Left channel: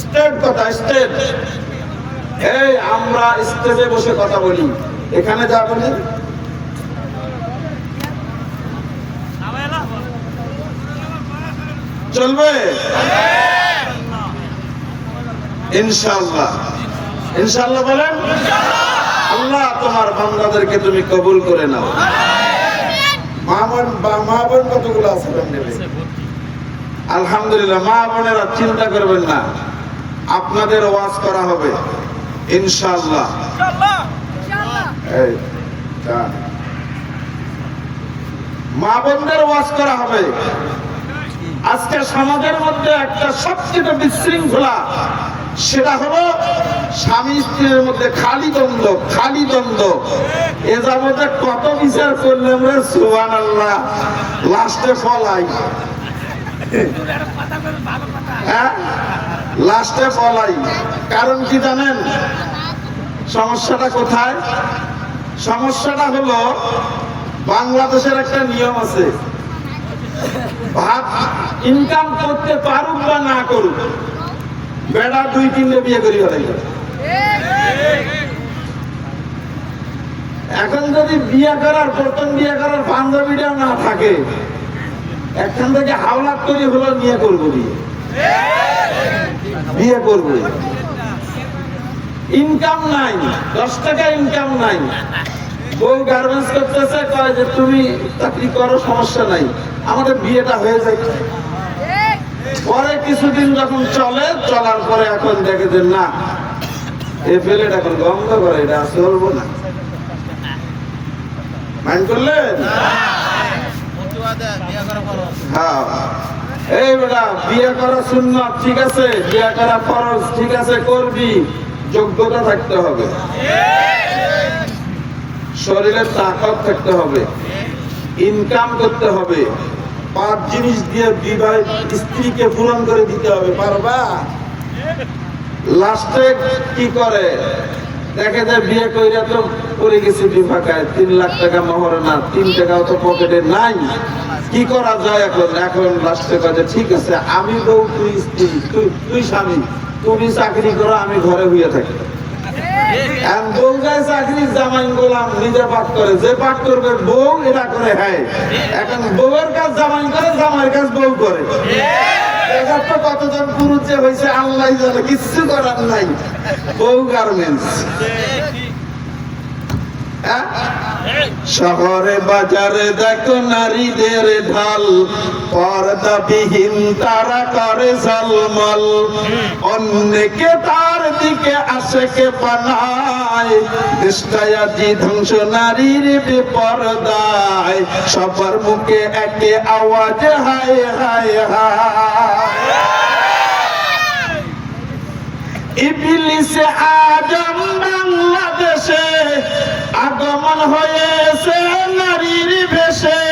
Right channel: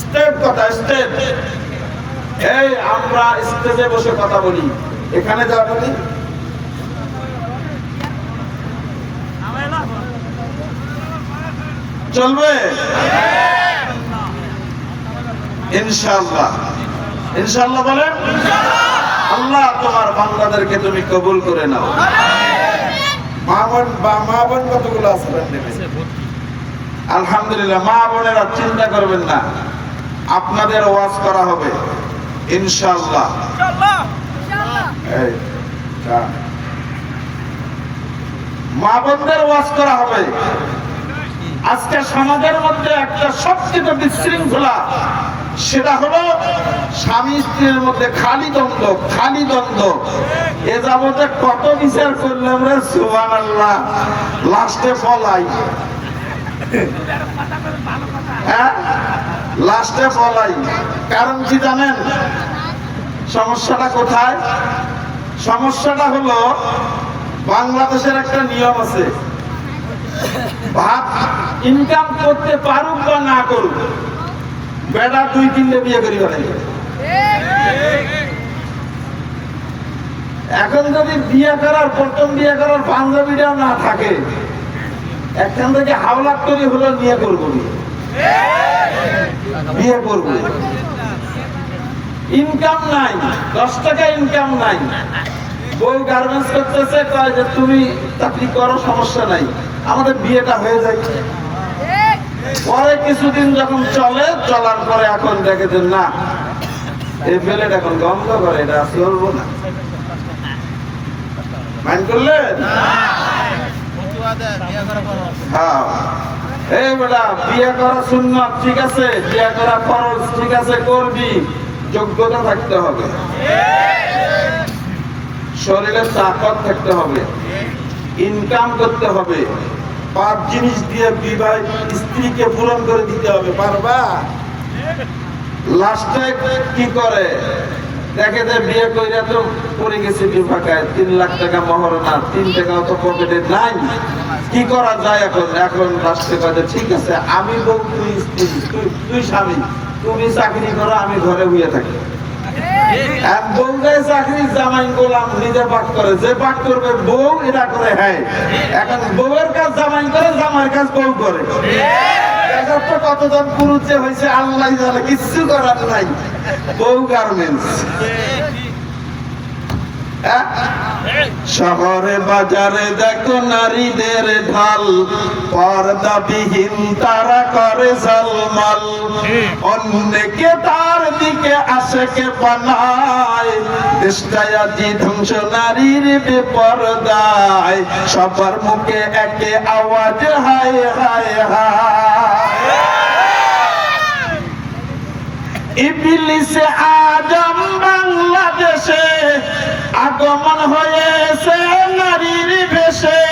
State কথা state. এই আমরা স্টেজে বসে কথা বলি, এখানে যা বলি চলবে ইনশাআল্লাহ। ইনশাআল্লাহ বলেন। আল্লাহ তোমার বান্দাদেরকে তুমি কবুল করে নাও। মা বোন কতগুলো আছে? আলহামদুলিল্লাহ। মা বোনেরা চিন্তা করবেন না, আপনাদের ওয়াজ করা হবে ইনশাআল্লাহ। মা বোনদের ওয়াজ করা হবে। আজকে সমাজের মধ্যে একটা সবচেয়ে বিশৃঙ্খলা, সেটা হলো স্বামী স্ত্রীর মধ্যে খালি দ্বন্দ্ব, খালি দ্বন্দ্ব। এ যাবতে কত বিচার করলাম রে, সুবহানাল্লাহ, লাস্টে ফলাই। হ্যাঁ, লাস্টে ফলাই। কারণ কি জানেন সমস্যাটা কোথায়? সমস্যাটা হলো বাংলাদেশের একটা নিয়ম আছে, ভাত ইনকাম করতে পারুক বা না করুক, বেড়া 2-3টে বিয়ে করি হয়। এখন যদি বিয়ে করার, প্রথম বিয়ে করার বান্ধবীটাও না থাকে, একখান থেকে হাওলাত করে হলো বিয়ে করবো, বিয়ে করবো। ইনকাম নাই, 10 টাকা ইনকাম নাই। বউ গার্মেন্টস করতেছে, কয় যে তুমি চাকরি করো, সমস্যা নাই, আমাদের বিয়েটা হয়ে যায়। পরে কিছুদিন যখন চলে, চলার পরে এখন দেখে যে না, এই পেলেট এখন গন্ধ করে, এটা চলবো না। মাইন্ড করলেন? হ্যাঁ, এই বেটা বিয়ে করা সুন্নাত, ঠিক আছে, বিয়ে করা ফরজ, ঠিক আছে, করবি, যোগ্যতা থাকতে হবে, শরীরে তাকত থাকতে হবে, ইনকাম করতে হবে। 5 জিনিস দিয়ে বিবাহিত স্ত্রীকে পূরণ করে দিতে হবে। পারবা? লাস্টে কি করে দেখে যে বিয়ে কইরা তো পড়ে গেছে বিভাগায়, 3 লাখ টাকা মহারণা, 3 টাকাও তো পকেটে নাই, কি করা যায় এখন? এখন লাস্টে কাজে ঠিক আছে, আমি বউ, তুই স্ত্রী, তুই স্বামী, তুমি চাকরি করো, আমি ঘরে বইয়া থাকি। বউ যায় চাকরি, জামাই গোলাম, নিজে পাক করে, যে পাক করবে বউ, এরা করে। হ্যাঁ, এখন বউয়ের কাজ জামাই করে, জামাইয়ের কাজ বউ করে। কতজন পুরুষ যে হয়েছে আল্লাহ জানে, কিচ্ছু করার নাই। বউ গার্মেন্টস। শহরে বাজারে দেখো নারীদের ঢল, পর্দাবিহীন তারা করে ঝলমল, অন্যকে তার দিকে আশেকে বানায়, দেশটায় আজি ধ্বংস নারীর বেপরদায়, সবার মুখে একে আওয়াজ হায় হায় হায়। ইবলিসে আজম বাংলাদেশে আগমন হয়েছে নারীর বেশে,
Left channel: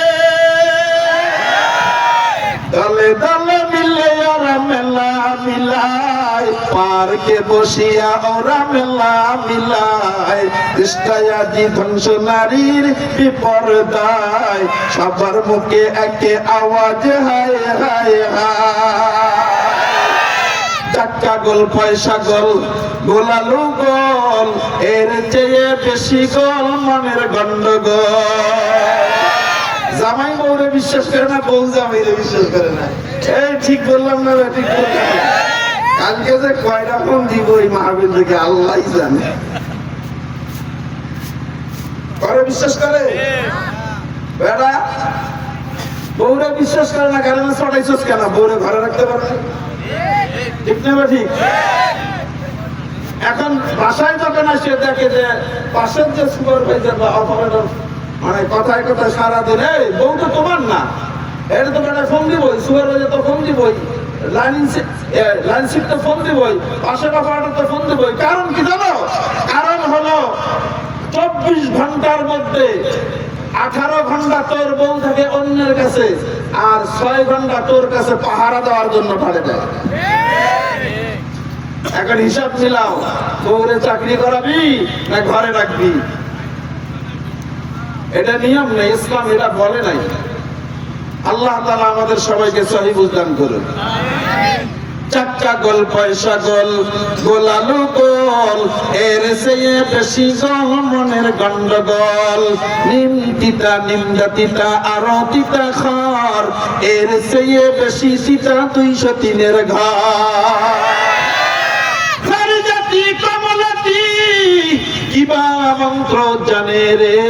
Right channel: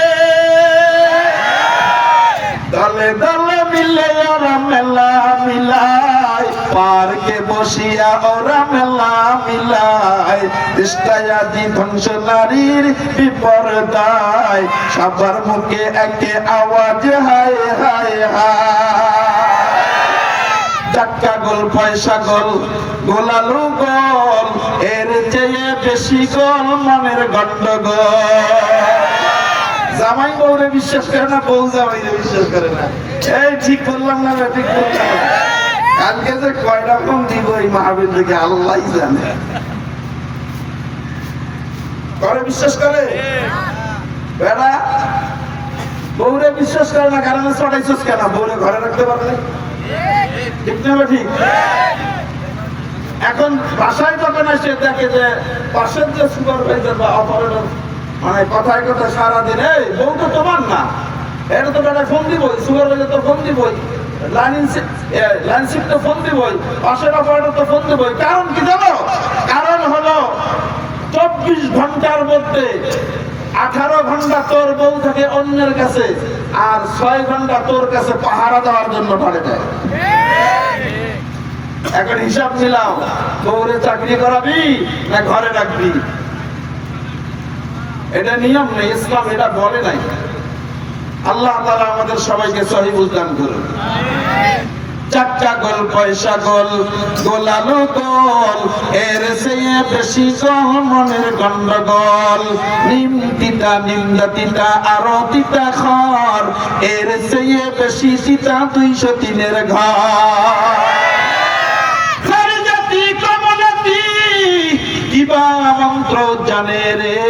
দলে দলে মিলে ওরা মেলা মিলায়, পার্কে বসিয়া ওরা মেলা মিলায়, চেষ্টায় আজি ধ্বংস নারীর বিপর্দায়, সবার মুখে একে আওয়াজ হায় হায় হায়। টাকা গোল, পয়সা গোল, গোলালু গোল, এর চেয়ে বেশি গোল মনের গন্ডগোল। জামাই বউরে বিশ্বাস করে না, বউ জামাইরে বিশ্বাস করে না। এই ঠিক বললাম না? ঠিক বললাম? কালকে যে কয়টা ফোন দিব এই মাহফিল থেকে আল্লাহই জানে। করে বিশ্বাস করে বেড়া, বউরে বিশ্বাস করে না, কারণ চড়াইছস কেন? বউরে ঘরে রাখতে পারবে? ঠিক না? ঠিক। এখন বাসায় যখন আসে দেখে যে পাশের যে সুপারভাইজার বা অপারেটর, মানে কথায় কথায় সারাদিন, এই বউ তো তোমার না, এটা তো বেটা ফোন দিবই, সুপারভাইজার তো ফোন দিবই, লাইন শিফট তো ফোন দিবই, পাশের অপারেটর তো ফোন দিবই। কারণ কি জানো? কারণ হলো 24 ঘন্টার মধ্যে 18 ঘন্টা তোর বউ থাকে অন্যের কাছে, আর 6 ঘন্টা তোর কাছে পাহারা দেওয়ার জন্য পারে দেয়। এখন হিসাব মিলাও, বউরে চাকরি করাবি না ঘরে রাখবি? এটা নিয়ম নেই, ইসলাম এটা বলে নাই। আল্লাহ তাআলা আমাদের সবাইকে সহিহ বুঝ দান করুন। চাক্কা গোল পয়সা গোল গোলালু গোল এর চেয়ে বেশি গোল মনের গন্ডগোল নিম তিতা নিন্দা তিতা আরো তিতা খর এর চেয়ে বেশি তিতা 203-এর ঘর জাতি কমলাতি কিবা মন্ত্র জানে রে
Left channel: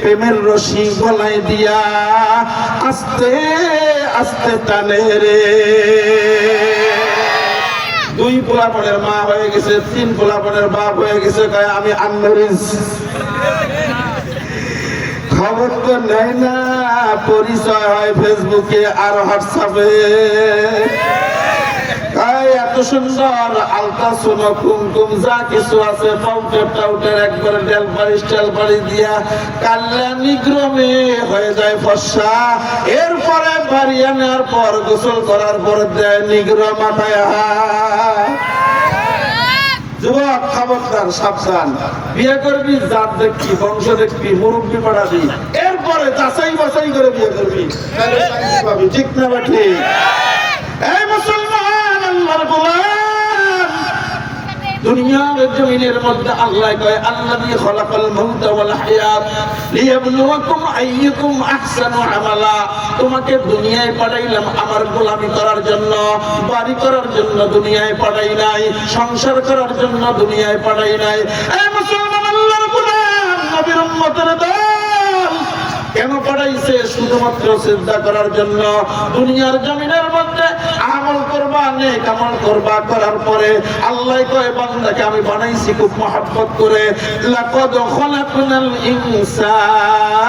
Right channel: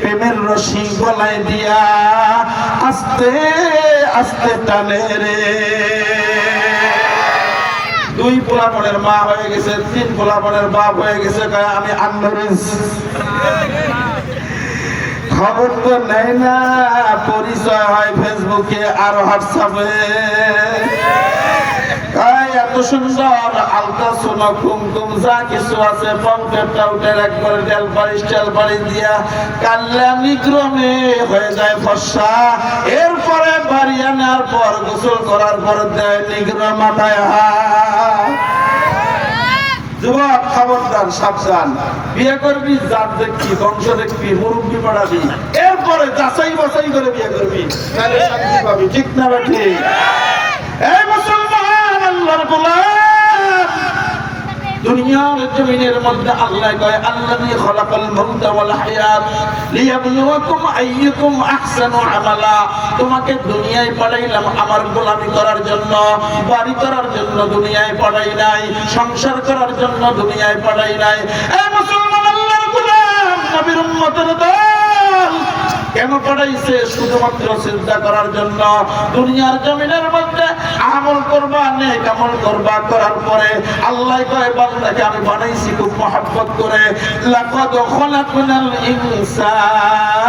প্রেমের রশি গলায় দিয়া আস্তে আস্তে টানে রে 2 পোলাপনের মা হয়ে গেছে 3 পোলাপনের বাপ হয়ে গেছে কয় আমি আনমরিস খবর তো নেই না পরিচয় হয় ফেসবুকে আর হোয়াটসঅ্যাপে এত সুন্দর আলতা সোনা কুমকুম যা কিছু আছে পাউডার টাউডার একবারে টেল পালিশ দিয়া কাল্যাণী ক্রমে হয়ে যায় ফর্সা এরপরে বাড়ি আনার পর গোসল করার পর দেয় নিগ্র মাথায় যুবক খবরদার সাবধান বিয়ে করবি জাত দেখবি বংশ দেখবি মুরব্বী পড়াবি এরপরে যাচাই বাছাই করে বিয়ে করবি তাহলে শান্তি পাবি ঠিক না বেঠি এই মুসলমান আল্লাহর গোলাম দুনিয়ার জমিনের মধ্যে আল্লাহ কয় আল্লাযী খালাকাল মাউতা ওয়াল হায়াত লিয়াবলুয়াকুম আইয়ুকুম আহসানু আমালা তোমাকে দুনিয়ায় পাঠাইলাম আমার গোলামি করার জন্য বাড়ি করার জন্য দুনিয়ায় পাঠাই নাই সংসার করার জন্য দুনিয়ায় পাঠাই নাই এই মুসলমান আল্লাহর গোলাম নবীর উম্মতের দল কেন পাঠাইছে শুধুমাত্র সিজদা করার জন্য দুনিয়ার জমিনের মধ্যে আমল করবা নেক আমল করবা করার পরে আল্লাহ কয় বান্দাকে আমি বানাইছি খুব মহব্বত করে লাকাদ খালাকনাল ইনসান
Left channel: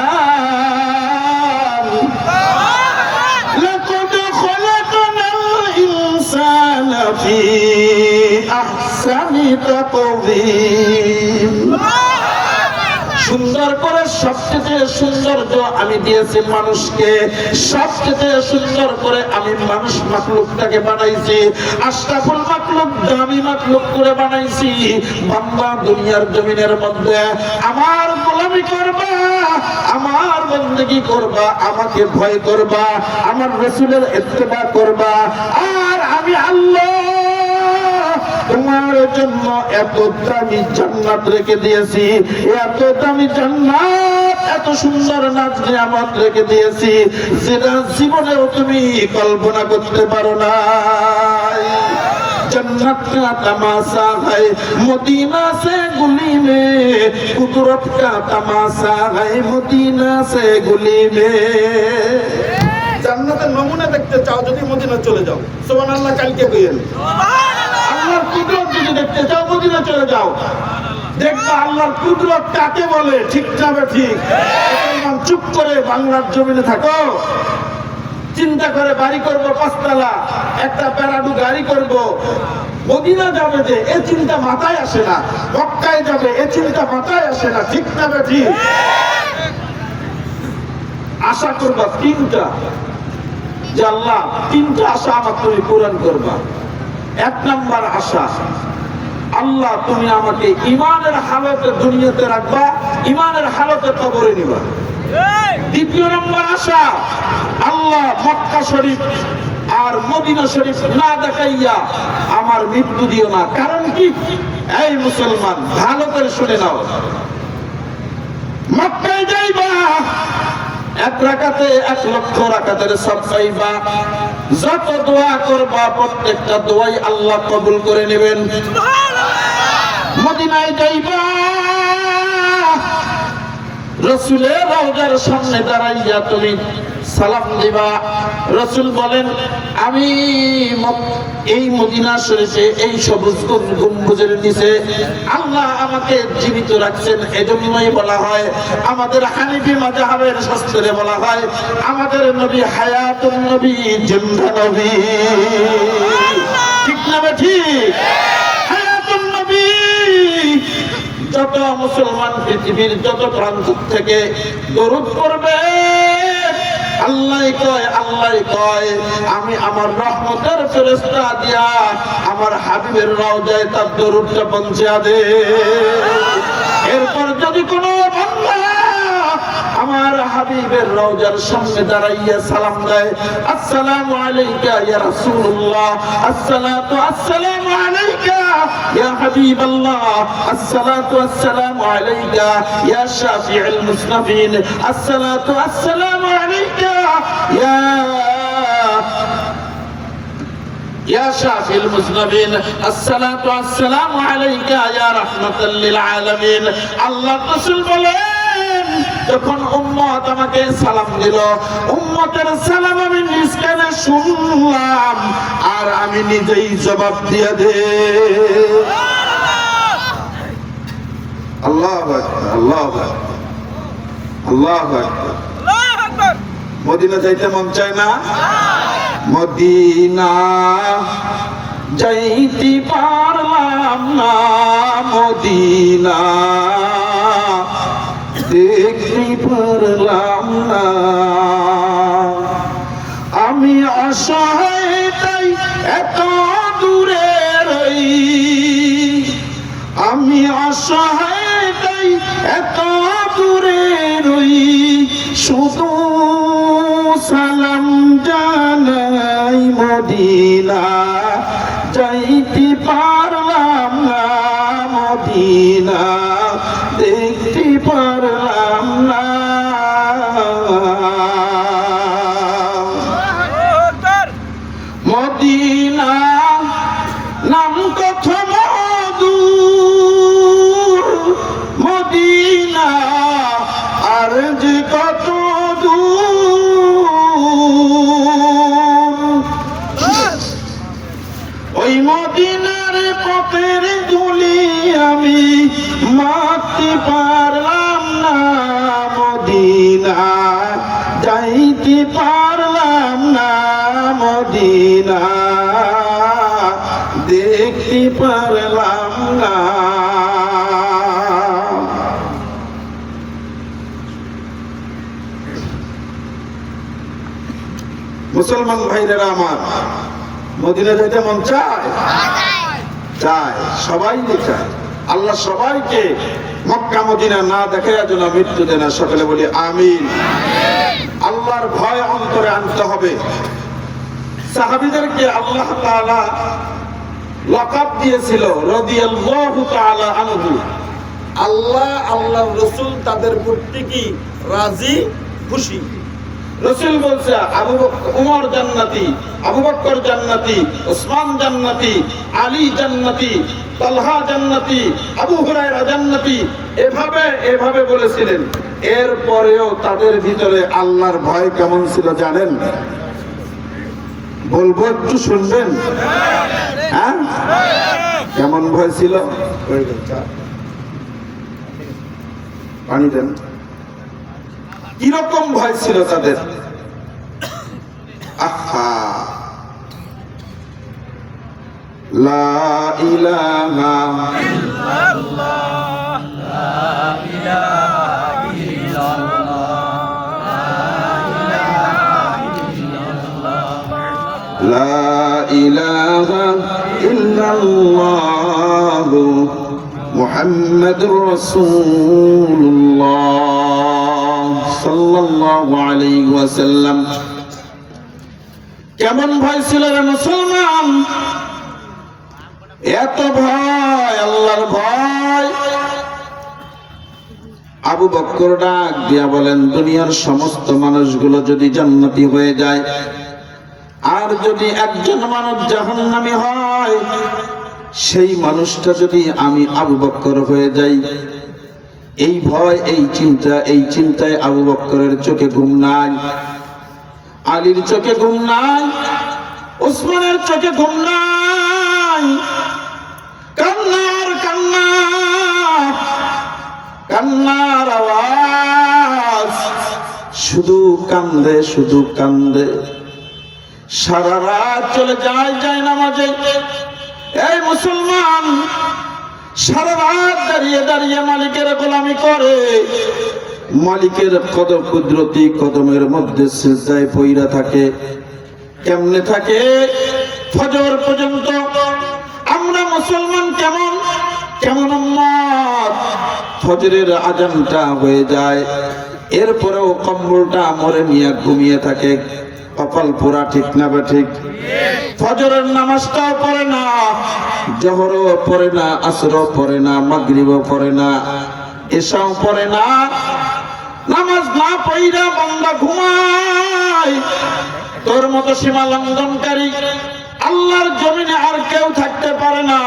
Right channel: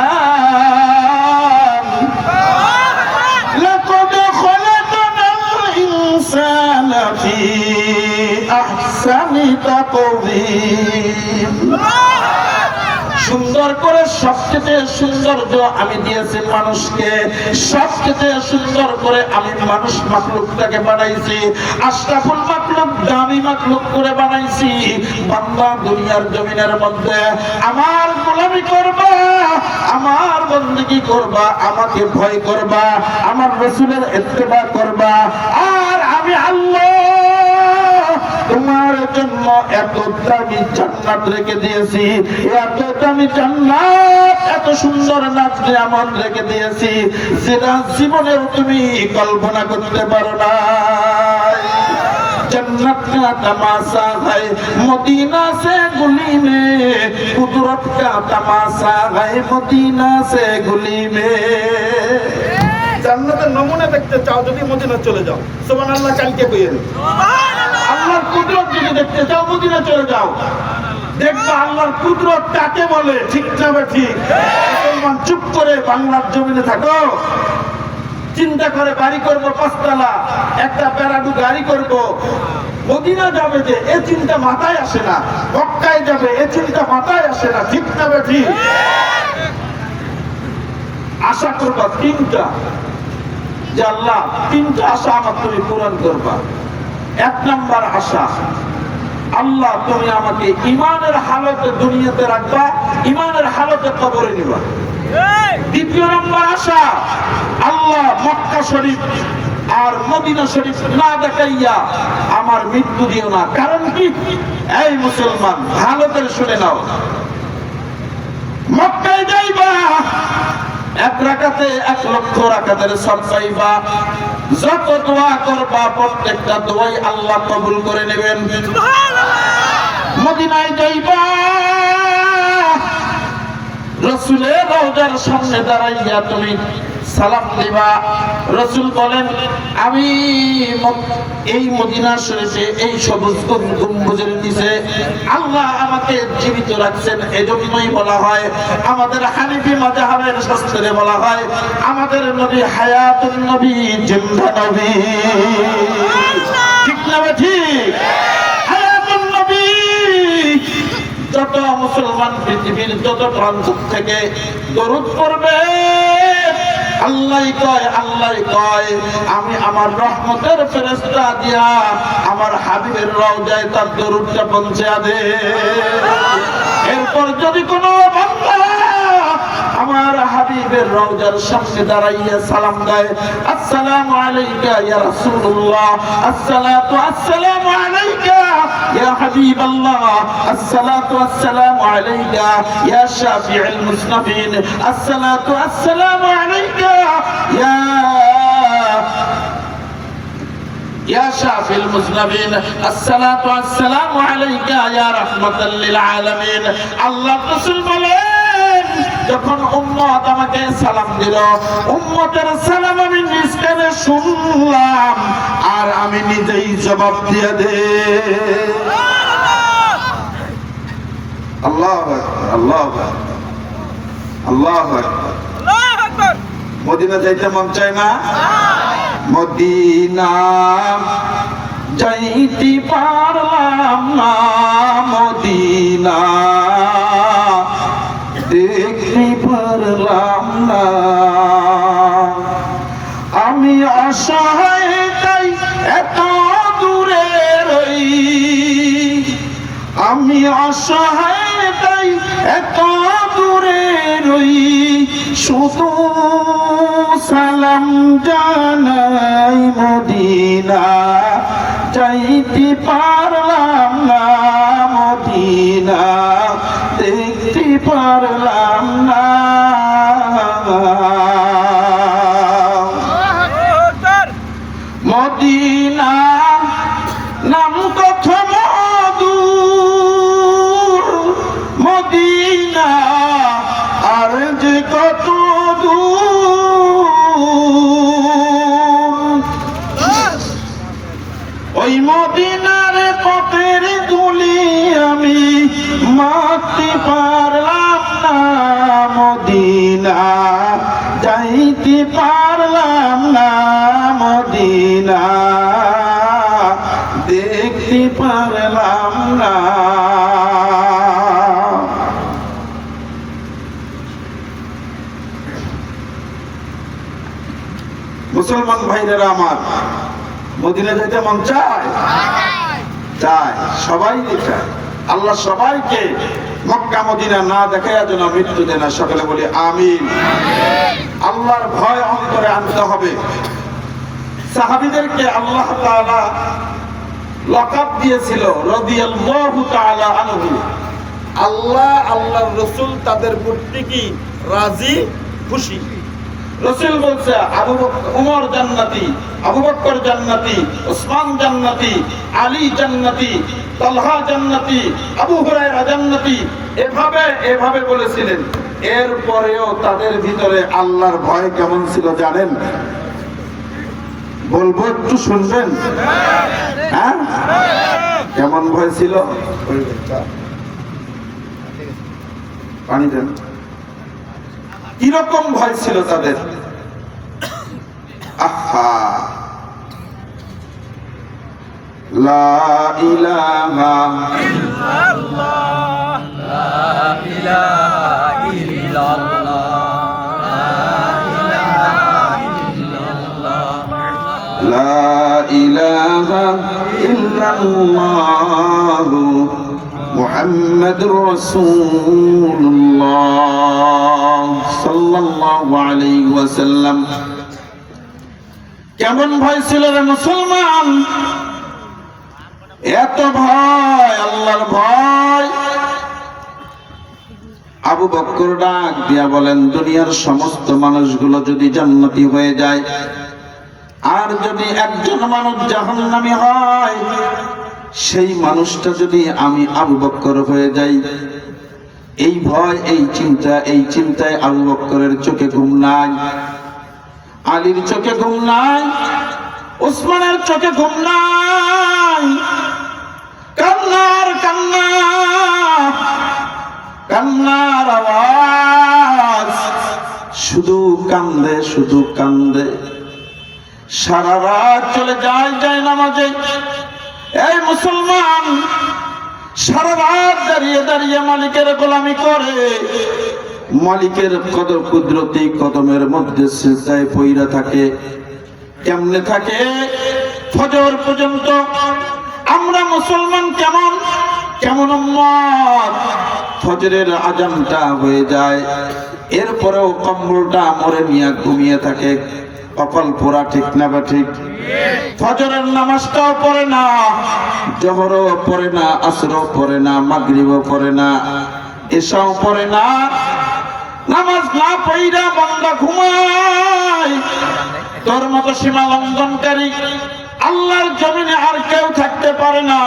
লাকাদ খালাকনাল ইনসানা ফি আহসানি তাকওয়িম সুন্দর করে সবচেয়ে সৌন্দর্য আমি দিয়েছি মানুষকে সবচেয়ে সুন্দর করে আমি মানুষ মাখলুকটাকে বানাইছি আশরাফুল মাখলুক দামি মাখলুক করে বানাইছি বান্দা দুনিয়ার জমিনের মধ্যে আমার গোলামি করবা আমার বندگی করবা আমাকে ভয় করবা আমার রাসূলের ইত্তেবা করবা আর আমি আল্লাহ তোমার জন্য এত দামি জান্নাত রেখে দিয়েছি এত দামি জান্নাত এত সুন্দর নিয়ামত রেখে দিয়েছি যেটা জীবনেও তুমি কল্পনা করতে পারো না जन्नत का तमाशा है मदीना से गुली में कुदरत का तमाशा है मदीना से गुली में জান্নাতের নমুনা দেখতে চাও যদি মদিনা চলে যাও সুবহানাল্লাহ কালকে কইেন সুবহানাল্লাহ আল্লাহর কুদরত যদি দেখতে চাও মদিনা চলে যাও দেখবা আল্লাহর কুদরত কাকে বলে ঠিক না ঠিক মুসলমান চুপ করে বাংলার জমিনে থাকো চিন্তা করে বাড়ি করব 5 তলা একটা প্যারাডু গাড়ি করব মদিনা যাবে যে এই চিন্তা মাথায় আসে না মক্কায় যাবে এই চিন্তা মাথায় আসে না ঠিক না ঠিক আশা করবা 3টা যে আল্লাহ 3টা আশা আমার তুমি পূরণ করবা 1 নাম্বার আশা আল্লাহ তুমি আমাকে ঈমানের হালতে দুনিয়াতে রাখবা ঈমানের হালতে কবরে নিবা 2 নম্বর আশা আল্লাহ মক্কা শরীফ আর মদিনা শরীফ না দেখাইয়া আমার মৃত্যু দিও না কারণ কি এই মুসলমান ভালো করে শুনে নাও মক্কায় যাইবা 1 রাকাতে 1 লক্ষ রাকাতের সওয়াব পাইবা যত দোয়া করবা প্রত্যেকটা দোয়াই আল্লাহ কবুল করে নেবেন সুবহানাল্লাহ মদিনায় যাইবা রাসূলের রওজার সামনে দাঁড়াইয়া তুমি সালাম দিবা রাসূল বলেন আমি এই মদিনা শরীফে এই সবুজ গম্বুজের নিচে আল্লাহ আমাকে জীবিত রাখছেন এজন্যই বলা হয় আমাদের হানিফি মাযহাবের শাস্ত্রে বলা হয় আমাদের নবী হায়াতুন নবী জিন্দা নবী ঠিক না ঠিক হায়াতুন নবী যত মুসলমান পৃথিবীর যত প্রান্ত থেকে দরুদ পড়বে আল্লাহ কয় আমি আমার রহমতের ফেরেশতা দিয়া আমার হাবিবের রওজায় তার দরুদটা পৌঁছে দেব এরপর যদি কোনো বান্দা আমার হাবিবের রওজার সামনে দাঁড়াইয়া সালাম দেয়, আসসালামু আলাইকা ইয়া রাসূলুল্লাহ, আসসালাতু আসসালামু আলাইকা ইয়া হাবিবাল্লাহ, আসসালাতু আসসালামু আলাইকা ইয়া শাফিউল মুসনাফিন, আসসালাতু আসসালামু আলাইকা يا شافي المذنبين، الصلاة والسلام عليك يا رحمة للعالمين। আল্লাহ রাসূল বলেন, যখন উম্মত আমাকে সালাম দিল, উম্মতের সালাম আমি নিজ কানে শুনলাম আর আমি নিজেই জবাব দিয়ে দে। আল্লাহু আকবার, আল্লাহু আকবার, আল্লাহু আকবার, আল্লাহু আকবার। মদিনা যাইতে মন চায় না? মদিনা যাইতে পারলাম না, মদিনা দেখতে পারলাম না, আমি অসহায় তাই এত দূরে রই, আমি অসহায় তাই এত দূরে রই, শুধু সালাম জানাই মদিনা যাইতে পারলাম না, মদিনা দেখতে পারলাম না। মদিনা নাম কত মধুর, মদিনা আর যে কত ওই মদিনার পথের ধুলি আমি মাখতে পারলাম না, মদিনা যাইতে পারলাম না, মদিনা দেখতে পারলাম না। মুসলমান ভাইরা আমার, মদিনা যাইতে মন চায়? চায়, সবাই চায়। আল্লাহ সবাইকে মক্কা মদিনা না দেখার জন্য মৃত্যু দেয় না। সকলে বলি আমিন। আল্লাহর ভয় অন্তরে আনতে হবে। সাহাবীদেরকে আল্লাহ তাআলা লকাব দিয়েছিল রাদিয়াল্লাহু তাআলা আনহু। আল্লাহ আল্লাহর রাসূল তাদের প্রতি কি রাজি খুশি। রাসূল বলছে আবু বকর উমর জান্নাতি, আবু বকর জান্নাতি, ওসমান জান্নাতি, আলী জান্নাতি, তালহা জান্নাতি, আবু হুরায়রা জান্নাতি, এভাবে বলেছিলেন। এরপরেও তাদের ভিতরে আল্লাহর ভয় কেমন ছিল জানেন? বলবো, একটু শুনবেন? হ্যাঁ, কেমন ভয় ছিল? পানি দেন। কিরকম ভয় ছিল তাদের? আহা, লা ইলাহা ইল্লাল্লাহ, লা ইলাহা ইল্লাল্লাহ, লা ইলাহা ইল্লাল্লাহ, মুহাম্মাদুর রাসূলুল্লাহ সাল্লাল্লাহু আলাইহি ওয়াসাল্লাম। কেমন ভয় ছিল রে মুসলমান? এত ভয়, আল্লাহর ভয়। আবু বকর ডাক দিয়া বলেন, দুনিয়ার সমস্ত মানুষগুলো যদি জান্নাতি হয়ে যায় আর যদি একজন মানুষ জাহান্নামী হয়, সেই মানুষটা যদি আমি আবু বকর হয়ে যাই, এই ভয়, এই চিন্তায় আবু বকরের চোখে ঘুম নাই, আলীর চোখে ঘুম নাই, ওসমানের চোখে ঘুম নাই। কান্নার কান্না, কান্নার আওয়াজ, শুধু কান্দে, শুধু কান্দে। সারা রাত চলে যায় নামাজে। এই মুসলমান সারা রাত দাঁড়িয়ে দাঁড়িয়ে মালিকের গোলামি করে, মালিকের কুদরতি কদমের মধ্যে সিজদায় পইরা থাকে। কেমনে থাকে? ফজর পর্যন্ত। আমরা মুসলমান কেমন উম্মত? ফজরের আজানটা হয়ে যায়, এরপরেও কম্বলটা মরে নিয়ে ঘুমিয়ে থাকে, কপাল পোড়া, ঠিক না বা ঠিক? ফজরের নামাজটাও পড়ে না, জোহরও পড়ে না, আসরও পড়ে না, মাগরিবও পড়ে না, এশাও পড়ে না। নামাজ না পড়া বান্দা ঘুমায়। তোর মতো সীমা লঙ্ঘনকারী আল্লাহর জমিনে আর কেউ থাকতে পারে না।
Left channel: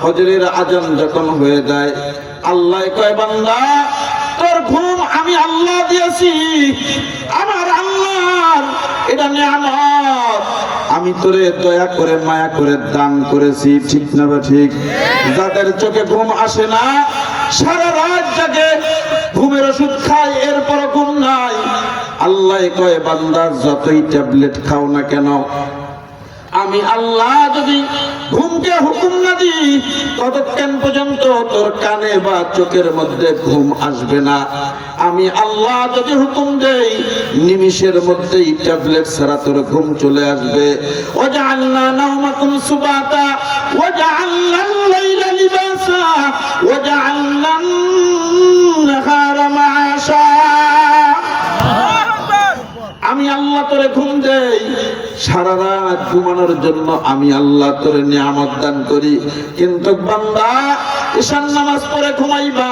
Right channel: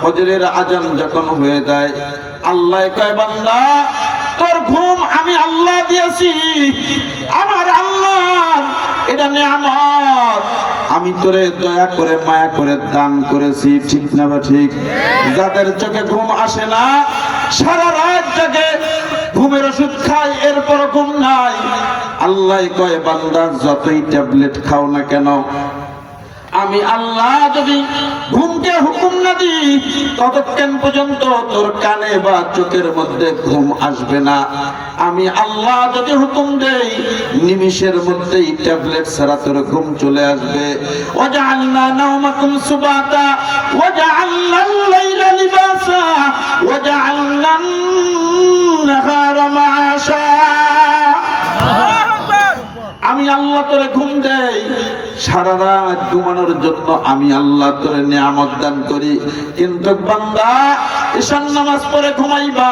ফজরের আজান যখন হয়ে যায়, আল্লাহ কয় বান্দা তোর ঘুম আমি আল্লাহ দিয়েছি, আমার আল্লাহর এটা নিয়ামত, আমি তোরে দয়া করে মায়া করে দান করেছি, ঠিক না বা ঠিক? যাদের চোখে ঘুম আসে না, সারা রাত জাগে, ঘুমের ওষুধ খায়, এরপর ঘুম নাই, আল্লাহ কয় বান্দা যতই ট্যাবলেট খাও না কেন, আমি আল্লাহ যদি ঘুমকে হুকুম না দিই ততক্ষণ পর্যন্ত তোর কানে বা চোখের মধ্যে ঘুম আসবে না। আমি আল্লাহ যদি হুকুম দেই নিমিষের মধ্যেই ট্যাবলেট ছাড়া তোর ঘুম চলে আসবে। ওয়াজআলনা নাওমাকুম সুবাতা ওয়াজআলনাল লাইলা লিবাসা ওয়াজআলনান নাহারা মাআশা। আমি আল্লাহ তোরে ঘুম দেই, সারা রাত ঘুমানোর জন্য আমি আল্লাহ তোরে নিয়ামত দান করি। কিন্তু বান্দা ঈশান নামাজ পড়ে ঘুমাইবা,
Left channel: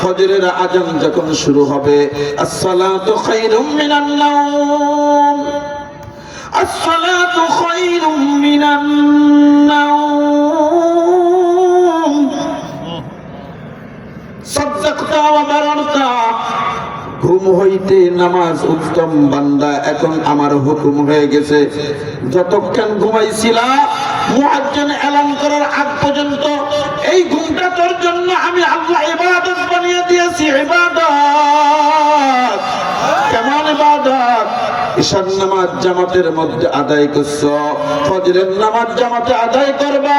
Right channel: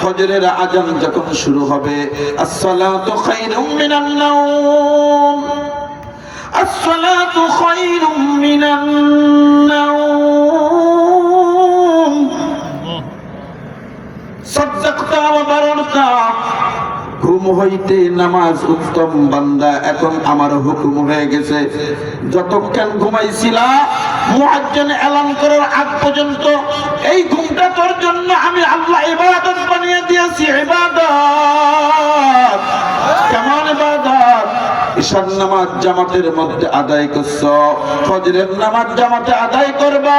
ফজরের আজান যখন শুরু হবে, আসসালাতু খায়রুম মিনান নাওম, আসসালাতু খায়রুম মিনান নাওম, সাদ্দাকতা ওয়া বারারতা। ঘুম হইতে নামাজ উত্তম বান্দা, এখন আমার হুকুম হয়ে গেছে, যতক্ষণ ঘুমাইছিলা মুয়াজ্জিন এলান করার আগ পর্যন্ত এই ঘুমটা তোর জন্য আমি আল্লাহ ইবাদত বানিয়ে দিয়েছি। ইবাদত কেমন ইবাদত? ঈশান নামাজ জামাতের মধ্যে আদায় করছো, ফজরের নামাজ জামাতে আদায় করবা,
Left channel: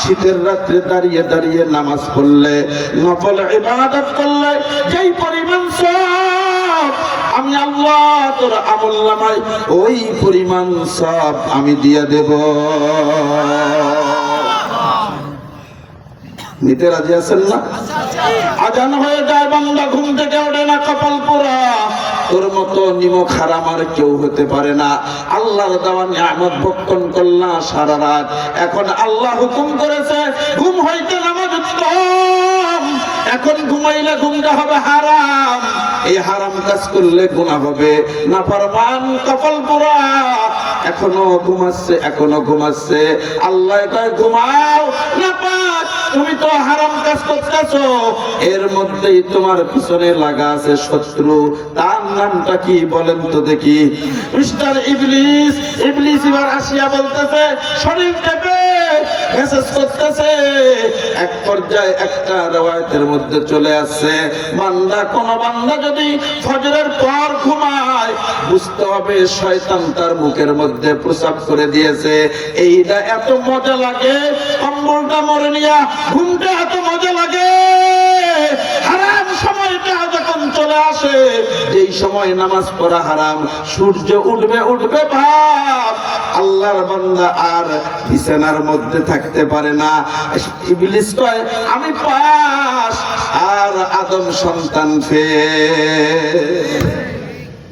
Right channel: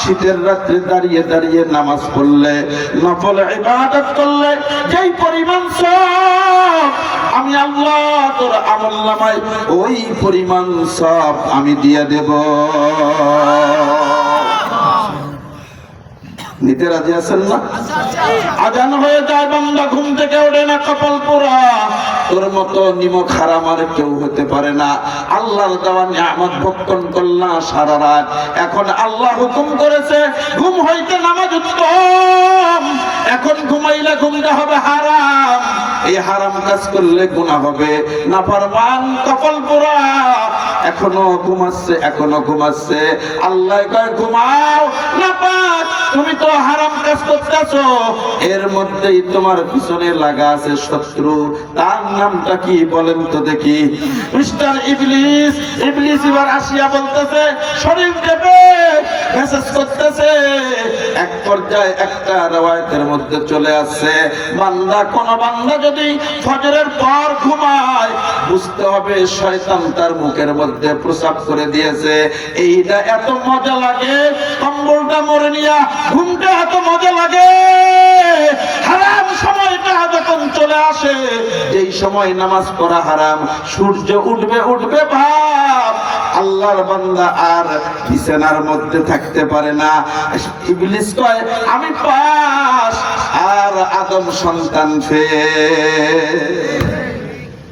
শীতের রাত্রে দাঁড়িয়ে দাঁড়িয়ে নামাজ পড়লে, নফল ইবাদত করলে যেই পরিমাণ সওয়াব আমি আল্লাহ তোর আমলনামায় ওই পরিমাণ সওয়াব আমি দিয়ে দেব। নিতে রাজি আছেন না? আজান হয়ে যায়, বান্দা ঘুম থেকে ওঠে না, কপাল পোড়া। তোর মতো নিমক হারাম আর কেউ হতে পারে না। আল্লাহর দেওয়া নিয়ামত ভক্ষণ করলা সারা রাত, এখন আল্লাহ হুকুম করেছে ঘুম হইতে নামাজ উত্তম, এখন ঘুমাইলে ঘুমটা হবে হারাম, এই হারাম কাজ করলে গুনাহ হবে। নাফরমান কপাল পোড়া, এখনো ঘুমাচ্ছে, এখনো ঘুমাচ্ছে। আল্লাহ কয় ঘুমাও না পাক, তুমি তো হারাম কাজ করতেছো, এর মধ্যেই তোমার পিছনে লাগা আছে শত্রু, তার নামটা কি বলেন তো দেখি? মিস্টার ইবলিস। ইবলিস এবার আসিয়া বলতেছে, শরীর টেপে মেসেজ করতেছে। এক পর্যায়ে একটা রওয়ায়াতের মধ্যে চলে আসছে, বান্দা, কোন বান্দা যদি ফজরের পর ঘুমায় বুঝতে হবে শয়তান তার মুখের মধ্যে প্রসাব করে দিয়েছে। এইটা এত মজা লাগে, কম্বলটা মরে নিয়া ঘুমটা এত মজা লাগে। হারাম সময়টা যখন চলে আসে, যেই সময় নামাজ পড়া হারাম, সূর্য উঠবে উঠবে ভাব, আল্লাহর বান্দা আর বিছানার মধ্যে থাকতে পারে না। ইবলিস কয় আমি পাস, আর আদম সন্তান ফেল।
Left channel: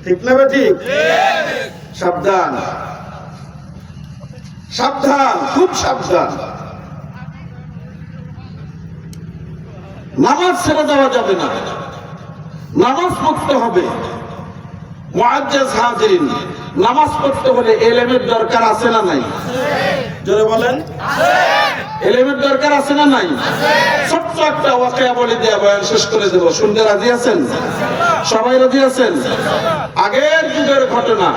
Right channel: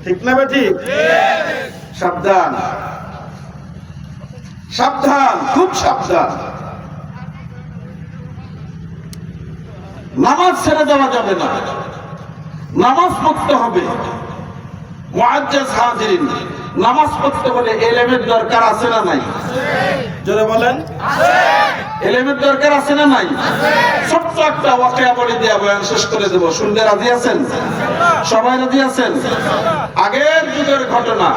ঠিক না বেটি? সাবধান, সাবধান, খুব সাবধান। নামাজ ছেড়ে দেওয়া যাবে না, নামাজ পড়তে হবে। মুআজ্জাজ হাজিরিন, নামাজ পড়তে হলে ইলমের দরকার আছে না নাই? জোরে বলেন। ইলমের দরকার আছে না নাই? ছোট্ট একটা ওয়াকিয়া বলে দেয়া বয়ান শেষ করে দেব, শুনতে রাজি আছেন? সবাই রাজি আছেন? আগের যুগের ঘটনা,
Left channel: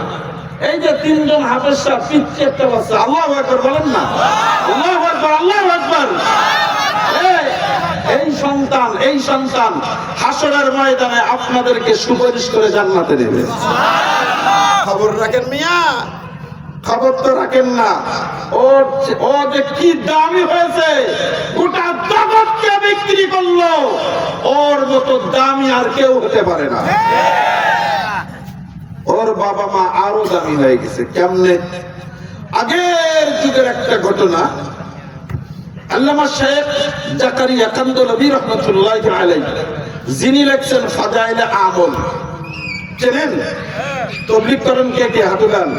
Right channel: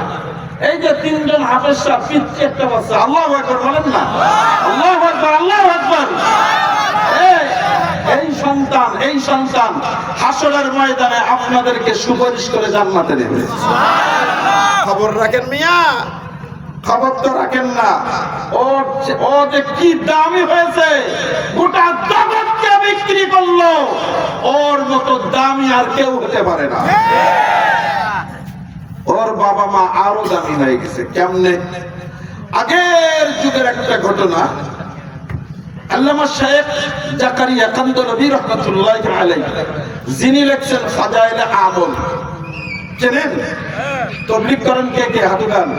এই যে তিনজন হাফেজ সাহেব পিচ্ছে একটা বাচ্চা, আল্লাহু আকবার বলেন না? আল্লাহু আকবার, আল্লাহু আকবার। এই সন্তান হাসরের ময়দানে আপনাদেরকে সুপারিশ করে জান্নাতে দেবে। খবর রাখেন মিয়া, খবর তো রাখেন না। ও যে কি দামি হয়েছে, গোটা জগৎকে বিক্রি করলো, ওর মতো দামি আর কেউ হতে পারে না। ওর বাবা মা আরো দামি হয়ে গেছে। কেমনে? আগের যুগের একটা ঘটনা, আল্লামা শেখ জাকারিয়া কান্দরবী রাহমাতুল্লাহি আলাইহি যিনি লেখছেন ফাজাইলে আমল, চেনেন? তাবলীগ করেন কে কে? হাত উঠান।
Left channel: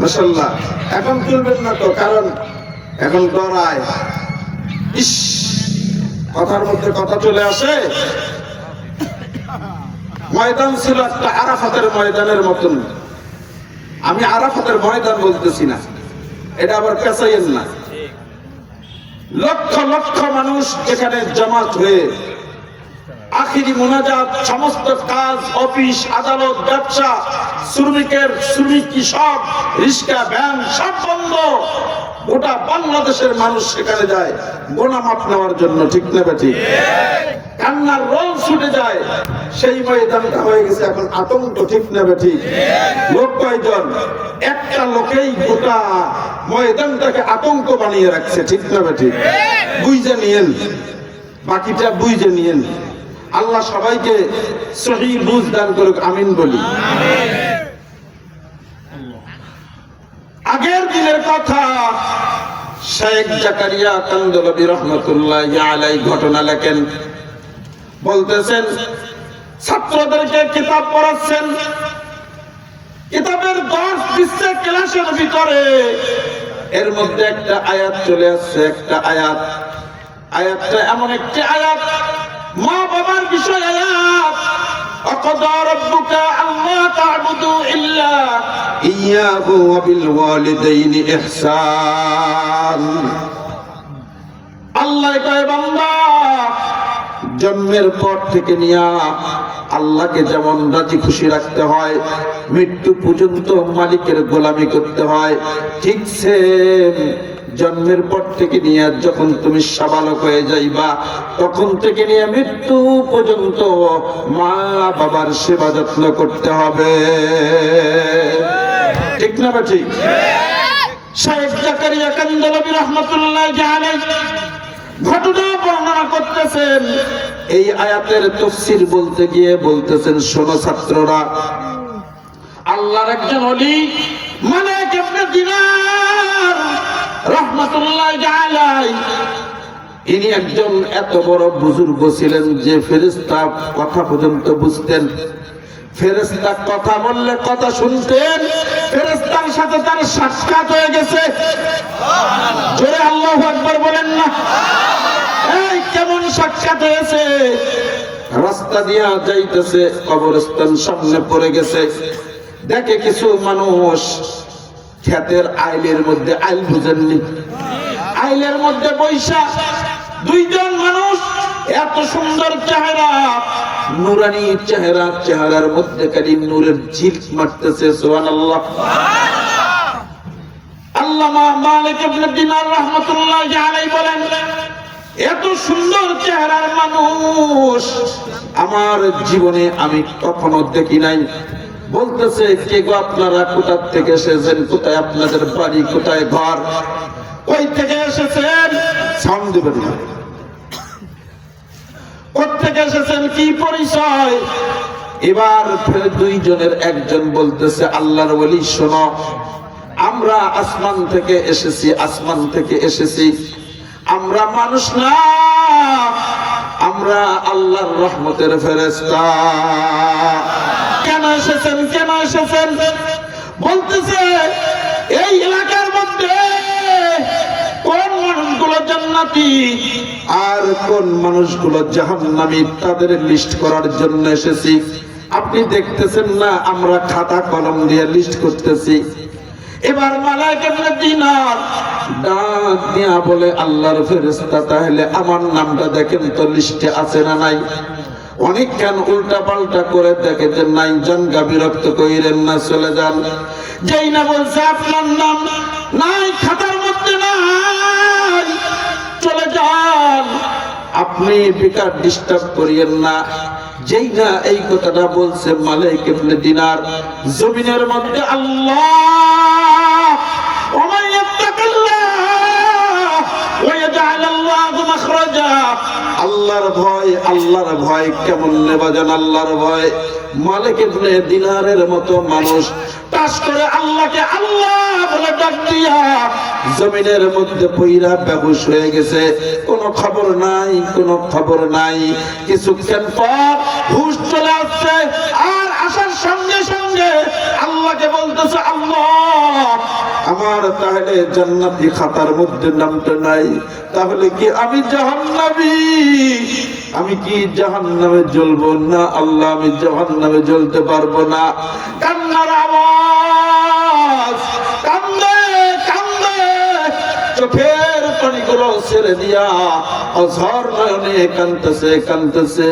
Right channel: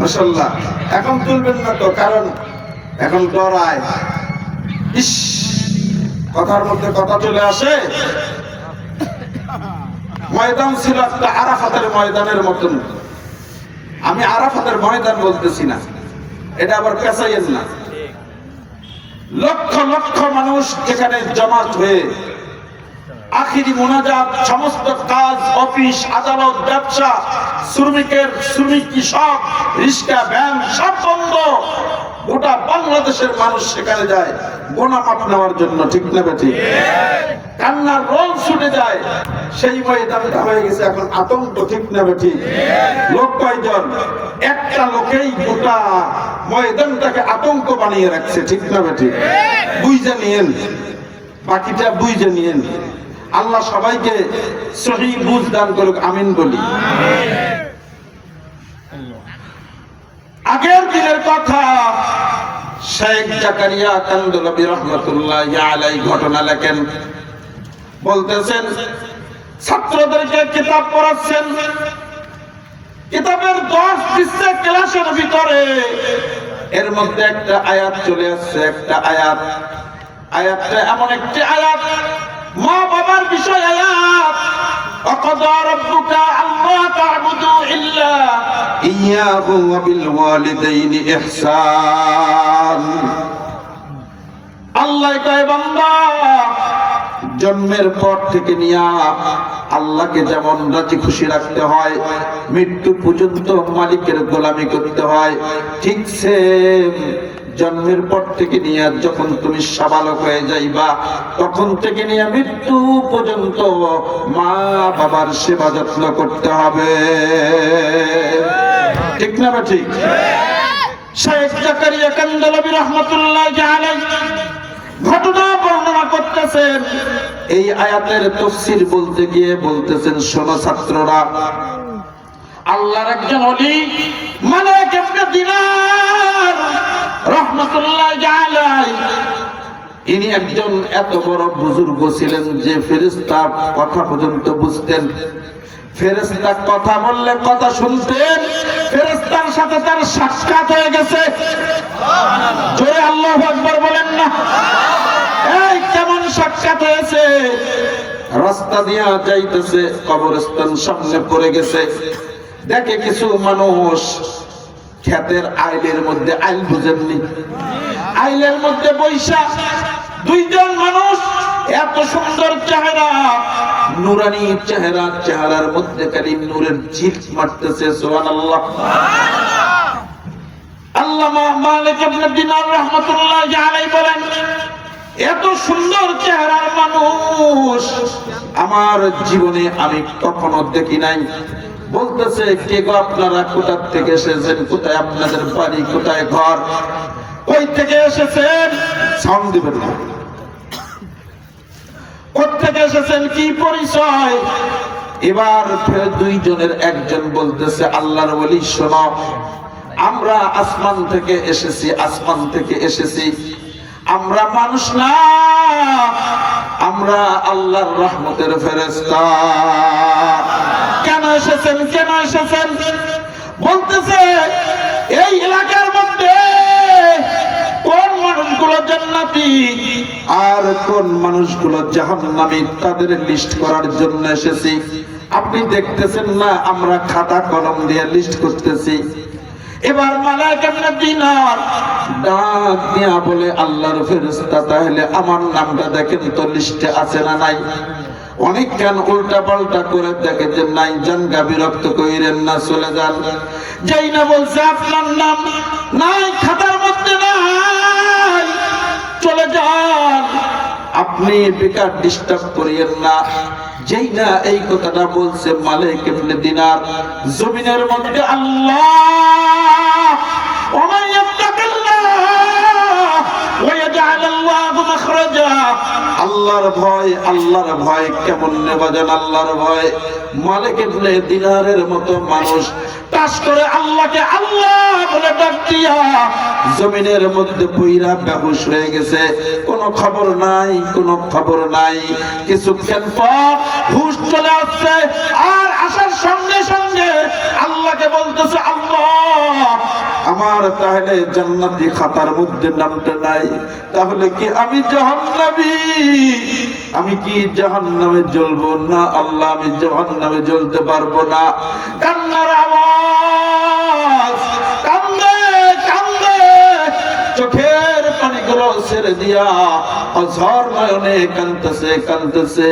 মাশাআল্লাহ। এখন তুলবেন না তো, কারণ এখন ডরায়। ইস, কথার মধ্যে কথা চলে আসে। ময়দান ছিল একটা আরাফাতের ময়দানের মতন। আমি আরাফাতের ময়দান বলতেছি না, এটা আবার পেছাইয়েন না। লক্ষ লক্ষ মানুষ যেখানে জমাত হয়ে আখিরি মুনাজাত, সমস্ত কাজ, অফিস, আদালত, ব্যবসা, শ্রমিক, কৃষক, রিক্সা, ভ্যান সব বন্ধ। গোটা বাংলাদেশের মানুষ সেখানে যায় গোনা মাপ নেওয়ার জন্য, ঠিক না ঠিক? কান্নার রোল ছুটে যায়। সেই ময়দানটা হয়ে গেছে এখন আতঙ্ক, ঠিক না ঠিক? লোক কয়জন? একটা লোকেই গোটা ময়দানটাকে আতঙ্ক বানিয়ে রাখছে, ঠিক না ঠিক? বুঝে নিয়েন, বাকিটা বুঝে নিয়েন। আল্লাহ সবাইকে সহিহ বুঝ দান করুক, আমিন বলি। আগের দিনের কথা, শেখ জাকারিয়া কান্দলাবী রহমাতুল্লাহি আলাইহি ঘটনা লেখেন। বলতেছেন ছাত্রদেরকে কিতাব পড়াচ্ছেন, কিতাবের 10 পৃষ্ঠা ক্লাসের ভিতরে এর মধ্যে একটা আয়াত চলে আসছে। একটা আয়াতটা এমন একটি আয়াত, মা বাবার বিষয় আয়াত। وَقَضَى رَبُّكَ أَلَّا تَعْبُدُوا إِلَّا إِيَّاهُ وَبِالْوَالِدَيْنِ إِحْسَانًا। আল্লাহ কয় বান্দা, জন্মের পর থেকে নিয়া আল্লাহকে যেমন রাজি খুশি রাখতে হয়, মৃত্যু পর্যন্ত মালিকের গোলামি করতে হয়, ঠিক সেম জন্মের পর থেকে নিয়ে যখন তুমি সাবালক হয়ে যাইবা, তখন থেকে নিয়ে মৃত্যু পর্যন্ত মা বাবার সেবা যত্ন করতে হবে, ঠিক না ঠিক? শেখ জাকারিয়া কান্দলাবী রাহমাতুল্লাহি আলাইহি ঘটনা বর্ণনা করতেছেন। এই আয়াতের তাফসীর বলতে গিয়ে বলতেছেন, শোনো ছাত্ররা, আল্লাহর একজন ওলি মালিক ইবনে দিনার রাহমাতুল্লাহি আলাইহি, ইনি একজন এত বড় বুজুর্গ ছিলেন যে ফেরেশতা কথা পর্যন্ত বুঝতেন। ফেরেশতা কথা বললে কথা শুনতেন। ফেরেশতার সাথে তার সাক্ষাৎ হয়ে গেছে। সুবহানাল্লাহ, জোরে আল্লাহু আকবার বলেন না। এই কেমন সাক্ষাৎ হয়েছে? রাস্তা দিয়া যাইতেছে, কবরস্থান সামনে পড়ে গেছে, দেখে কিছু মানুষ ক্ষেতের আইলের মধ্যে, আইল বুঝেননি, আইলের মধ্যে বৈশা দুইজন মানুষ, এত সুন্দর চেহারা, নুরানি চেহারা, চেহারার মধ্যে খালি নূরের ঝিল মারতেছে। সুবহানাল্লাহ। আল্লামা মালিক ইবনে দিনার রাহমাতুল্লাহি আলাইহি বলেন, এত সুন্দর চেহারার মানুষ আমার জীবনে আমি কখনো দেখি নাই। বলতেছে, কে গো আপনারা, কোথা থেকে এসেছেন, কোথায় আপনাদের বাড়ি, কোথায় ঘর, কই থেকে এসেছেন? সাউন্ড দিবেন না। কোথেকে এসেছেন, কি পরিচয়? এবার ফের দুইজনের একজন বলতেছে, আল্লাহর ওলি শোনো, আমরা আসমান থেকে এসেছি, আসমান থেকে এসেছি। আমরা মানুষ না, আমরা আল্লাহর রহমতের ফেরেশতা। কেন এসেছেন, কেন এসেছেন? বলতেছে, এই এলাকার মধ্যে কোন মানুষগুলো জান্নাতি আর কোন মানুষগুলো জাহান্নামী, তাদের লিস্ট করার জন্য এসেছি। আপনি দেখতেছেন না আমরা খাতা কলম দিয়ে লিস্ট করতেছি। এবার মালিক ইবনে দিনার ডাক দিয়া বলে, আল্লাহর ফেরেশতা, তাহলে আমার নামটা দেখেন তো লিস্টে আছে না নাই? অনেক কেন উল্টা পাল্টা করে দেখে যে নাই। জানগা, বিরক্ত কইরেন না, চলে যান। যেই না বলছে আপনার নাম নাই, খাতার মধ্যে নাই, চলে যান, আপনি বেকার ডিস্টার্ব করিয়েন না। যেই না এই কথাটা বলছে, মালিক ইবনে দিনার জমিনের মধ্যে আল্লাহ আল্লাহর ভয়, আল্লাহর ভয় কেমন নেবা জান? আল্লাহর ভয়। মালিক ইবনে দিনারের মতো মানুষ টাস করে আল্লাহকে আল্লাহ বলে ডাক দিয়া জমিনের মধ্যে পইরা বেহুশ হয়ে গেছে, কোনো খবর নাই, কোনো খবর নাই। কিছুক্ষণ পর হুঁশ চলে আসছে, আর আসার সঙ্গে সঙ্গে আল্লাহকে বলতেছে, আল্লাহ আমার তাহলে জান্নাতি খাতার মধ্যে নামটা নাই, তাহলে কি আমি জাহান্নামী? আমি কি জাহান্নামে জ্বলবো? না আল্লাহ, আমি জাহান্নামে জ্বলতে পারবো না। কান্নার আওয়াজ, কান্দে কান্দে চোখের পানিগুলো ছেড়ে দিয়া অঝর নয়নে কাঁদতেছে কাঁদতেছে,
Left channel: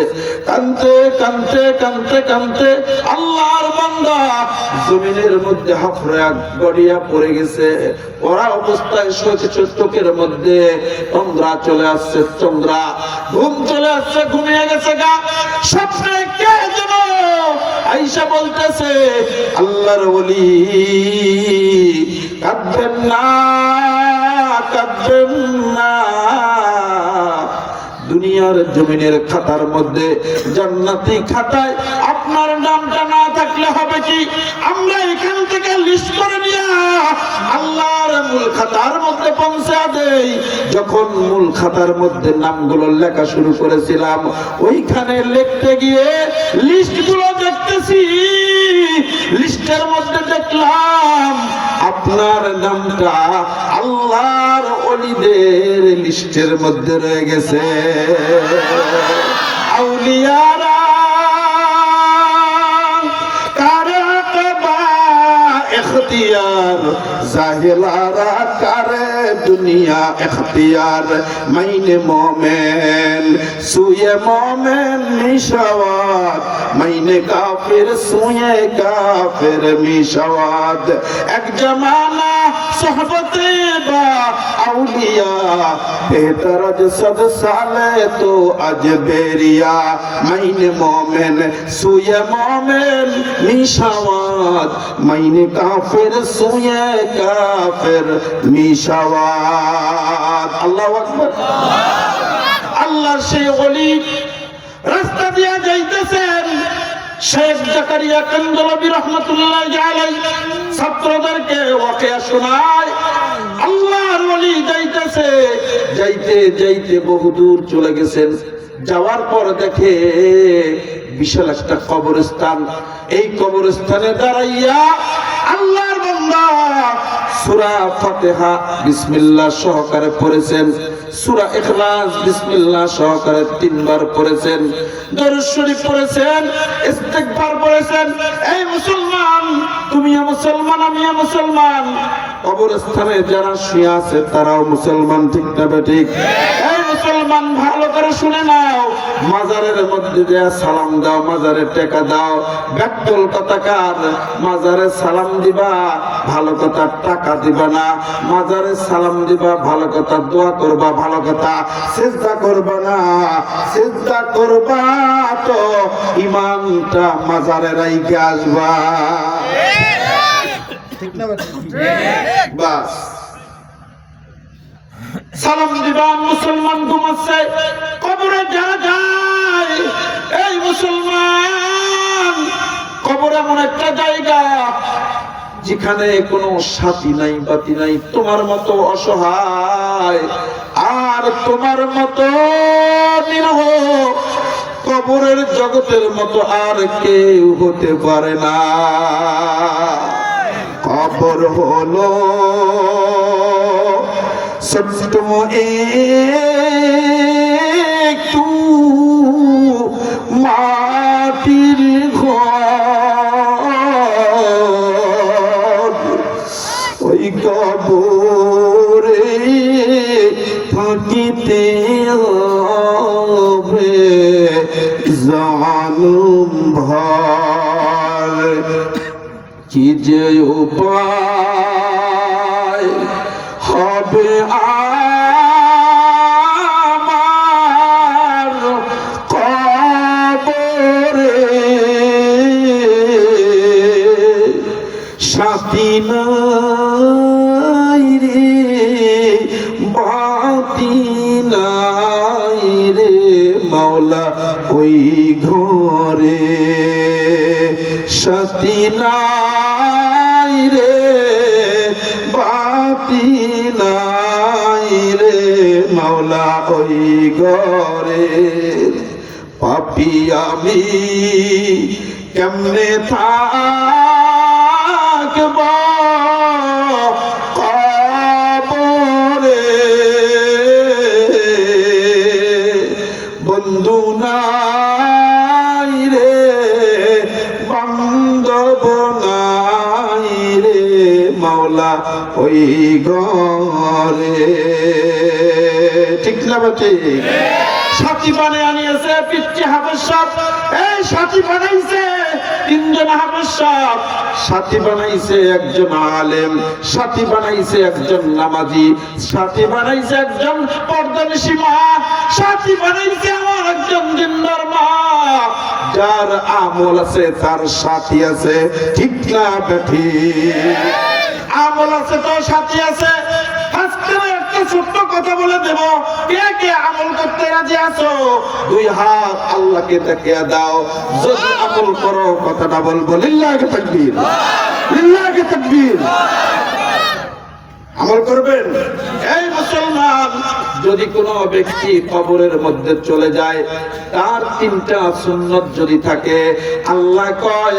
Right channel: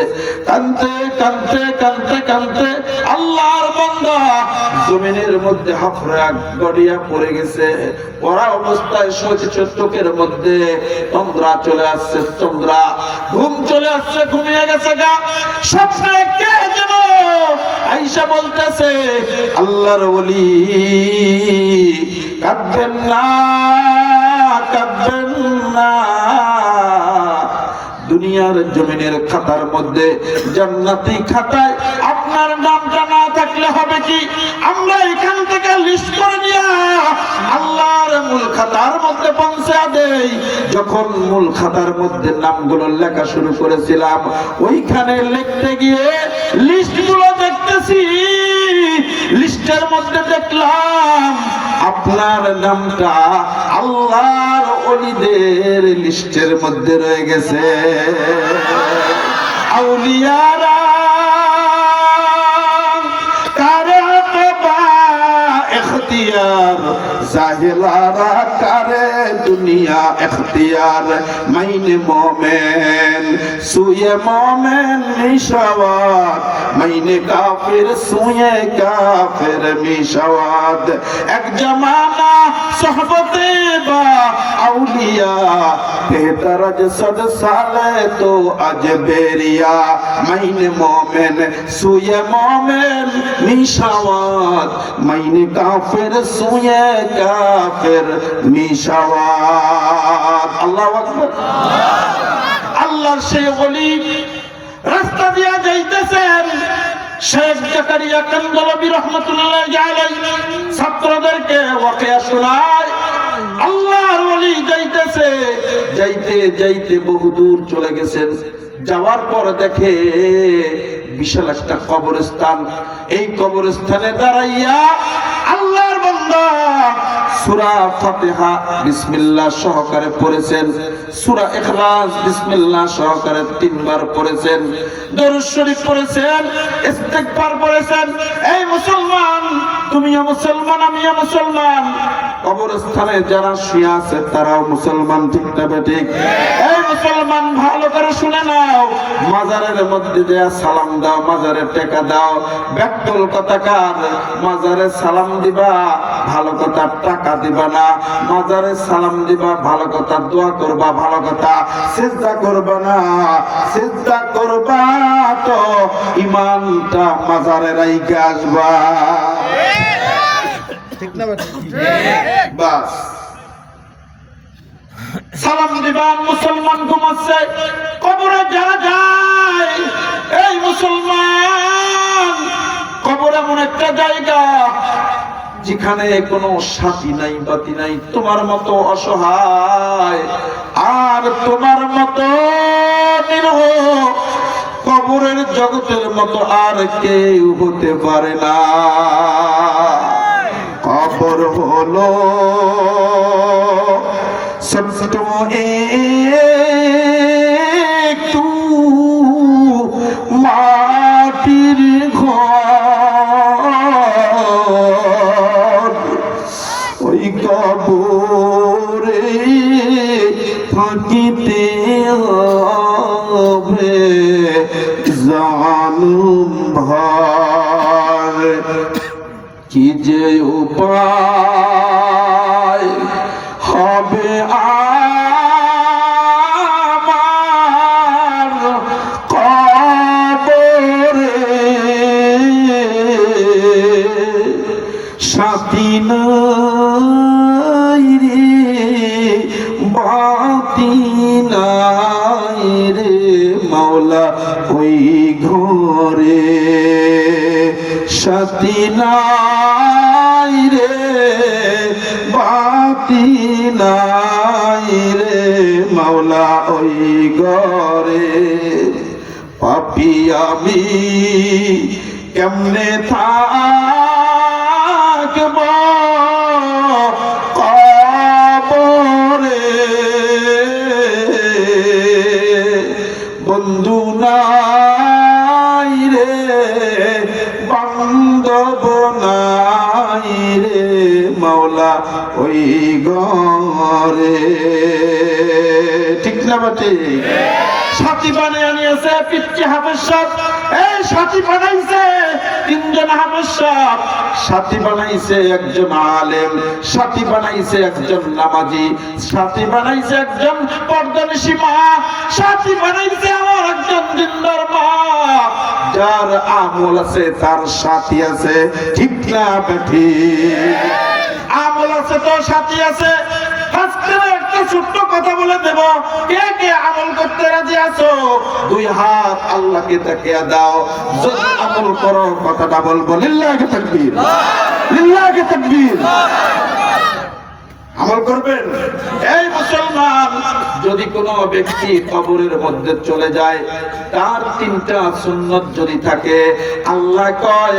কাঁদতে কাঁদতে কাঁদতে কাঁদতে আল্লাহর বান্দা জমিনের মধ্যে হাফরা গড়িয়া পড়ে গেছে। ওরা অবস্থায় চোখের মধ্যে চন্দ্রা চলে আসছে, চন্দ্রা ঘুম চলে আসছে, ঘুমিয়ে গেছে গা। স্বপ্নে কে যেন আয়েশা বলতেছে, আল্লাহর ওলি কাঁদবেন না, কাঁদবেন না। দুনিয়ার জমিনের খাতার মধ্যে জান্নাতি খাতায় আপনার নামটা না থাকলে হবে কি? আমরা এখান থেকে লিস্ট করে নিয়ে আল্লাহর মূল খাতার মধ্যে পৌঁছে দেই। যখন মূল খাতার মধ্যে নামগুলো লেখা শুরু করেছিলাম, ওইখানে লিখতে গিয়ে লিস্টগুলো দেখতেছি, লিস্টের মধ্যে দেখলাম আপনার নামটা আল্লাহর ওলিদের লিস্টের মধ্যে রয়ে গেছে। আউলিয়ারা কারে কবা ইখতিয়ার, জাহিলারা কারে দুনিয়া ইখতিয়ার। মাইনে মোমেন সুয়ে মোমেন মিশাওয়াত, মাইনে কাফির সুয়ে কাফির মিশাওয়াত। এক জমানা সোহবতে বা আউলিয়া তেহতারজ সদ সালে তো আজ বেরিয়া। মাইনে মোমেন সুয়ে মোমেন মিশাওয়াত, মাইনে কাফির সুয়ে কাফির মিশাওয়াত। আল্লাহু আকবার। আল্লাহর সেই ওলি রাস্তা দিয়া যাইতেছেন, শেখ জাকারিয়া কান্দলবী রহমাতুল্লাহি আলাইহি ছাত্রদেরকে ওয়াকিয়া শোনায়। আল্লাহর ওলি যাইতেছে, যাইতে যাইতে বহুদূর চলে গেছেন। যাওয়ার পর দেখে বিশাল একটা কবরস্থান। এই কবরস্থানে দাঁড়াইয়া আল্লাহর বান্দা সূরা ফাতিহা বিসমিল্লাহ সহকারে পড়েছেন, সূরা ইখলাস বিসমিল্লাহ সহকারে 3 বার পড়েছেন, দরুদ শরীফ পড়েছেন, ইস্তিগফার পড়েছেন। এই মুসলমান, তুমিও মুসলমান, আমিও মুসলমান। কবরস্থানে যারা শুয়ে আছে তারাও মুসলমান, ঠিক না ঠিক? এই মুসলমান ভালো করে শুনে নাও, মাজারের মধ্যে দেয়া সালাম দাও, মাজারে টেকা দাও। ব্যাকুল কথাকার, মাজারে সালাম দিবা ভালো কথা, টাকা দিবা না। মাজারে সালাম দিবা ভালো কথা, দোয়া করবা ভালো কথা, সিজদা করবা না। সিজদা করবা তো ইমানটা মাজারে রাইখে আসবা, ঠিক না? বাস সালাম দিবা। মুসলমান ঘুমাচ্ছে, কবরে যা যায়। এই মুসলমান, কবর এমন একটা জায়গা যেখানে কোনো সাথী নাই, বাতি নাই, তোমার মতো অসহায় আর তোমার মতো নিরহ কবরের জগতের মতো আর কেউ হতে পারে না। কবর হলো ছোট্ট একটু মাটির ঘর, ওই কবরে থাকিতে হবে জানুম ভার। কি যে উপায় হবে আমার কবরে, সাথী নাই রে, বাতি নাই রে মাওলা ওই ঘরে, সাথী নাই রে, বাতি নাই মাওলা ওই ঘরে পাপী আমি কেমনে থাকব কবরে বন্ধু নাই রে বান্ধব নাই রে মাওলা ওই ঘরে ঠিক না বাটি সাথী বানায় আনিয়েছে পিচ্চি হাফেজ সাহেব এই সাথী বানাইছে তিনজন হাফেজ সাহেব সাথী বানাইছে একজন আলেম সাথী বানাইছে একজন নামাজি সাথী বানাইছে একজন পর্দানিশী মা সাথী বানাইছে আমার একজন দিনদার মা যার আমল আছে তার সাথী আছে ঠিক না বেঠি আমল আছে তো সাথী আছে আজকে একটা ছোট্ট কথা বলে দেব কে কে আমল করতে রাজি আছো দুই হাত আল্লাহকে দেখিয়ে দাও যদি আমল করো কথাটা বলবো লিল্লাহি তাকবীর লিল্লাহি তাকবীর আমল করবেন এই মুসলমান যদি কোনো ব্যক্তি কবরের মধ্যে চলে যায় তার তিনটা সুন্নাত যদি থাকে আল্লাহ কয়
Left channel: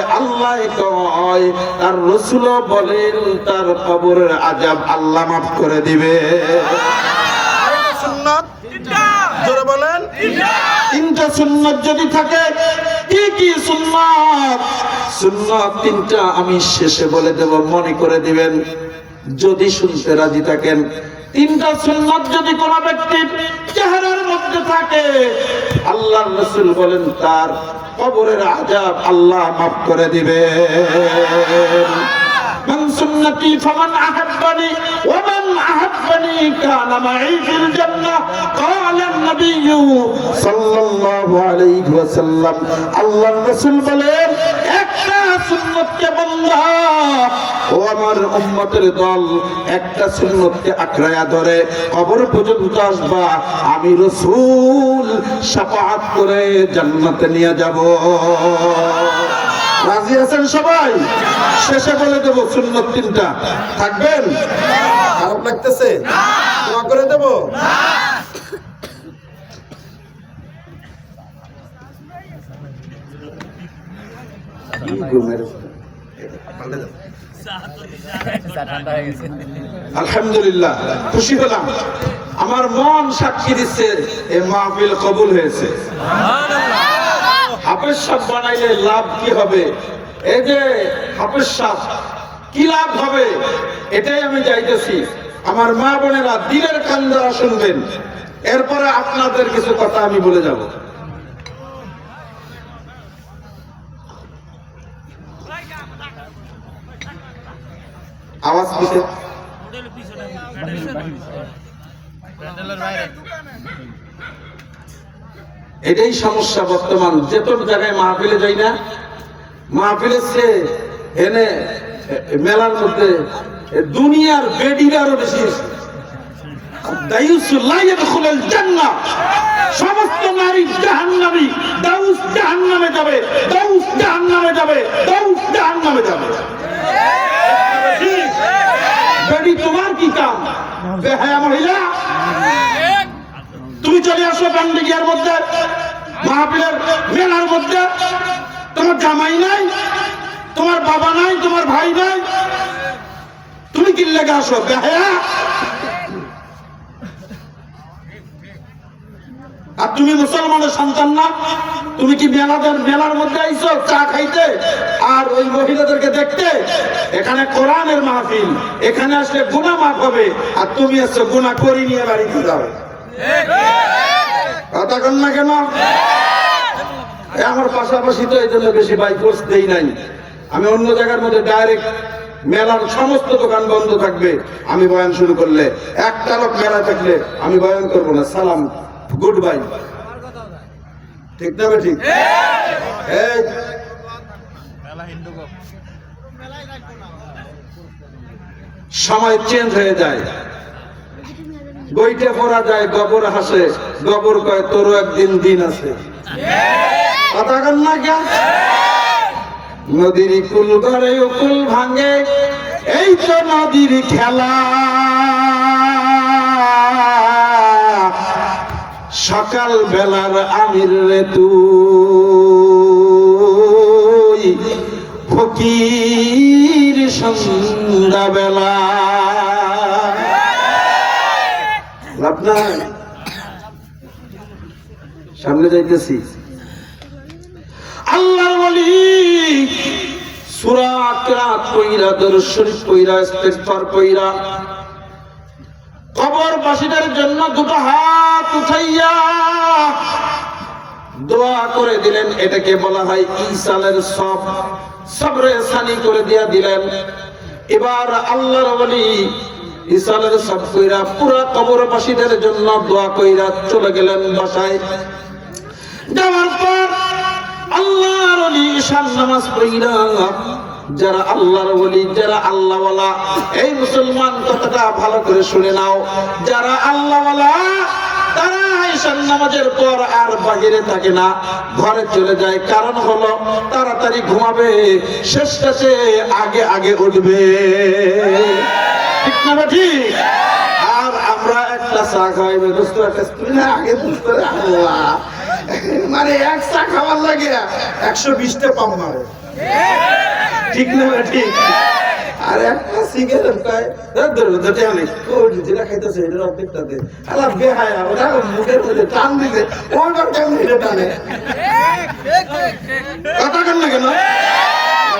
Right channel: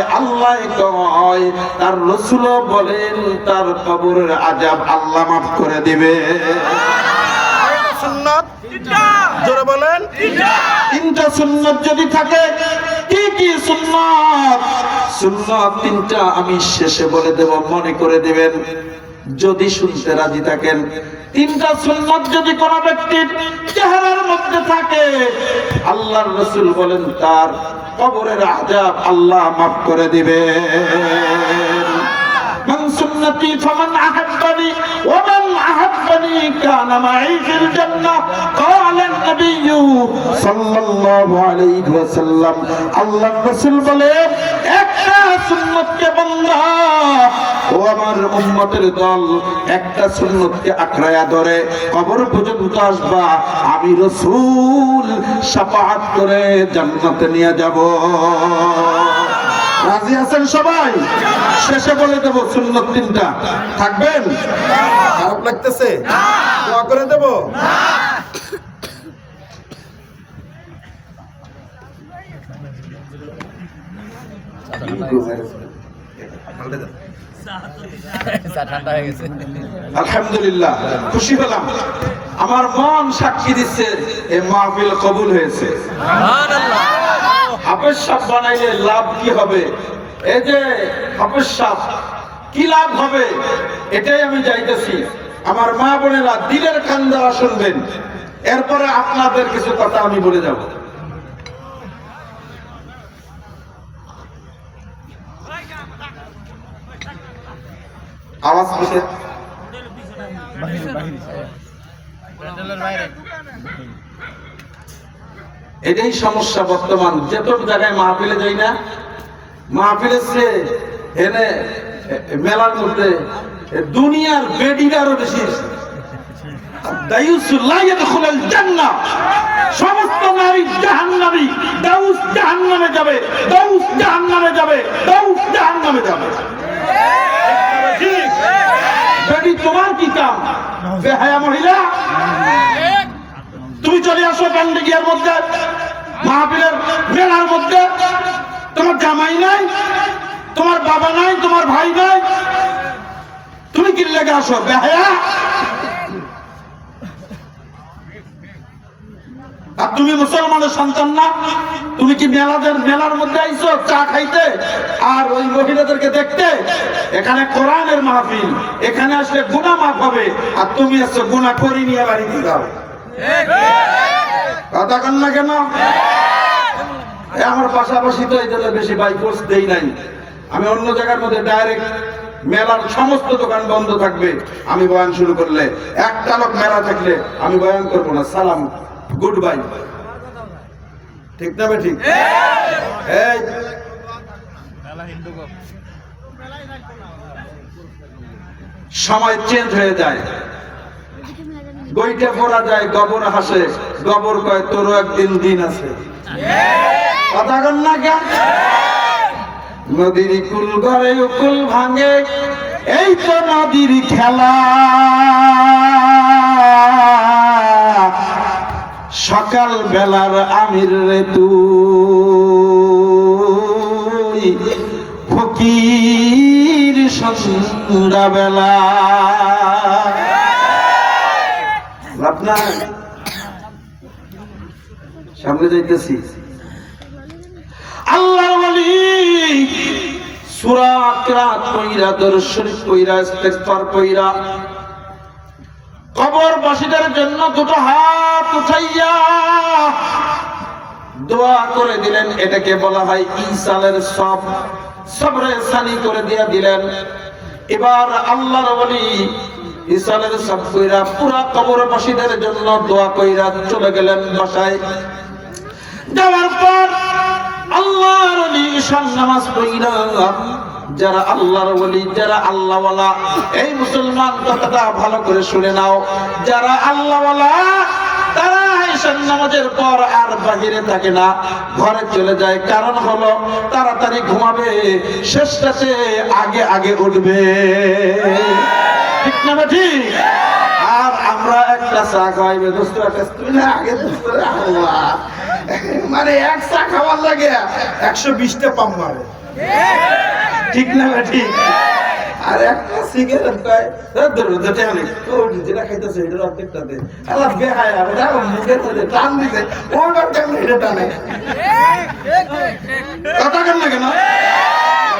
তার রাসূলও বলেন তার কবরের আযাব আল্লাহ maaf করে দিবে সুন্নাত তিনটা জোরে বলেন তিনটা সুন্নাত যদি থাকে কি কি সুন্নাত সুন্নাত তিনটা আমি শেষে বলে দেব মনে করে দিবেন যদি শুনতে রাজি থাকেন তিনটা সুন্নাত যদি কোন ব্যক্তির চেহারার মধ্যে থাকে আল্লাহর রাসূল বলেন তার কবরের আযাব আল্লাহ maaf করে দিবেন মান সুন্নতি ফামান আহাব্বানি ওয়া মান আহাব্বানি কানা মাই ফিল জান্নাহ ক্বালা an-নবী সাল্লাল্লাহু আলাইহি ওয়াসাল্লাম আল্লাহর রাসূল বলেন একটা সুন্নতকে বান্দা ও আমার উম্মতের দল একটা সুন্নতকে আঁকড়ায়া ধরে কবর পর্যন্ত আসবা আমি রাসূল শাফাআত করে জান্নাতে নিয়ে যাব রাজি আছেন সবাই শেষে বলে দেব সুন্নত তিনটা থাকবেন খারাপ লাগতেছে দোয়া করে দেব আলহামদুলিল্লাহ খুশি হলাম আমার মন সাক্ষী দিচ্ছে এই মাহফিল কবুল হয়েছে হাফেজ সাহেব বানাইলে লাভ কি হবে এই যে হাফেজ সাহেব কি লাভ হবে এটাই আমি চাইতেছি আমার মা বোনেরা দিলের কান দ্বারা শুনবেন এরপরে আপনাদের কিছু কথা আমি বলে যাব আওয়াজ করতে এটাই সমস্যা বর্তমান যেত জায়গায় মাহফিলে যাই না মাহফিলের সে এনে মেলার মধ্যে দুনিয়ার বেডিরা আরো বেশি সমস্ত নারী জাহান্নামী দাউস জাহান্নামে যাবে দাউস জাহান্নামে যাবে দাউস জাহান্নামে যাবে বেডি তোমার কি কাম বেহায়া মহিলা তুমি চলে আসো পান্ডিগের মধ্যে মাহফিলের মেলার মধ্যে তোমার জামাই নাই তোমার বাবা নাই তোমার ভাই নাই তুমি কি লেগে আসো বেহায়া আর তুমি মুসলমানের সন্তান না তুমি কি মেলার মধ্যে আইছো চা খাইতে আর ওই মহিলাদেরকে দেখতে এখানে কোরআনের মাহফিল এখানে আসলে গুনাহ মাফ হবে আর তুমি আসছো গুনাহ করি নিয়ে বাড়িতে যাও কথা কন না কেন আমার পাশাপাশি তো এই জন্য বেশি বাইকোর্স দেই নাই আমি অন্য জায়গার মধ্যে ডাইরেক্ট মেলার সমস্ত দোকান বন্ধ থাকবে আমি বয়ান শুরু করলে একটা লোক মেলা থাকলে আমি বয়ান করবো না সালাম গুড বাই ঠিক না ঠিক এই সময় চেঞ্জ হয়ে যায় গইটা পড়া যায় গোবর হাসে গোবর কয় তোরও একদিন দিন আছে কথা কন না কেন নদীর কুল ঘরে উকুল ভাঙে এই তো নদীর খেলা সকাল বেলার আমির রে তুই, ফকির সন্ধ্যা বেলা। লাভ নাই, সামনে যাইতেছি। আল্লাহর ওলি সূরা কিরাত কইরা, দরুদ শরীফ কইরা, ইস্তিগফার কইরা কবরবাসীদের জন্য দুটো হাত উঠাইয়া দোয়া করে দিলেন। এটাকে বলা হয় ইসালের সব, সবরে সানি করে দিয়া দিলেন। এবার আল্লাহর ওলি ইসালের সব কইরা পুরা কবরবাসীদের জন্য দোয়া কইরা চলে গেলেন বাসায়। যাওয়ার পর আল্লাহর ওলি ঈশান নামাজ পড়িলা। যারা আল্লাহর ওলি, যারা আল্লাহওয়ালা, এই মুসলমান কথাটা ভালো করে শুনে নাও, যারা আল্লাহওয়ালা তারা ঈশান নামাজের পর আর বাহিরে থাকে না, ঘরে চলে যায়। কারণ হলো তাড়াতাড়ি ঘুমাবে, শেষটা সে আগে আগে উঠবে। ঠিক না ঠিক? আর আমরা একটা চা খাইবে দোস্ত, একটা আগে দোস্ত, আল্লাহ মানে এক চা খাওয়ার লাগে 120টা পাম মারে। ঠিক না ঠিক? আর একটা সিগারেট খায় যেটা খাইতেছে এটার অর্ধেকটাতে বেহায়, ওটা মুখের মধ্যে টান দিছে, ওইবার কেমন এটা টানে কথা কেন না কেন?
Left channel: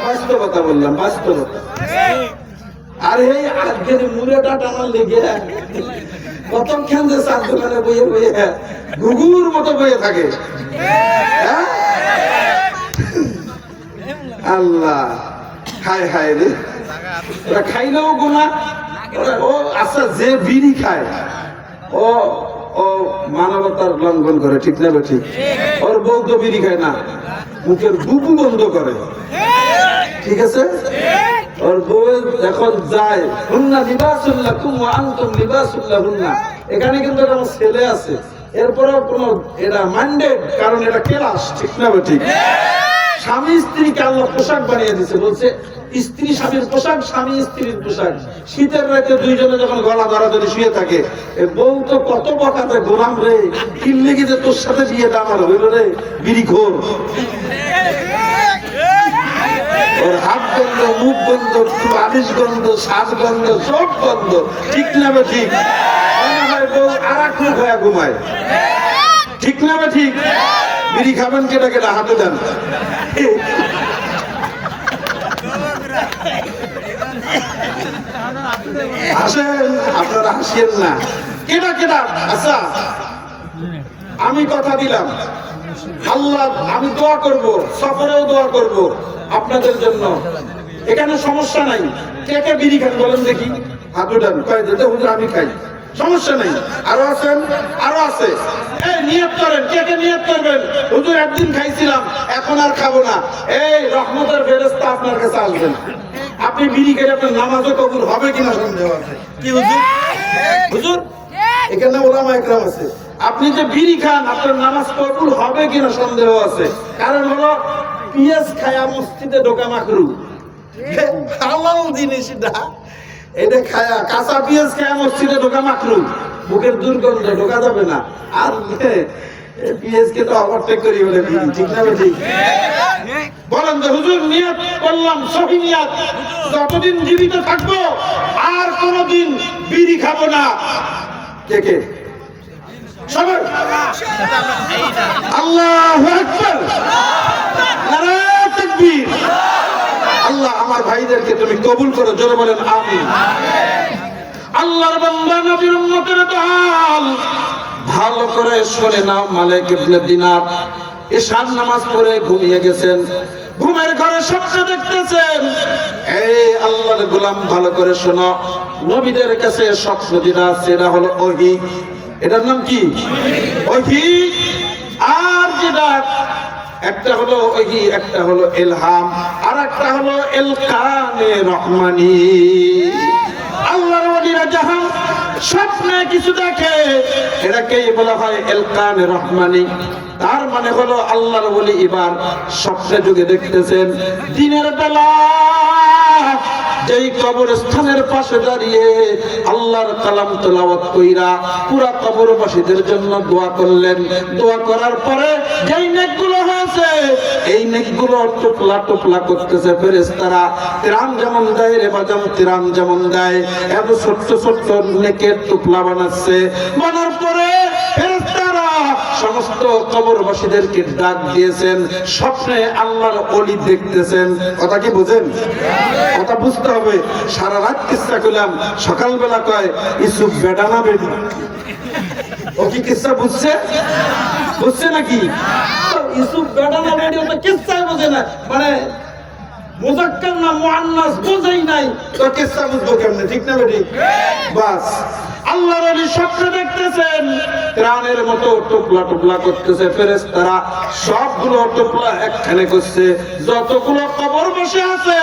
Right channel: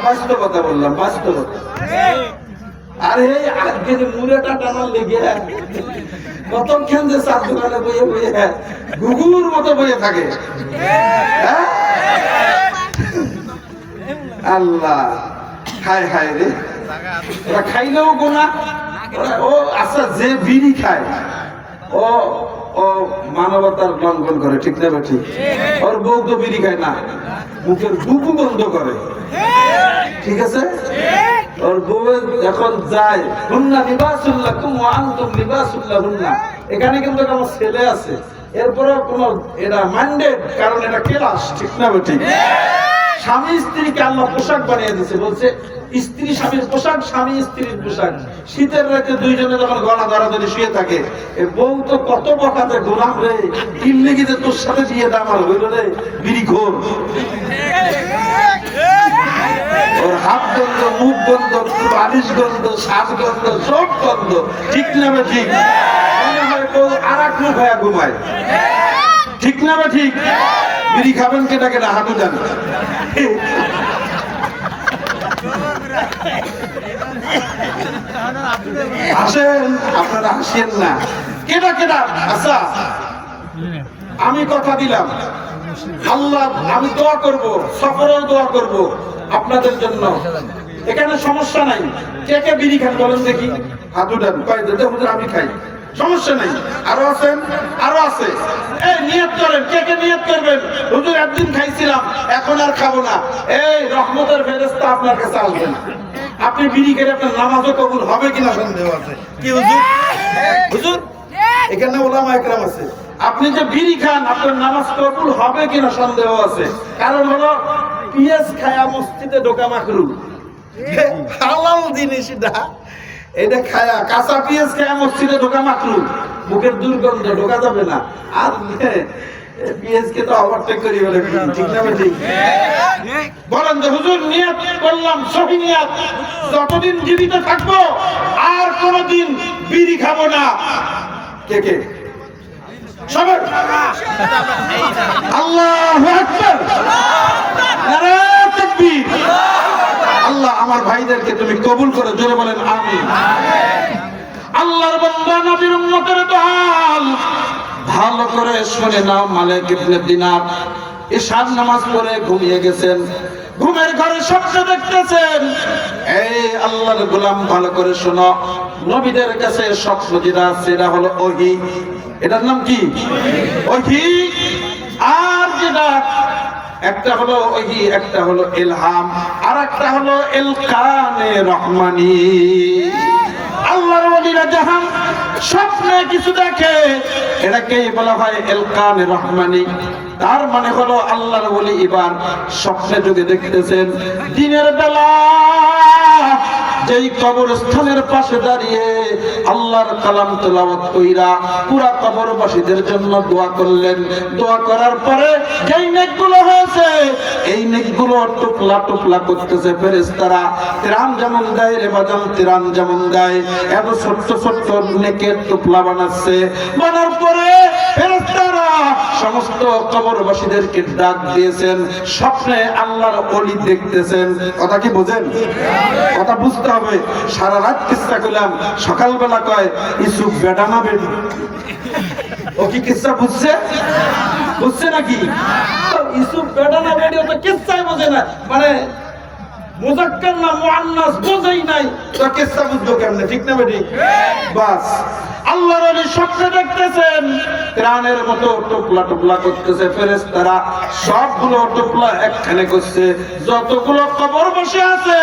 বাস্তবতা বললাম, বাস্তবতা। আর এই আজকে মুড়েটা টানার লেগে কতক্ষণ যে চার দোকানে বইয়ে বইয়ে ঘুঘুর মতো বইয়ে থাকে। আল্লাহ, হায় হায় রে, ওরা খাইলেও গুনাহ। ও আচ্ছা, যে বিড়ি খায় ও ও মানবতার লঙ্ঘন করে। ঠিক না ঠিক? ওর বউ তো বিড়ি খায় না, মুখের বুবু গন্ধ করে। ঠিক আছে? ওর বউ এখন যায় হুন্না লিবাসুল্লাকুম ওয়া আনতুম লিবাসুল্লাহুন্না। এখানে কিন্তু আমার ছেলে আছে, এরপরেও কোনো এটা মাইন্ডেড, কারণ এটা ক্লাস। ঠিক না ঠিক? স্বামী স্ত্রীকে আল্লাহ পোশাক বানিয়ে দিয়েছে, বলছে স্ত্রী স্বামীর পোশাক, স্বামী স্ত্রীর পোশাক। শীতের রাতে দুইজনে যখন গলা ধরাধরি শুয়ে থাকে, এ বউ তো কত বকাতে, গোলাম রে কিনলে গিয়ে তোর সাথে বিয়ে না আমার হইল রে বিড়ি খোর। ওর হাত গন্ধ, মুখ গন্ধ, বালিশ গন্ধ, শ্বাস গন্ধ, সব গন্ধ। ঠিক না ঠিক? মনে হয় বউ আর এক মুখ হয়ে ঘুমায়। ঠিক না ঠিক? বিড়ি খাবেন কেটা কেটা হাঁটু দেন। আসেন, আপনারা হাসিয়েন না। কেটা কেটা? আচ্ছা, আমি কথা দিলাম, আল্লাহ আমি দোয়া করব, সফরেও দোয়া করব আপনাদের জন্য। এখানে সমস্যা নাই। কে কে বিড়ি খান বলেন দেখি, হাত উঠান। কয় দিতে হুজুর আমি খাই, সমস্যা নেই। আরো আছেন? আরো আছে। এই নিয়ত করেন, কে কে নিয়ত করবেন, হুজুর একদিন খাইছিলাম এখন আর খাবো না। এই রহমতের ফেরেশতা আপনার কাছে আসবেন। আপনি বিড়ি খেলে আপনার নামাজও কবুল হবে কিনা সন্দেহ আছে। কি হুজুর? হুজুর এখানে ওলামা একরাম আছে, আপনি যে বিড়ি খান আপনার নামাজ কবুল হবে কিনা সন্দেহ আছে। কারণ হলো পিয়াজ খায়া মসজিদে ঢোকা মাকরু, হালাল জিনিস না। এটা খায়া, কাঁচা পিয়াজ খায়া মসজিদে ঢোকা মাকরু, মুখের দুর্গন্ধ, ঢোকা যাবে না। আর পিয়াজকে তো ওভারটেক করি বলে। ঠিক না ঠিক? বলেন যে হুজুর নিয়ত করলাম, সহি নিয়ত, যতদিন জীবিত থাকবো আর কোনদিন বিড়ি খাবো না। কে কে? সবাই আল্লাহু আকবার, নারে তাকবীর। আল্লাহ আমার ভাইদেরকে তুমি কবুল করো, জোরে বলেন আমিন। আল্লাহর বান্দা নবীর উম্মতের দোহাল ভালো করে শুনে নাও। মালিক ইবনে দিনার ঈশার নামাজ পড়ে ঘুমিয়ে গেছেন, ঘুমের ঘরে স্বপ্ন দেখতেছেন। এই আল্লাহর গোলাম ভালো করে শোনো, নবীদের কাছে স্বপ্ন যেটা সেটা হলো ওহী। এটার নাম কি? ওহী। আর যেটা একটা হলো ওহী, একটা হলো ইলহাম, আর একটা হলো ইলকানে রহমানি। আল্লাহর ওলিরা যখন স্বপ্নে কিছু দেখে এটাকেই বলা হয় ইলকানে রহমানি। তার মানে হলো আল্লাহর ওলি এবার স্বপ্নে যুগে দেখতেছেন, দিনের বেলা যেই কবরস্থানের পাশে দাঁড়িয়ে আল্লাহর কালাম তেলাওয়াত কইরা পুরা কবরবাসীদের জন্য দোয়া করলেন। দোয়া করার পরে যেই নেকগুলো হয়েছে এই নেকগুলো টুকলা টুকলা করতেছে ফেরেশতারা। তিরান যেমন দেয় রে বাজান, তিরান যেমন দেয় এত ছোট্ট ছোট্ট নেকের টুকলা বানাচ্ছে। বানার পরে ফেরেশতারা সমস্ত কবরবাসীদেরকে ডাক দিয়েছেন। স্বপ্নে আল্লাহর ওলি দেখতেছেন। কথা কি বুঝেন? কথা বুঝতে হবে। সারা রাত কিস্সা করলাম, সকালবেলা কয় ইসুফ বেটা না বেটি। ও কি কিস্সা বুঝছে? বুঝছে নাকি? ইসুফ বেটা না বেটি ও তো কিস্সাই বোঝে না, মানে মুজাক্কার না মুআন্নাস বোঝেই নাই, তো কিস্সা বুঝবো কেমনে? ঠিক না বেটি? বাস আল্লাহর ওলি স্বপ্নে দেখতেছেন ত্রাণের মতো টুকলা টুকলা করতেছে ফেরেশতারা। সবগুলো টুকলা একখানে করছে। যতগুলো কবর বসে আছে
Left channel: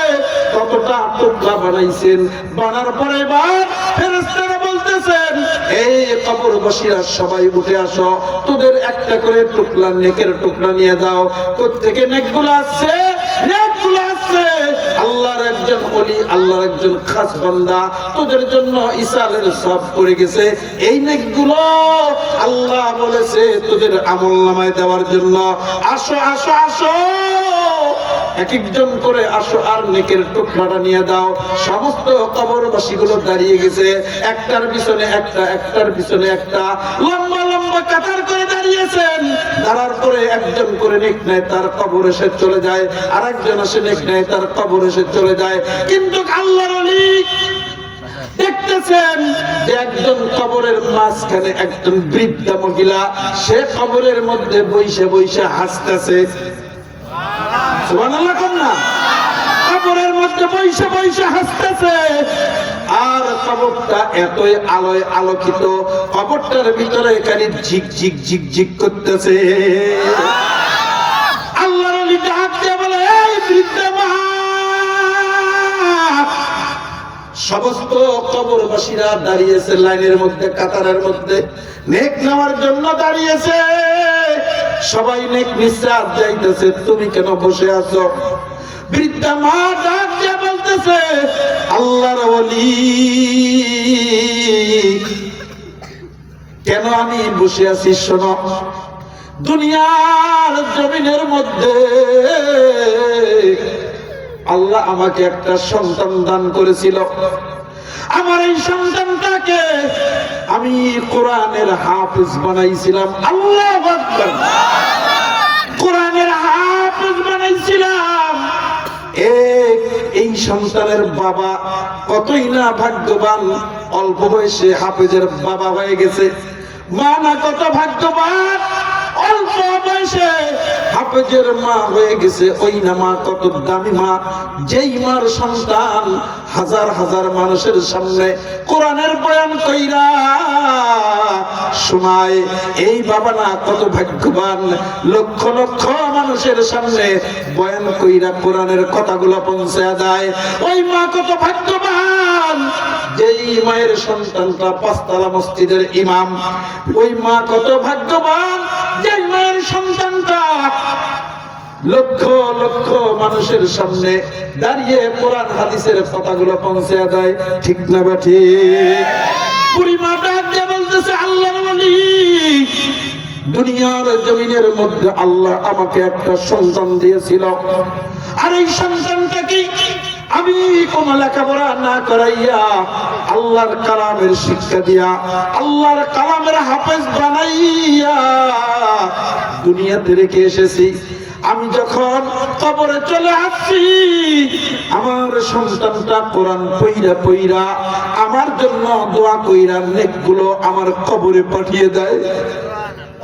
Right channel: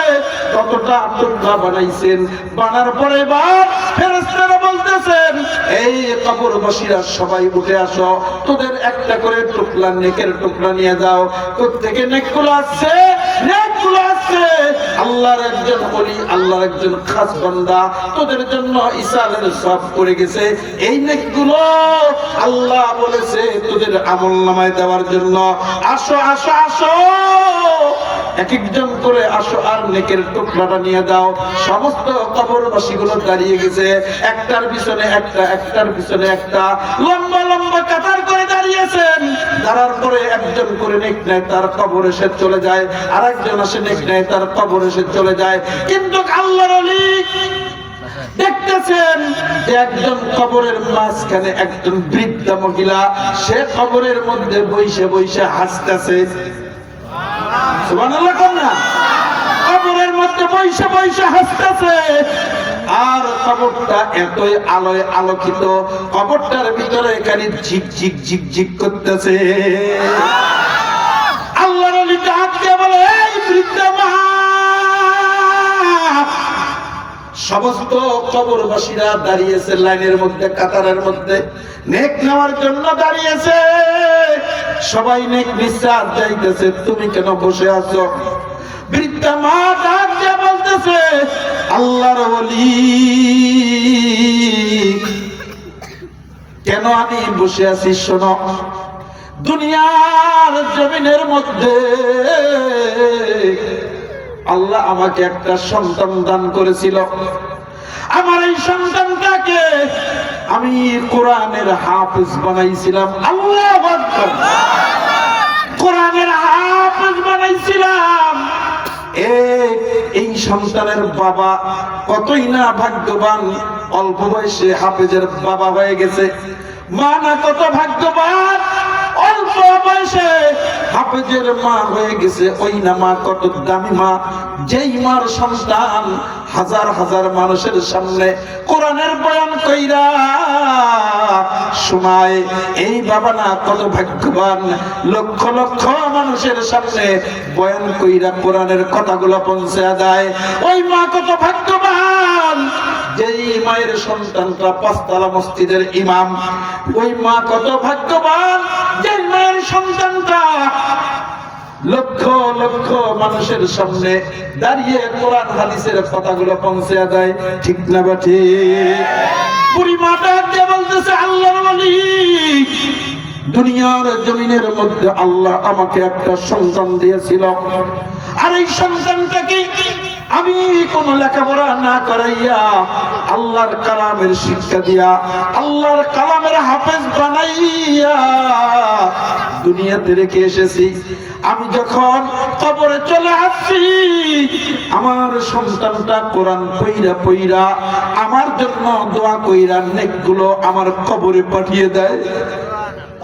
ততটা টুকলা বানাইছেন। বানার পরে এবার ফেরেশতারা বলতেছেন এই কবরবাসীরা সবাই উঠে আসো, তোদের একটা করে টুকলা নেকের টুকরা নিয়ে দাও। কোত্থেকে নেকগুলো আসছে? নেকগুলো আসছে আল্লাহর একজন ওলি, আল্লাহর একজন খাস বান্দা তোদের জন্য ইসালের সব করে গেছে। এই নেকগুলো আল্লাহ বলেছে তোদের আমলনামায় দেওয়ার জন্য। আসো আসো আসো, এক একজন করে আসো আর নেকের টুকরাটা নিয়ে দাও। সমস্ত কবরবাসীগুলো দাঁড়িয়ে গেছে, একটার পিছনে একটা, একটার পিছনে একটা, লম্বা লম্বা কাতার করে দাঁড়িয়েছেন। দাঁড়ার পরে একজন করে নেক নেয়, তার কবর এসে চলে যায়। আর একজন আসে নেক নেয়, তার কবর এসে চলে যায়। কিন্তু আল্লাহর ওলি দেখতেছেন যে একজন কবরের মাঝখানে একজন বৃদ্ধা মহিলা, সে কবরের মধ্যে বইসে বইসে হাসতেছে। সুবহানাল্লাহ কোন না? কবরের মধ্যে বইসে বইসে হাসতেছে। আর কবরটা এতই আলোয় আলোকিত, কবরটার ভিতরে খালি ঝিক ঝিক ঝিক ঝিক করতেছে। আল্লাহর ওলি ডাক দিয়ে বলে এই বৃদ্ধা মা। সমস্ত কবরবাসীরা দাঁড়িয়েছে লাইনের মধ্যে, কাতারের মধ্যে নেক নেওয়ার জন্য দাঁড়িয়েছে। সবাই নেক নিঃশ্বাস যাইতেছে, তুমি কেন বসে আছো? বৃদ্ধা মা ডাক দিয়ে বলতেছে আল্লাহর ওলি, কেন আমি বসে আছি শোনো। দুনিয়ার জমিনের মধ্যে আল্লাহ আমাকে একটা সন্তান দান করেছিল। আমার এই সন্তানটাকে আমি কোরআনের হাফেজ বানাইছিলাম। আল্লাহু আকবার। কোরআনের হাফেজ বানাইছিলাম। এই সন্তানের বাবা কতই না ভাগ্যবান, অল্প বয়সে হাফেজের বাবা হয়ে গেছে। মা না কত ভাগ্যবান, অল্প বয়সে হাফেজের মা হয়ে গেছে। ওই না মা কত দামি মা, যেই মার সন্তান হাজার হাজার মানুষের সামনে কোরআনের বয়ান কইরা শোনায়। এই বাবা না কত ভাগ্যবান, লক্ষ লক্ষ মানুষের সামনে বয়ান কইরা কোরআনের কথাগুলো পৌঁছে দেয়। ওই মা কত ভাগ্যবান, যেই মায়ের সন্তানটা পাঁচতলা মসজিদের ইমাম। ওই মা কত ভাগ্যবান, যেই মায়ের সন্তানটা লক্ষ লক্ষ মানুষের সামনে দাঁড়িয়ে কোরআন হাদিসের কথাগুলো পৌঁছে দেয়। ঠিক না বা ঠিক? বুড়ি মা ডাক দিয়ে বলতেছে আল্লাহর ওলি, দুনিয়ার জমিনের মধ্যে আল্লাহ আমাকে একটা সন্তান দিয়েছিল। আর এই সন্তানটাকে আমি কোন লেখাপড়া না করাইয়া আল্লাহর কালামের শিক্ষা দিয়া আল্লাহর কালামের হাফেজ বানাইয়া দুনিয়াতে রেখে এসেছি। আমি যখন কবরে চলে আসছি, আমার সন্তানটা কোরআন পইরা পইরা আমার জন্য দোয়া কইরা নেকগুলো আমার কবরে পাঠিয়ে দেয়।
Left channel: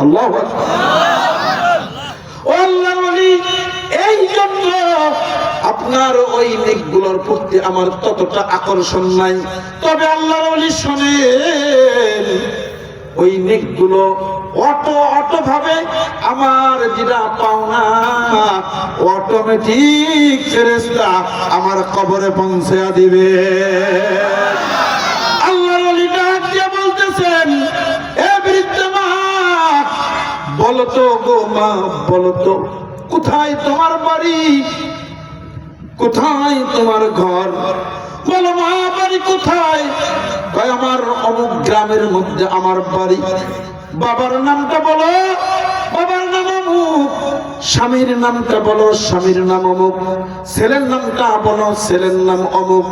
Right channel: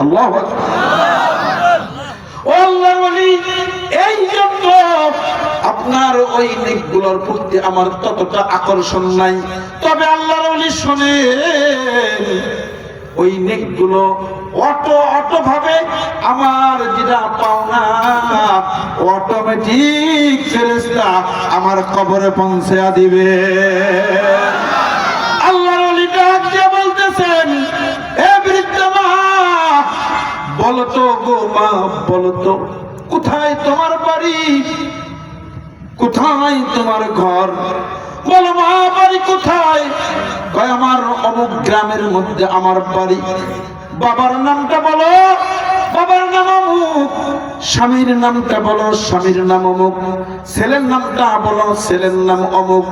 আল্লাহু আকবার। ও আল্লাহর ওলি, এই জন্য আপনার ওই নেকগুলোর প্রতি আমার ততটা আকর্ষণ নাই। তবে আল্লাহর ওলি শোনেন, ওই নেকগুলো অটো ভাবে আমার যেটা পাওনা অটোমেটিক ফেরেশতা আমার কবরে পৌঁছে দিবে। আল্লাহর ওলি ডাক দিয়ে বলতেছেন এ বৃদ্ধা মা, বলো তো গো মা, বলো তো কোথায় তোমার বাড়ি, কোথায় তোমার ঘর? বলো মা বাড়ি কোথায়? কয় আমার অমুক গ্রামের মধ্যে আমার বাড়ি। বাবার নামটা বলো, বাবার নাম অমুক। স্বামীর নামটা বলো, স্বামীর নাম অমুক। ছেলের নামটা বলো, ছেলের নাম অমুক।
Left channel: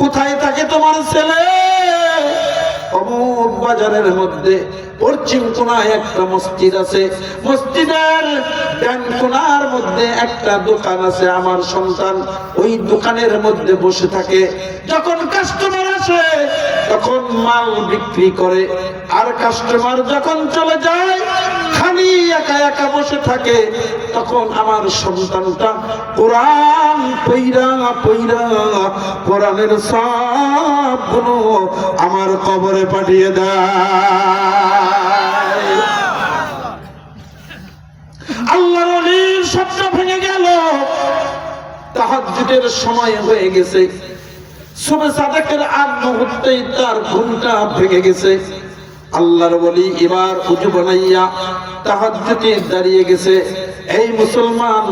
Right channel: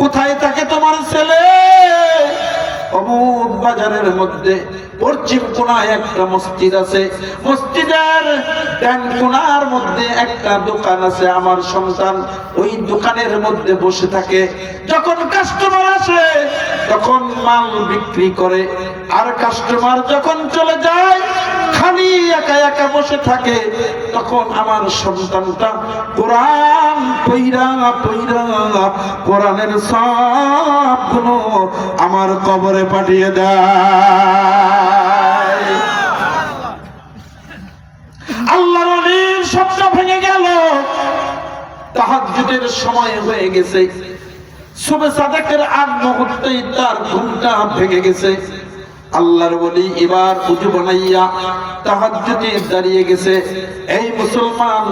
কোথায় থাকে তোমার ছেলে? অমুক বাজারের মধ্যে পশ্চিম কোণায় একটা মসজিদ আছে, মসজিদের ডান কোণার মধ্যে একটা দোকান আছে। আমার সন্তান ওই দোকানের মধ্যে বসে থাকে। যখন কাস্টমার আসে তখন মাল বিক্রি করে, আর কাস্টমার যখন চলে যায় খালি একা একা বসে থাকে। তখন আমার সন্তানটা কোরআন পইরা পইরা কোরআনের সবগুলো আমার কবরে পাঠিয়ে দেয়। আল্লাহর ওলির স্বপ্ন ভেঙে গেল। তাহাজ্জুদের সময় হয়ে গেছে, সুবহ সাদেকের আগ মুহূর্তেই তার ঘুমটা ভেঙে গেছে। আল্লাহর ওলি এবার উজু বানাইয়া তাহাজ্জুদে দাঁড়িয়ে গেছে। এই মুসলমান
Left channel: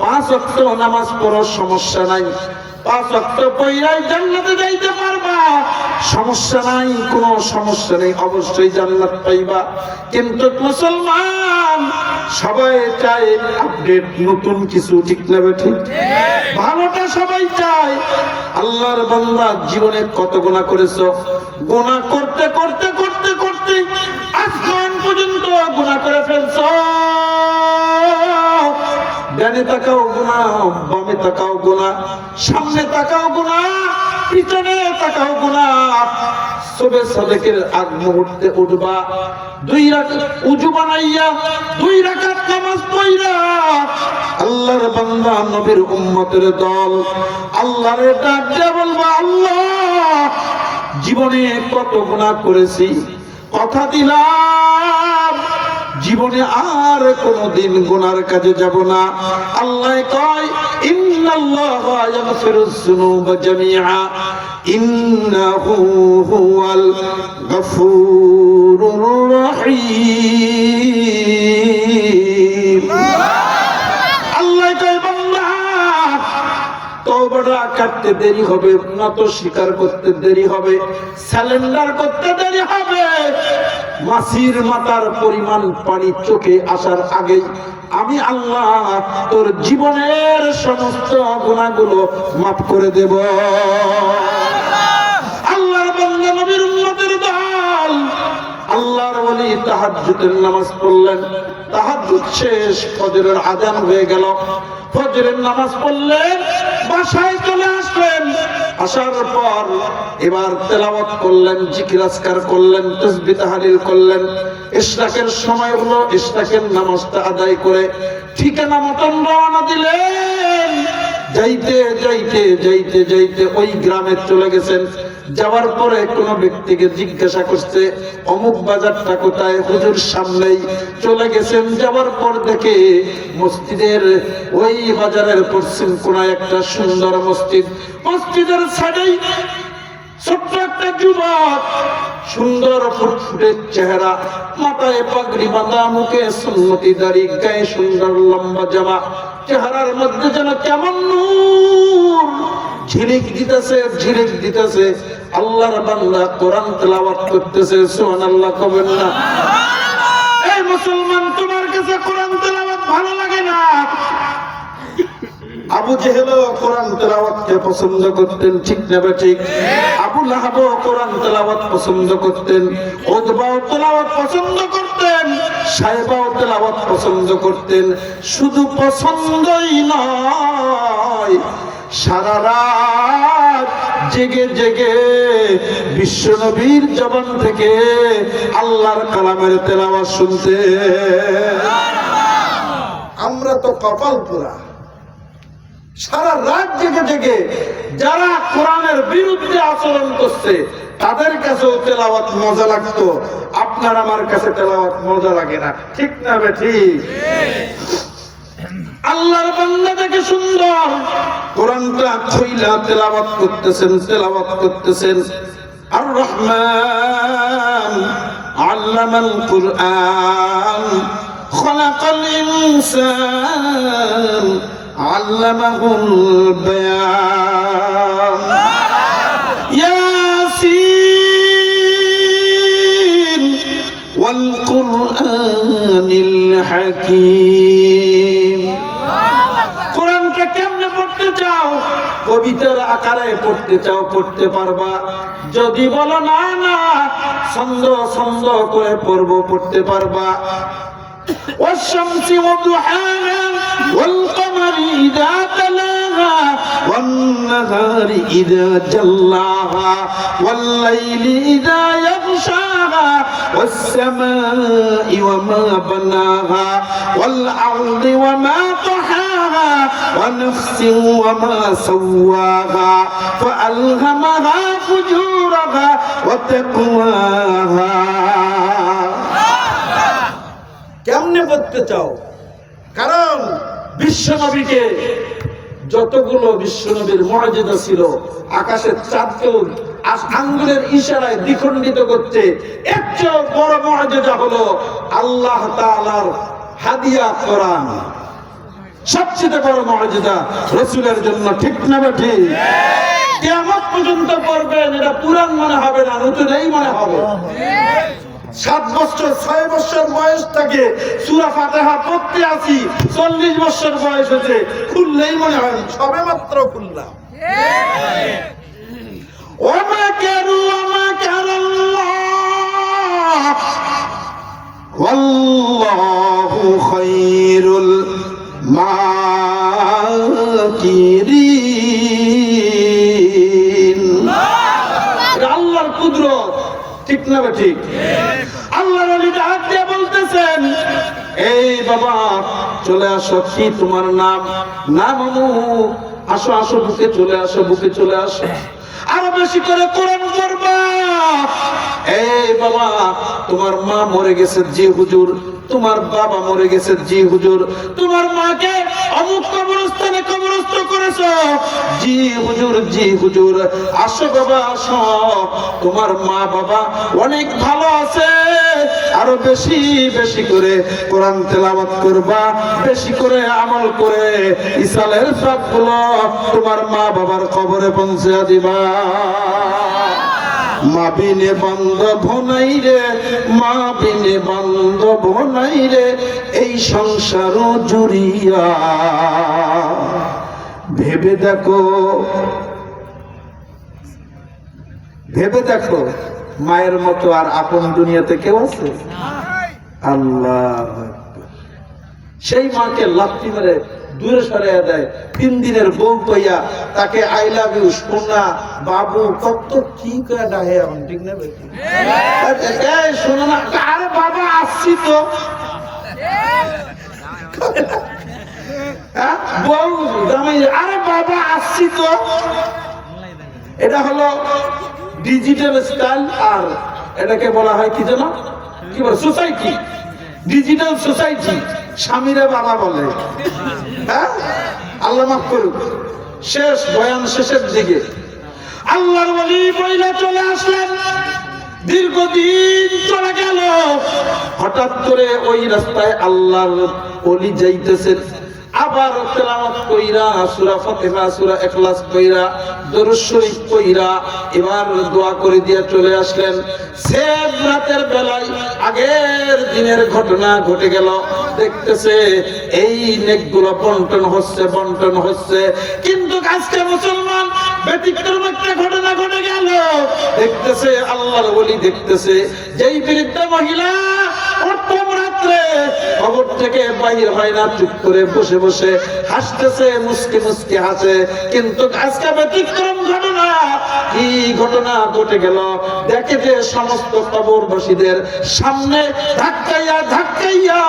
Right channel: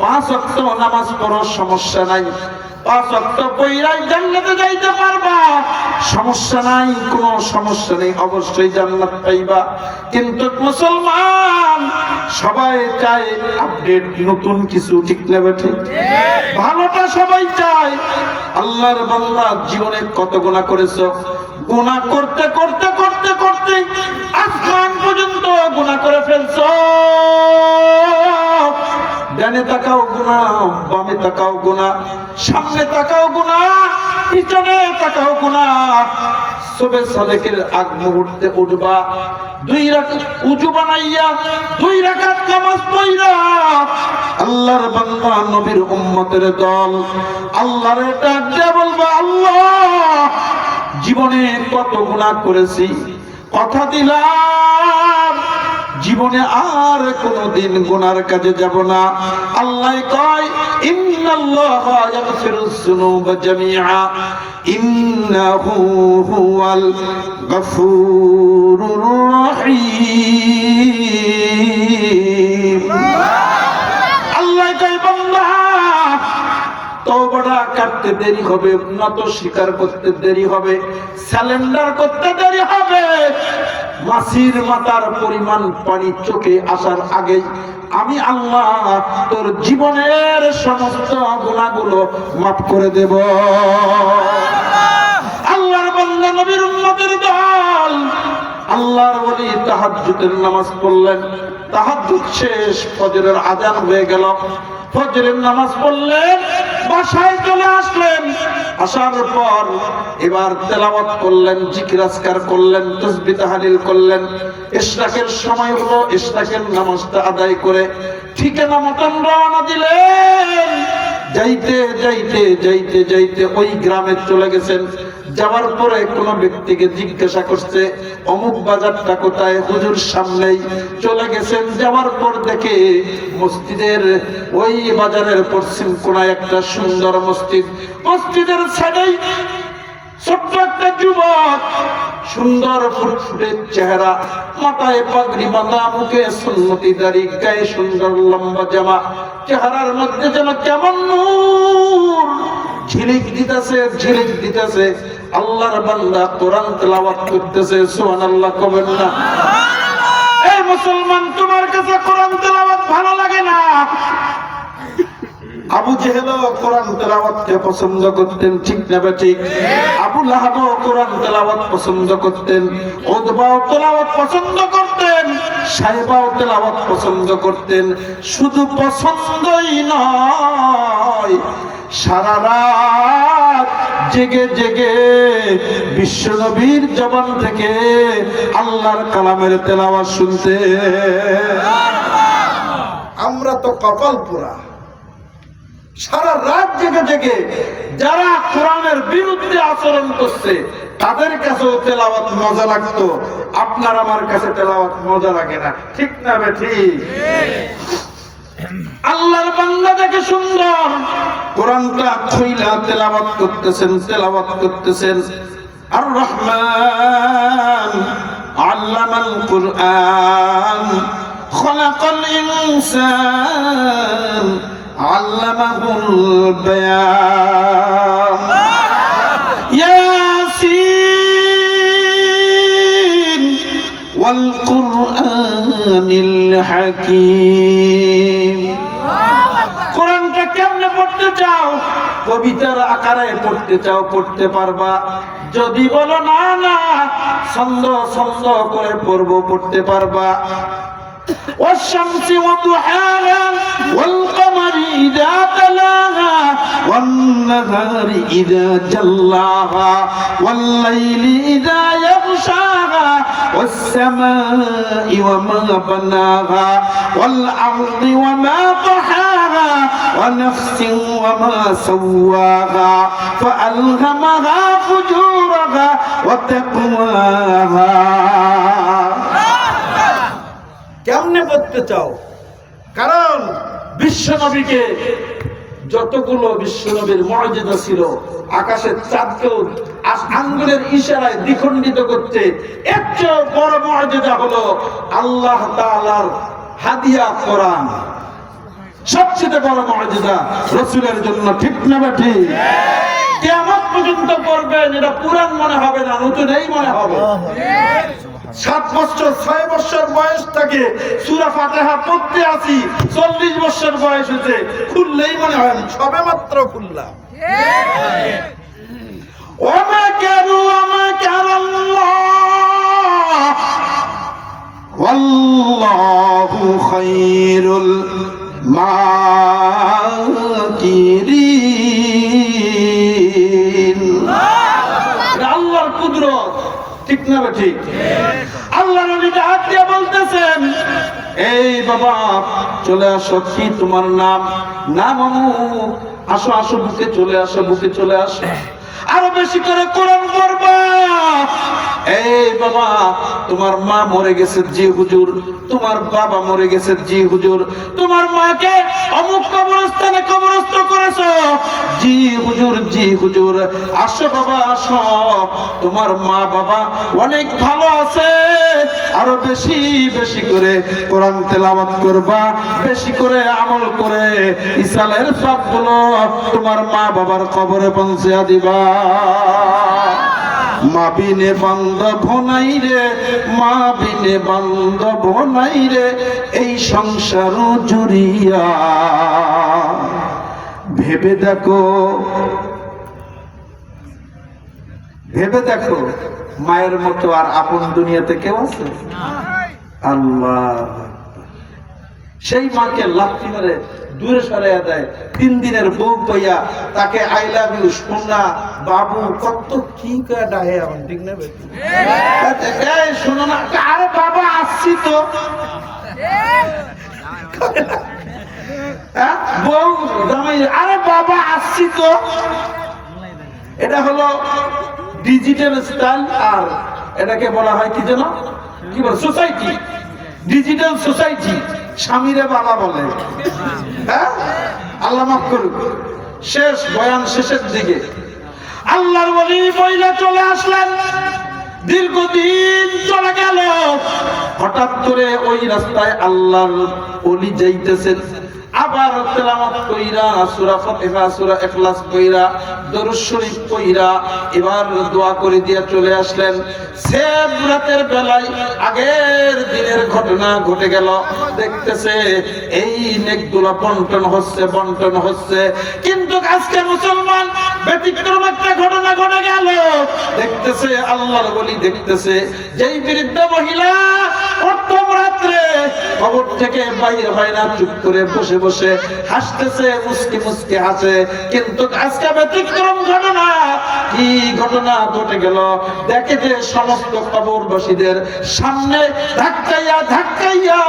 5 ওয়াক্ত নামাজ পড়ার সমস্যা নাই, 5 ওয়াক্ত পড়াই জান্নাতে যাইতে পারবা, সমস্যা নাই, কোনো সমস্যা নেই, অবশ্যই জান্নাত পাইবা। কিন্তু মুসলমান সবাই চায় আপডেট, নতুন কিছু, ঠিক না ঠিক? ভালোটা সবাই চায়। আল্লাহর বান্দা জীবনে কত গুনাহ করেছো? গুনাহ করতে করতে করতে করতে আসমান পর্যন্ত গুনাহ করে ফেলছো। ডানে তাকাও গুনাহ, বামে তাকাও গুনাহ, সামনে তাকাও গুনাহ, পিছনে তাকাও গুনাহ। সুবহ সাদেকের আগ মুহূর্তে উঠবা, 2 রাকাত উযু বানাইয়া 2 রাকাত নামাজ পড়া। আল্লাহর বান্দা নবীর উম্মতের দল আল্লাহরে ডাক দিয়ে বলবে, আল্লাহ জীবনে কত গুনাহ করেছি, কথা দিলাম জীবনে আর কোনদিন গুনার কাজে যাব না। আল্লাহ কয়, ইন্নাল্লাহা ইয়াগফিরুয যুনুবা জামিআ ইন্নাহু হুয়াল গফুরুর রহিম। আল্লাহ কয়, বান্দা তওবাটা করতে দেরি হবে, নত স্বীকার করতে দেরি হবে, সারেন্ডার করতে দেরি হবে। মাছির মাথার পরিমাণ পানি চোখে আসার আগেই আমি আল্লাহ তোর জীবনের সমস্ত গুনাহগুলো মাফ করে দেব। আল্লাহর বান্দা নবীর উম্মতের দল আল্লাহর ওলি তাহাজ্জুদের নামাজ পড়লেন। তাহাজ্জুদ শেষ, ফজরের আযান হয়ে গেল। ফজরের নামাজ পড়লেন, বাসায় চলে আসলেন। আসার পর এবার তেলাওয়াত করলেন, জিকির আজকার করলেন, তাসবিহ তাহলিল করলেন। ইশরাকের সময় হলো, ইশরাকের নামাজটা আদায় করে ঠিকানা মতন রওনা দিলেন। যাইতে যাইতে যাইতে যাইতে ওই গ্রামে চলে গেছেন। যাওয়ার পরে কোন ব্যক্তিকে জিজ্ঞাসা করছে, অমুক বাজারটা কোথায়? হুজুর সামনেই। চলে গেছেন, যাওয়ার পর দেখে মসজিদের ওই বাজারের পশ্চিম কোণায় একটা সুন্দর মসজিদ। মসজিদের সাইডেই ছোট্ট একটা যুবক, সুন্দর ফুটফুটে চেহারা, মাথায় পাগড়ি বাঁধা, মুখে সুন্নতি দাড়ি, গায়ে সুন্দর লম্বা জামা, চেহারার মধ্যে যেন কেমন নূর ঝিলিক দিতেছে, ঝিলিক দিতেছে। আল্লাহর বান্দা কোরআন তেলাওয়াত করতেছে। সুবহানাল্লাহ কবেন না? এই মুসলমান, তোমার কাছে কোরআন তেলাওয়াত ভালো লাগে না? আবু জেহেলও কোরআন তেলাওয়াতকে পছন্দ করতেন, ঠিক না ঠিক? আবু লাহাবও কোরআন তেলাওয়াত পছন্দ করতেন, উতবাও তেলাওয়াত পছন্দ করতেন, সাইবাও তেলাওয়াত পছন্দ করতেন। শুধু পছন্দই নয়, সারা রাত জেগে জেগে বিশ্বনবীর জবান থেকে আল্লাহর কালামের তেলাওয়াত শুনতে। আমরা তো কপাল পোড়া, সারা রাত জেগে জেগে যারা কোরআনের বিরুদ্ধে আচরণ করছে তাদের কাছেও তেলাওয়াত মজা লাগতো, আপনার আমার কাছে তেলাওয়াত মজা লাগে না, ঠিক না ঠিক? আল্লাহর বান্দা দেখে সুন্দর কোরআনটা খুইলা তেলাওয়াত করতেছেন, তেলাওয়াত করতেছেন। আর রহমান আল্লামাল কুরআন খলাকাল ইনসান আল্লামাহুল বায়ান। والقرآن الحكيم কোরআনটা কেমনে পড়তে চাও? কবিতার আকারে পড়তে চাও, পড়তে পারবা। যদি বলো না না ছন্দ ছন্দ করে পড়বো, পড়তে পারবা। والشمس وضحاها والقمر إذا تلاها والنهار إذا جلاها والليل إذا يغشاها والسماء وما بناها والأرض وما طحاها ونفس وما سواها فألهمها فجورها وتقواها কেমনে পড়তে চাও? কারণ বিশ্বনবীকে যতগুলো বিশ্বনবীর মুআজিজা ছিল, আকাশের চাঁদকেও আঙ্গুলের ইশারায় দ্বিখণ্ডিত করতে, এর চেয়ে বড় মুআজিজা হলো আল্লাহ তাআলার হাদিয়া কোরআন। সবচেয়ে বড় মুআজিজা রাসূলের জন্য, ঠিক না ঠিক? কিয়ামত পর্যন্ত পড়বেন, এটা পুরাণ মনে হবে না, নতুনই মনে হবে। 7 বছর 6 বছর বয়স থেকে সূরা ফাতিহা পড়তে আছি, 40 বছর বয়স হয়েছে, খুললেই মনে হয় সবে মাত্র খুললাম। ওমা কারু ওমা কারাল্লাহ ওয়াল্লাহু খায়রুল মাকিরিন। আল্লাহর কুদরত, ঠিক না ঠিক? আল্লাহ নবী ডাক দিয়ে বলতেছেন, এই বাবা চলে আসো, কি তোমার নাম? নাম অমুক। আসো আসো, বুকে চলে আসো, বুকে চলে আসো। আরো বেশি করে কোরআন পড়বা। এই বাবা তোমার মা মরে গেছে, জি হুজুর। তোমার বাবা মরে গেছে, জি হুজুর। তোমার মাকে অমুক কবরস্থানে কবরস্থ করেছো, জি হুজুর, জি হুজুর। আসো বাবা আসো, তোমার মা বাবা অনেক ভালো আছে। আরো বেশি বেশি করে কোরআন তেলাওয়াত করবা, বেশি করে আমল করে ইসরায়েল সবগুলো তোমার মা বাবার কবরে পৌঁছে দিবা। মা বিনে বান্ধব নাই রে, মা বিনে বান্ধব নাই রে, এই সংসার জুড়িয়া। ভেবে দেখো, ভেবে দেখো, মায়ের মতো আর আপন দুনিয়াতে কেউ আছে? আল্লাহ। সেই মাকে লাথি মেরে দূরে সরাইয়া দেয়, 3 দিনের বউ কইয়া তাকে আই লাভ ইউ সোনা বাবু কত কি কয়া ডাহে, এখন ঠিক না? এই শোনো না, আরে বাবা আসছি তো। বউ জামাই, আরে বাবা আসছি তো। এটা হলো ডিজিটাল স্টাইল, আর এটাকে বলা হয় কি যেন, কি বলে, সোসাইটি, ডিজিটাল সোসাইটি। স্বামীরে বাবা বলে। হ্যাঁ, আল্লাহ মাফ করুক। শেষ বয়ান শেষের দিকে আল্লাহর ওলি বইলা চলে আসলেন। দীর্ঘদিন চলে গেল, হঠাৎ করে ওই রাস্তায় আল্লাহর ওলি যাইতেছেন। আবার তেলাওয়াত কইরা সূরা ফাতিহা, সূরা ইখলাস কইরা, দরুদ শরীফ কইরা এবার দোয়া করে দিয়ে চলে আসলেন। সেম রাতের বেলায় আগের দিনের ঘটনা ঘটে গেল। দেখতেছে এই নেকগুলো বন্টন হচ্ছে, বন্টন হচ্ছে। কিন্তু আজকে মুসলমান ব্যতিক্রম একটা ঘটনা ঘটে গেল। দেখতেছে আল্লাহর ওলি, দেখতেছে যেই বৃদ্ধা মহিলা প্রথম রাত্রে কবর থেকে বাইরে হয় না, চুপ করে বসে বসে হাসতেছে, মুস্কি মুস্কি হাসে। কিন্তু আজকে ব্যতিক্রম ঘটনা। কি ঘটনা ঘটে গেল? দেখে যে সমস্ত কবরবাসীদের সামনে ধাক্কাইয়া ধাক্কাইয়া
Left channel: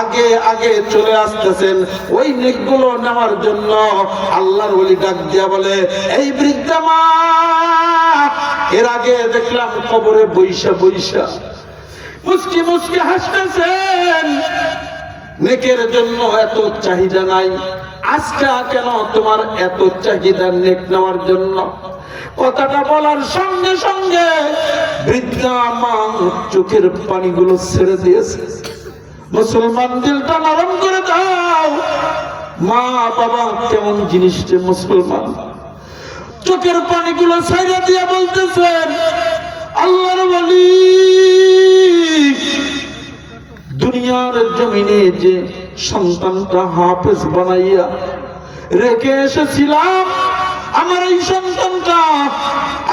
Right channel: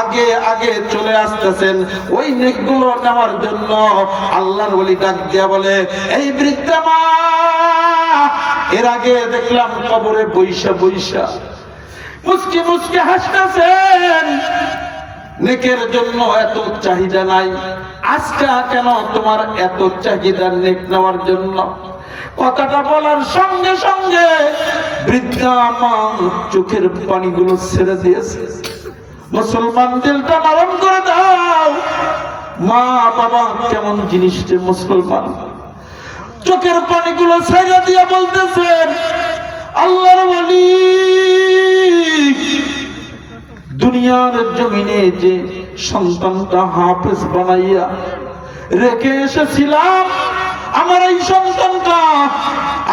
আগে আগে চলে আসতেছেন ওই নেকগুলো নেওয়ার জন্য। আল্লাহর ওলি ডাক দিয়া বলে, এই বৃদ্ধা মা, এর আগে দেখলাম কবরে বৈশা বৈশা মুস্কি মুস্কি হাসতেছেন, নেকের জন্য এত চাহিদা নাই। আজকে কেন তোমার এত চাহিদা নেক নেওয়ার জন্য? কথাটা বলার সঙ্গে সঙ্গে বৃদ্ধা মা চোখের পানিগুলো ছেড়ে দিয়েছে। মুসলমান দিলটা নরম করে দাও। মা বাবা কেমন জিনিস যে মুসলমান। চোখের পানিগুলো ছেড়ে দিয়ে বলতেছেন, আল্লাহর ওলি জমিনে যে সন্তানটা হাফেজ বানাইয়া রেখে এসেছিলাম, আমার এই সন্তানটা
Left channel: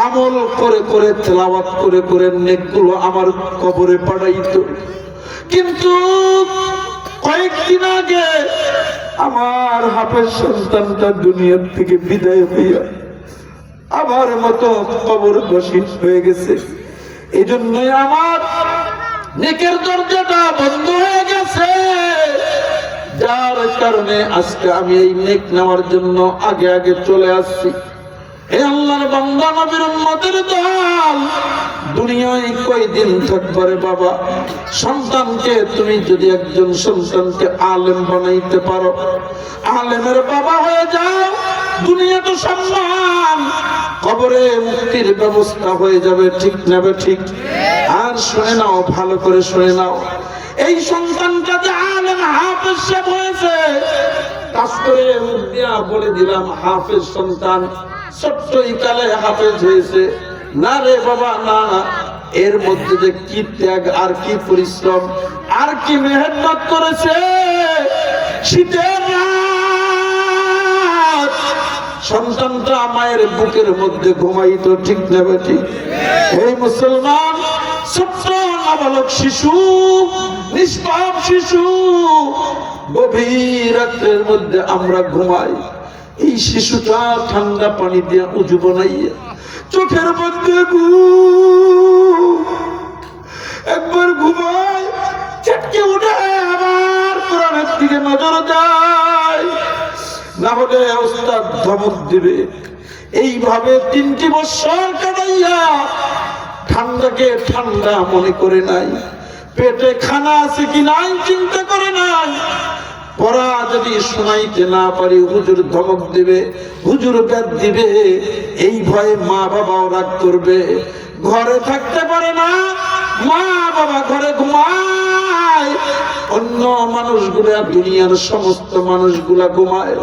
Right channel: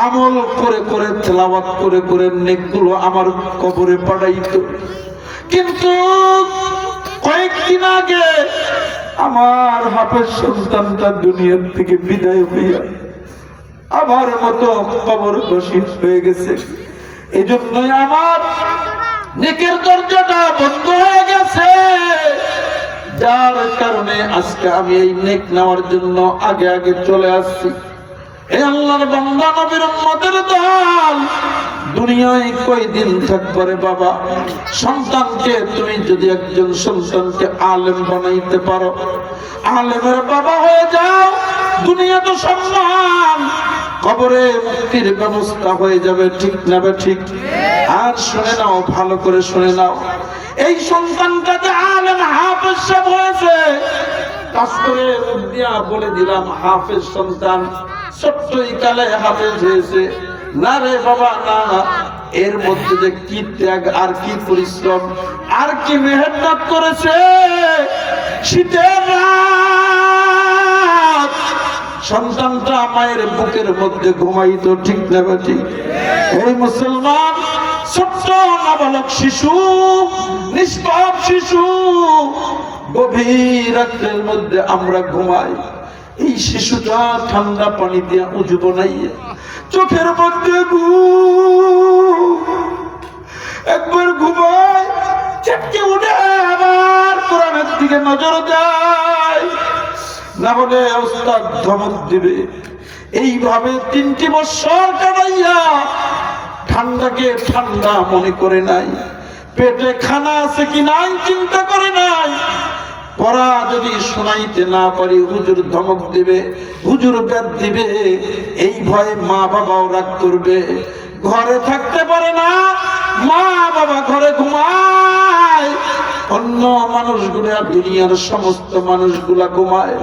আমল করে করে তেলাওয়াত করে করে নেকগুলো আমার কবরে পাঠাইতো। কিন্তু কয়েকদিন আগে আমার হাফেজ সন্তানটা দুনিয়ার থেকে বিদায় হইয়া আমার মতো কবরবাসী হয়ে গেছে। এই জন্যই আমার নেকের দরজাটা বন্ধ হয়ে গেছে, যার কারণে আজকে আমি এই নেক নেওয়ার জন্য আগে আগে চলে আসছি। এই আল্লাহর বান্দা নবীর উম্মতের দল, দুনিয়ায় কয়দিন থাকবে রে বাবা? সন্তানকে তুমি যদি একজন সন্তানকে আলেম বানাইতে পারো, আলেমের বাবা হয়ে যাও, দুনিয়া তো সম্মান, কবরে মুক্তির ব্যবস্থা হয়ে যাবে। ঠিক না ঠিক? আর শুনে নাও, ভালো করে শুনে নাও, এই সন্তানটা যে আলেম হাফেজ সাহেব হয়েছে, কাজ করে মুখ দিয়া বলে দিলাম হাফেজ সন্তান ছোট্টই কালে হাফেজ হয়েছে। না রে বাবা না, এর মধ্যে যে কি ত্যাগ আর কি পরিশ্রম আর কি মেহনত করেছে। শীতের রাত সন্তানটা মায়ের বুকের মধ্যে ঘুমাইতো। ঠিক না ঠিক? এই মুসলমান ছোট্ট নাবালক শিশু, নিষ্পাপ শিশু, গভীর রাত্রের মধ্যে আমরা ঘুমাই। এই শিশুটা ঠান্ডা পানি দিয়ে উজু বানাইয়া চোখের মধ্যে একবার ঘুমায়, চেটকে উঠে আবার কোরআনের দিকে নজর দেয়, না হলে ওস্তাদ ধমক দিবে। এইভাবে 3টি বছর কাটাইয়া ঠান্ডাকে ঠান্ডা মনে করে নাই, পেটে খানা আছে কি নাই চিন্তা করে নাই। পড়া যদি শোনাইতে না পারি হুজুর ধমক দিবে, হুজুর বেদ দিবে, এই ভয়ে মা বাবাও রাগ করবে। ঘরে থাকতে পারে না, মা বাবা ঘরে ঘুমায়, অন্য মানুষগুলা দুনিয়ার সমস্ত মানুষগুলা ঘুমায়,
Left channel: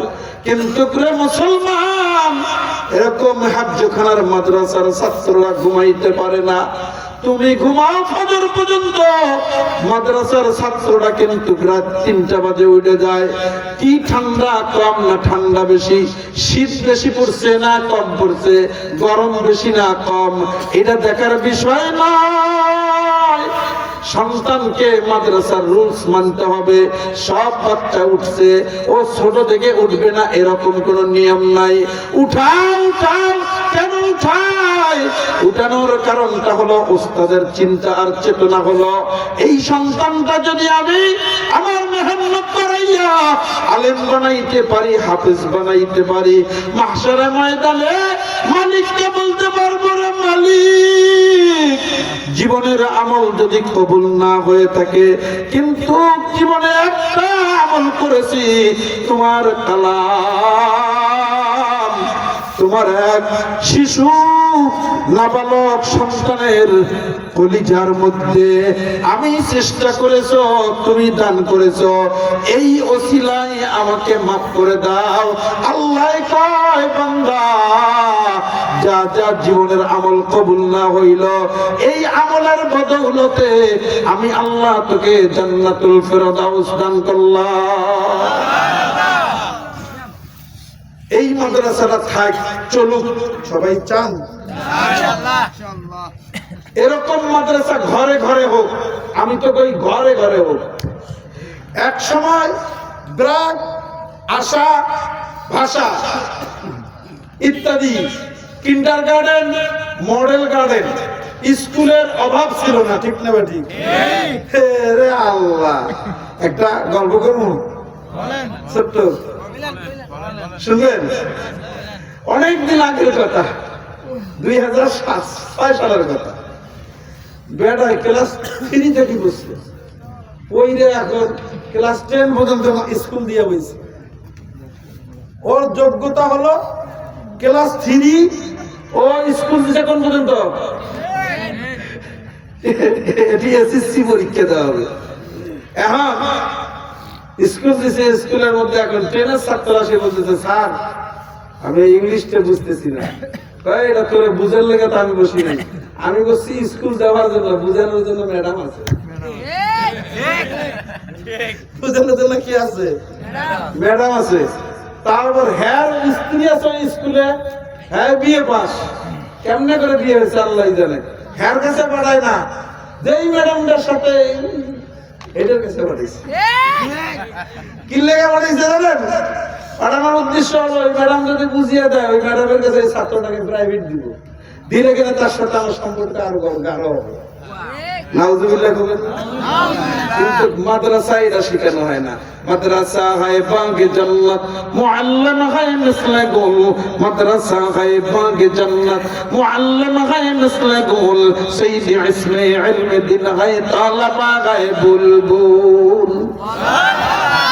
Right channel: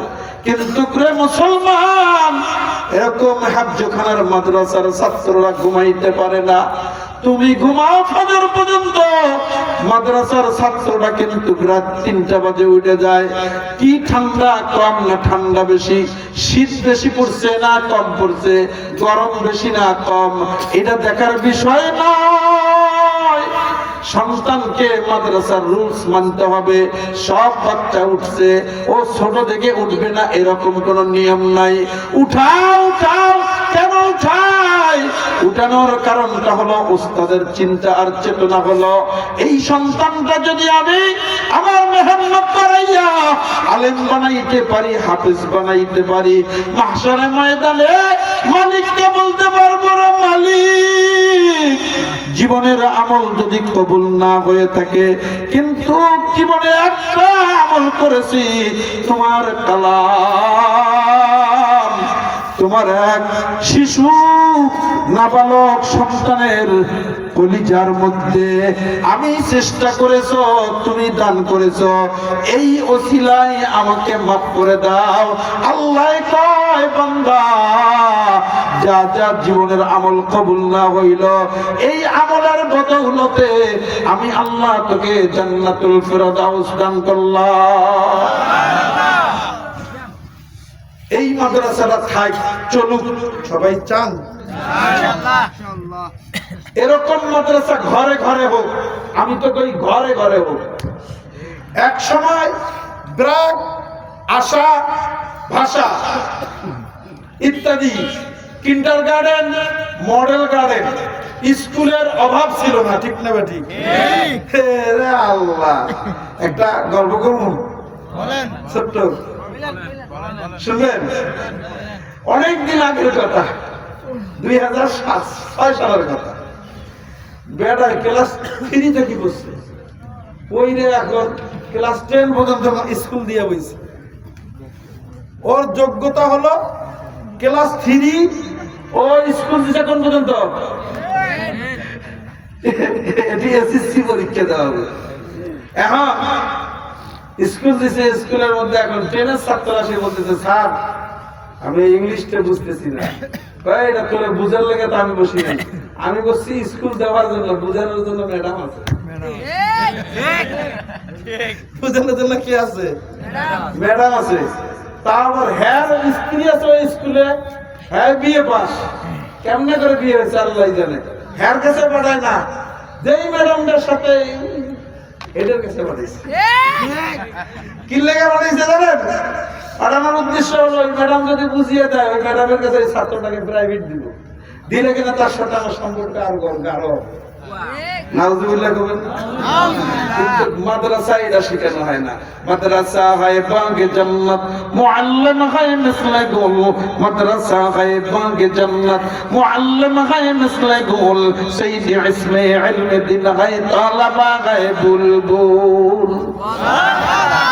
কিন্তু মুসলমান এরকম হাফজখানার মাদ্রাসার ছাত্ররা ঘুমাইতে পারে না। তুমি ঘুমাও ফজর পর্যন্ত, মাদ্রাসার ছাত্ররা কিন্তু রাত 3টা বাজে উঠে যায়। কি ঠান্ডা কম না ঠান্ডা বেশি, শীত বেশি পড়ছে না কম পড়ছে, গরম বেশি না কম, এটা দেখার বিষয় নয়। সন্তানকে মাদ্রাসার রুলস মানতে হবে। সব বাচ্চা উঠছে, ও ছোট থেকে উঠবে না এরকম কোন নিয়ম নাই। উঠাও উঠাও, কেন উঠায়? উঠানোর কারণটা হলো ওস্তাদের চিন্তা আর চেতনা হলো এই সন্তানটা যদি আমি আমার মেহনত করাইয়া আলেম বানাইতে পারি, হাফেজ বানাইতে পারি, মাহশারের ময়দানে মালিককে বলতে পারবো রে মালিক, জীবনের আমল যদি কবুল না হয়ে থাকে, কিন্তু জীবনে একটা আমল করেছি, তোমার কালাম, তোমার এক শিশু নাবালক সন্তানের কলিজার মধ্যে আমি চেষ্টা করেছো, তুমি দান করেছো, এই ওসিলায় আমাকে মাফ করে দাও। আল্লাহ কয় বান্দা, যা যা জীবনের আমল কবুল না হইল, এই আমলের বদৌলতে আমি আল্লাহ তোকে জান্নাতুল ফেরদাউস দান করলাম। এই মাদ্রাসাটা থাক, চলুক, সবাই চান এরকম মাদ্রাসা ঘরে ঘরে হোক। আমি তো কই ঘরে ঘরে হোক। এক সময় ব্রাক, আশা, ভাষা ইত্যাদি কিন্ডারগার্টেন, মডেল গার্ডেন, স্কুলের অভাব ছিল না। ঠিক না ঠিক? রে আল্লাহ, একটা গল্প করবো, ছোট্ট, শুনবেন? অনেকদিন আগের কথা, 2006 সালের কথা। বেটা ক্লাস 3 থেকে বসছে, ওই রে এখন ক্লাস 10 পর্যন্ত স্কুল দিয়ে বসছে। ওর যোগ্যতা হলো ক্লাস 3, ও স্কুল দিছে কোন পর্যন্ত? এটি এসএসসি পরীক্ষা দেওয়া হবে। এখন স্কুল দিছে, স্কুলের মধ্যে এখন 10-এর ছাত্ররা সে বলতেছে, স্যার আমি ইংলিশটা বুঝতেছি না। এটা তোরে বুঝার লেগে তো আমি বসি নাই, আমি বসছি স্কুল দেওয়ার জন্য, বুঝানোর জন্য ম্যাডাম আছে। বুঝানোর জন্য কি আছে? ম্যাডাম আছে। তারপর হ্যার স্ত্রী আছে ওই স্কুলে, হ্যাঁ বিয়ে পাস। কেমনে করে বিয়ে হয়েছে আল্লাহ জানে। হ্যার কাছে পাঠায় না, যেই ম্যাডামটার সাথে এটার কাছে পাঠাইছে। কি লেগে পাঠাইছে জানেন? পাঠানোর উদ্দেশ্য হলো ওই ম্যাডাম যদি বুঝিয়ে দেয়, ওই ম্যাডামের কাছে ওই ছাত্রটাকে প্রাইভেট দিব, দিলে কিনা তার সাথে আমার সম্পর্ক আরো গাঢ় হবে। নাউজুবিল্লাহ কবেন। কিন্তু মাদ্রাসা এটা শেখানো হয় না। মাদ্রাসা হয় বাগে জান্নাত, মুআল্লিম হয় মিসলে গুল। মাদ্রাসা হয় বাগে জান্নাত, মুআল্লিম হয় মিসলে গুল। সাইয়্যিদ ইসমে ইলমে দিন হয় তালাবা হয় বুলবুল।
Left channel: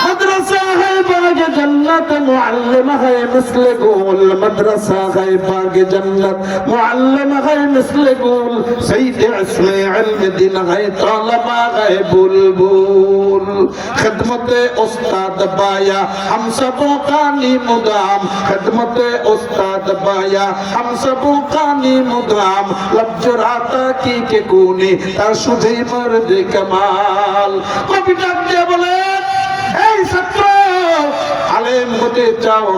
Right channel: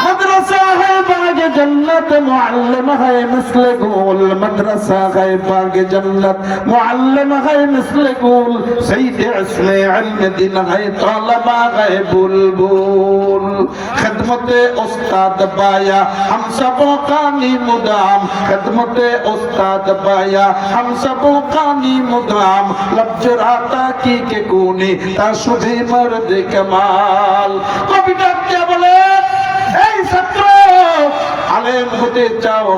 मदरसा है बाग जन्नत, मुअल्लिम है मिस्ल गुल। मदरसा है बाग जन्नत, मुअल्लिम है मिस्ल गुल। सईद इस्मे इल्म दिन है तलबा है बुलबुल। खिदमते उस्ताद बाया हम सबों का मुदाम। खिदमते उस्ताद बाया हम सबों का मुदाम। लब जुराता की के कोने शुभे मर्द कमाल। कभी डाक दिया बोले এই ছাত্র, আলেম হতে চাও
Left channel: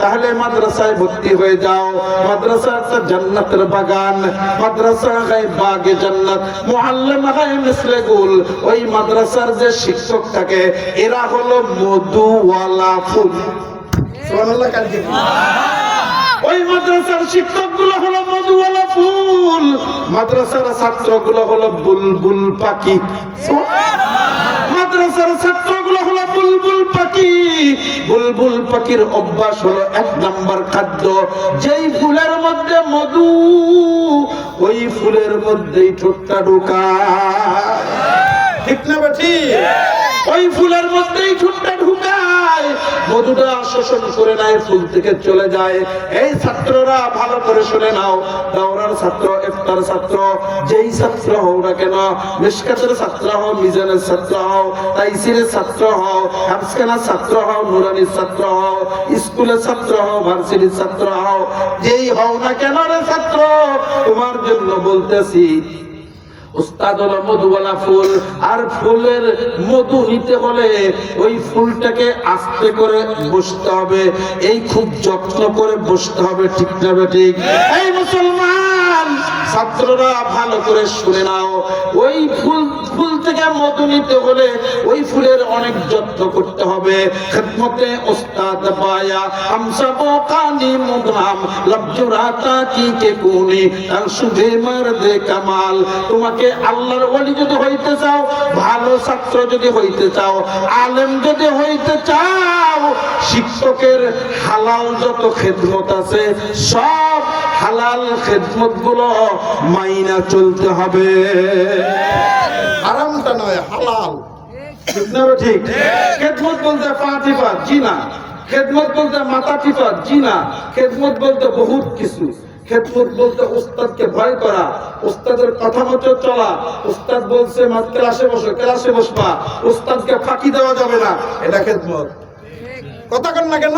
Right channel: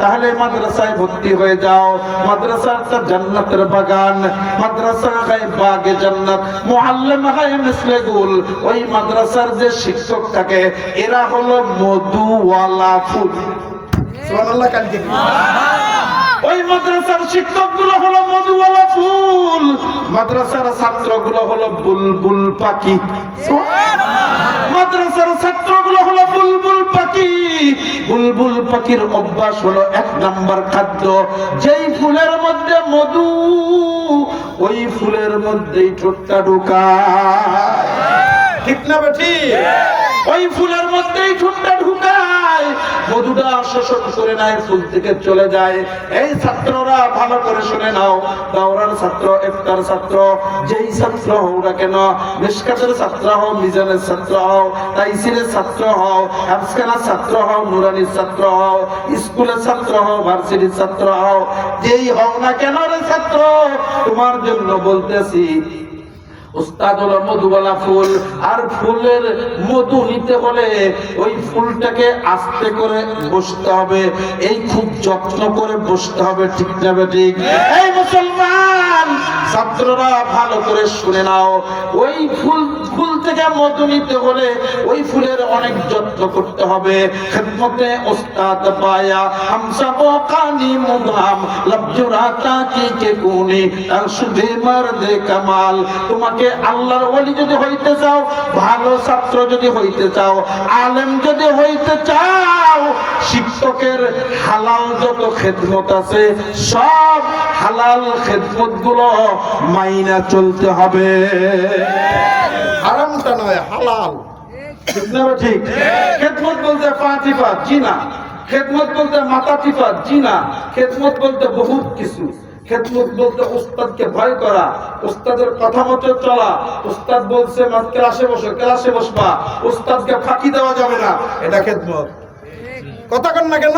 তাহলে মাদ্রাসায় ভর্তি হয়ে যাও। মাদ্রাসা জান্নাতের বাগান, মাদ্রাসা হয় বাগে জান্নাত, মুআল্লিম হয় মিসলে গুল। ওই মাদ্রাসার যে শিক্ষক থাকে এরা হলো মধুওয়ালা ফুল। সুবহানাল্লাহ কালকে ওই মাদ্রাসার শিক্ষকগুলো হলো মধুওয়ালা ফুল, মাদ্রাসার ছাত্রগুলো হলো বুলবুল পাখি। মাদ্রাসার ছাত্রগুলো হলো বুলবুল পাখি। বুলবুল পাখির অভ্যাস হলো 1 নাম্বার খাদ্য যেই ফুলের মধ্যে মধু, ওই ফুলের মধ্যেই ঠোঁটটা ঢুকায়। ঠিক না বেঠি? ওই ফুলের মধ্যেই ঠোঁটটা ঢুকায়, মধুটা শোষণ করে নেয়, ফুল থেকে চলে যায়। এই ছাত্ররা ভালো করে শুনে নাও, দাওরার ছাত্র, ইফতার ছাত্র, যেই ছাত্র হও না কেন, মিশকাতের ছাত্র হও, মিজানের ছাত্র হও, তাইসিরের ছাত্র হও, হাফসখানার ছাত্র হও, নুরানির ছাত্র হও, স্কুলের ছাত্র হও, ভার্সিটির ছাত্র হও, যেই হও না কেন রে ছাত্র, তোমার জন্য বলতেছি উস্তাদ হলো মধুওয়ালা ফুল। আর ফুলের মধু নিতে হলে ওই ফুলটাকে আস্তে করে বসতে হবে, এই খুব যত্ন করে বসতে হবে। ঠিক না ঠিক? এই মুসলমান ছাত্ররা ভালো করে শুনে নাও, ওই ফুল থেকে মধু নিতে হলে ওই ফুলের অনেক যত্ন করতে হবে। খিদমতে উস্তাদ পায়া হাম সব কানি মুদাম, লবজুরাতা কি কে কোনি তার শুভে মর্দে কামাল। তোমাকে আল্লাহর ওলি যদি হইতে চাও, ভালো ছাত্র যদি হইতে চাও, আলেম যদি হইতে চাও, শিক্ষকের হালাল যত খেদমত আছে সব হালাল খেদমত গুলো মাইনা চলতে হবে। হারামটা নয়, হালাল। ঠিক না ঠিক? খেদমত বলতে পা টিপা, জি না। খেদমত বলতে মাথা টিপা, জি না। খেদমত বলতে বহুত কিছু। খেদমত বলতে উস্তাদকে ভয় করা, উস্তাদের কথা মতো চলা। উস্তাদ বলছে ক্লাসে বসো, ক্লাসে বসবা, উস্তাদকে ফাঁকি দেওয়া যাবে না, এটা খেদমত। কথা কন না কেন?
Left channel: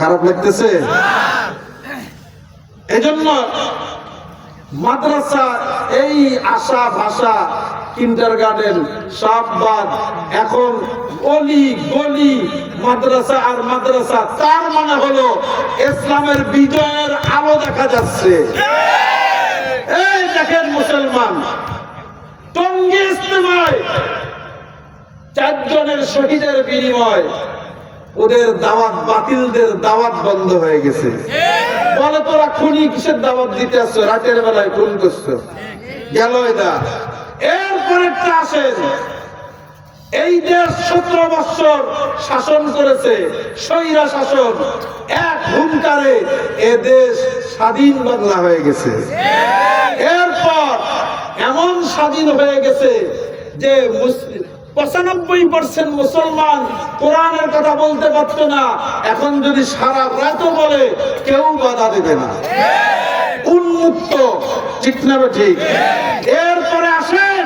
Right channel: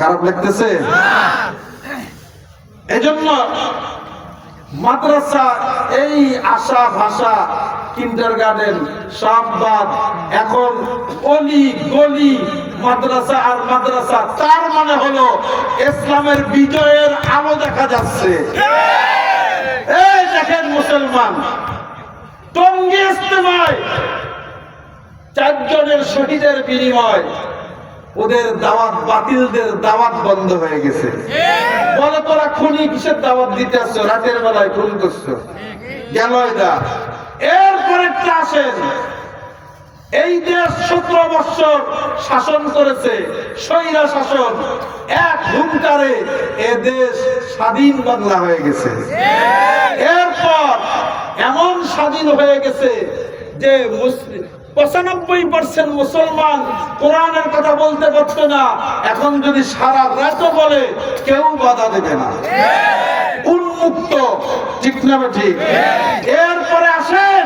খারাপ লাগতেছে? এজন্য মাদ্রাসা এই আশা ভাষা কিন্ডারগার্টেন সব বাদ, এখন অলি গলি মাদ্রাসা আর মাদ্রাসা। তার মানে হলো ইসলামের বিজয়ের আলো দেখা যাচ্ছে। এই দেখেন মুসলমান, টঙ্গী ইজতেমায় 4 জনের শহীদের বিনিময় ওদের দাওয়াত, বাতিলদের দাওয়াত বন্ধ হয়ে গেছে। বলে তোরা খুনি কিসের দাওয়াত দিতে আসছো, রাতের বেলায় খুন করছো, গেল এটা। এরপরে আসেন, এই দেশ 17 বছর শাসন করেছে স্বৈরা শাসন, এক হুঙ্কারে এ দেশ স্বাধীন বাংলা হয়ে গেছে। এরপর এমন স্বাধীন হয়ে গেছে যে 95% মুসলমান কোরআনের কথা বলতে পারতো না, এখন যদি সারা রাত বলে কেউ বাধা দেবে না, উন্মুক্ত। ঠিক না ঠিক? এরপরে আসেন,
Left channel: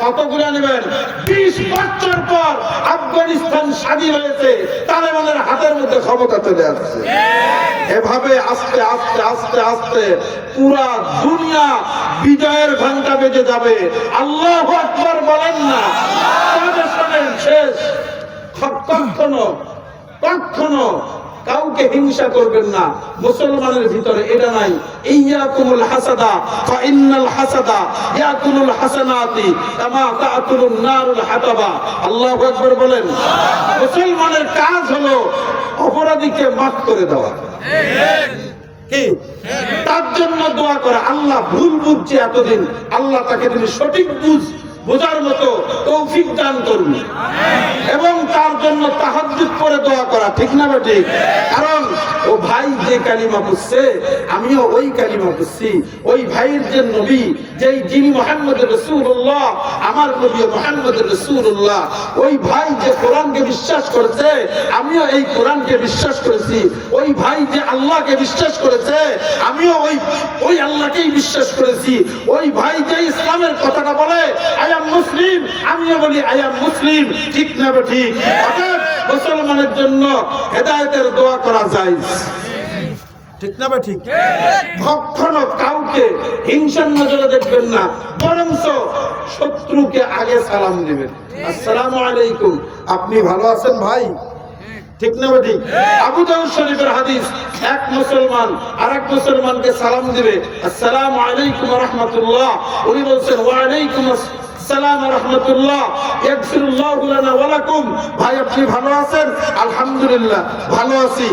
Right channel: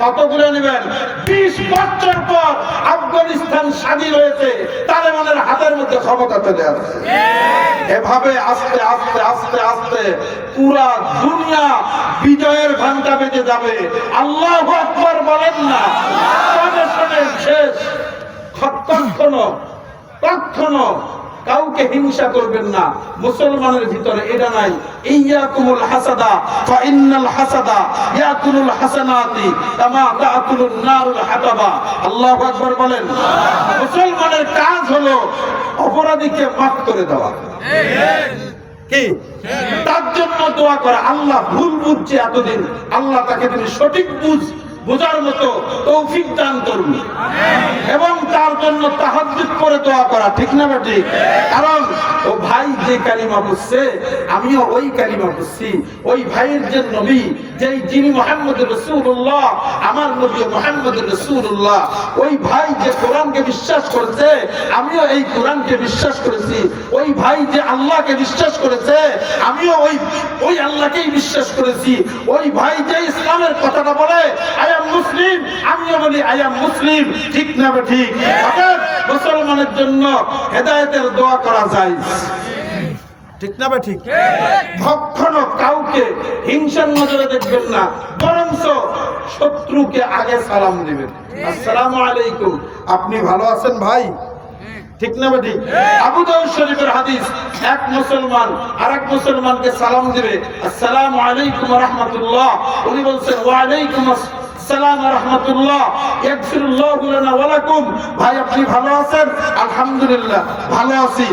কতগুলো নেবেন? 20 বছর পর আফগানিস্তান স্বাধীন হয়েছে, তালেবানের হাতের মধ্যে ক্ষমতা চলে আসছে। এভাবে আস্তে আস্তে আস্তে আস্তে পুরা দুনিয়া বিজয়ের ঘন্টা বেজে যাবে। আল্লাহু আকবার বলেন না? তবে শোনেন, শেষ, কখনো কাউকে হিংসা করবেন না। মুসলমানের ভিতরে এটা নাই। ইয়াকুমুল হাসাদা ফা ইন্নাল হাসাদা ইয়াকুলুল হাসানাতি কামা তাকুলুন নারুল হাতাবা। আল্লাহু আকবার বলেন। মুসলমানের কাজ হলো অপরাধীকে মাফ করে দেওয়া, কি তার জন্য দোয়া করা। আল্লাহ ভুল বুঝছে এতদিন, আল্লাহ তাকে তুমি সঠিক বোঝার মতো তৌফিক দান করুন, এবং তার জন্য তাহাজ্জুদ করে দোয়া করা, ঠিক না বেটি? কারণ ও ভাই যে কালিমা পড়ছে, আমিও ওই কালিমা পড়ছি। ওই ভাইয়ের যে নবী, যিনি মুহাম্মদুর রাসূলুল্লাহ, আমার নবী মুহাম্মদুর রাসূলুল্লাহ, ওই ভাই যে কোরআনকে বিশ্বাস করেছে, আমিও এই কোরআনকে বিশ্বাস করেছি। ওই ভাই যে আল্লাহকে বিশ্বাস করেছে, আমিও ওই আল্লাহকেই বিশ্বাস করেছি। ওই ভাই যে ইসলামের কথাটা বলে, আই এম মুসলিম, আমিও বলি আই এম মুসলিম, ঠিক না ঠিক? অর্থাৎ মুসলমানের জন্য হেদায়েতের দোয়া করা যায়, ঠিক না ঠিক? কখনো কাউকে হিংসার নজরে দেখবেন না, বরঞ্চ শত্রুকে আগে সালাম দিবেন। আসসালামু আলাইকুম, আপনি ভালো আছেন ভাই, ঠিক না ঠিক? আবু দাউদ শরীফের হাদিস, এক মুসলমান আরেক মুসলমানকে সালাম দিবে, আসসালামু আলাইকুম ওয়া রাহমাতুল্লাহ, উনি বলছেন ওয়া আলাইকুম আসসালাম ওয়া রাহমাতুল্লাহ, ইয়াগফিরুল্লাহু লানা ওয়া লাকুম। ভাই আপনি ভালো আছেন? আলহামদুলিল্লাহ ভালো আছি।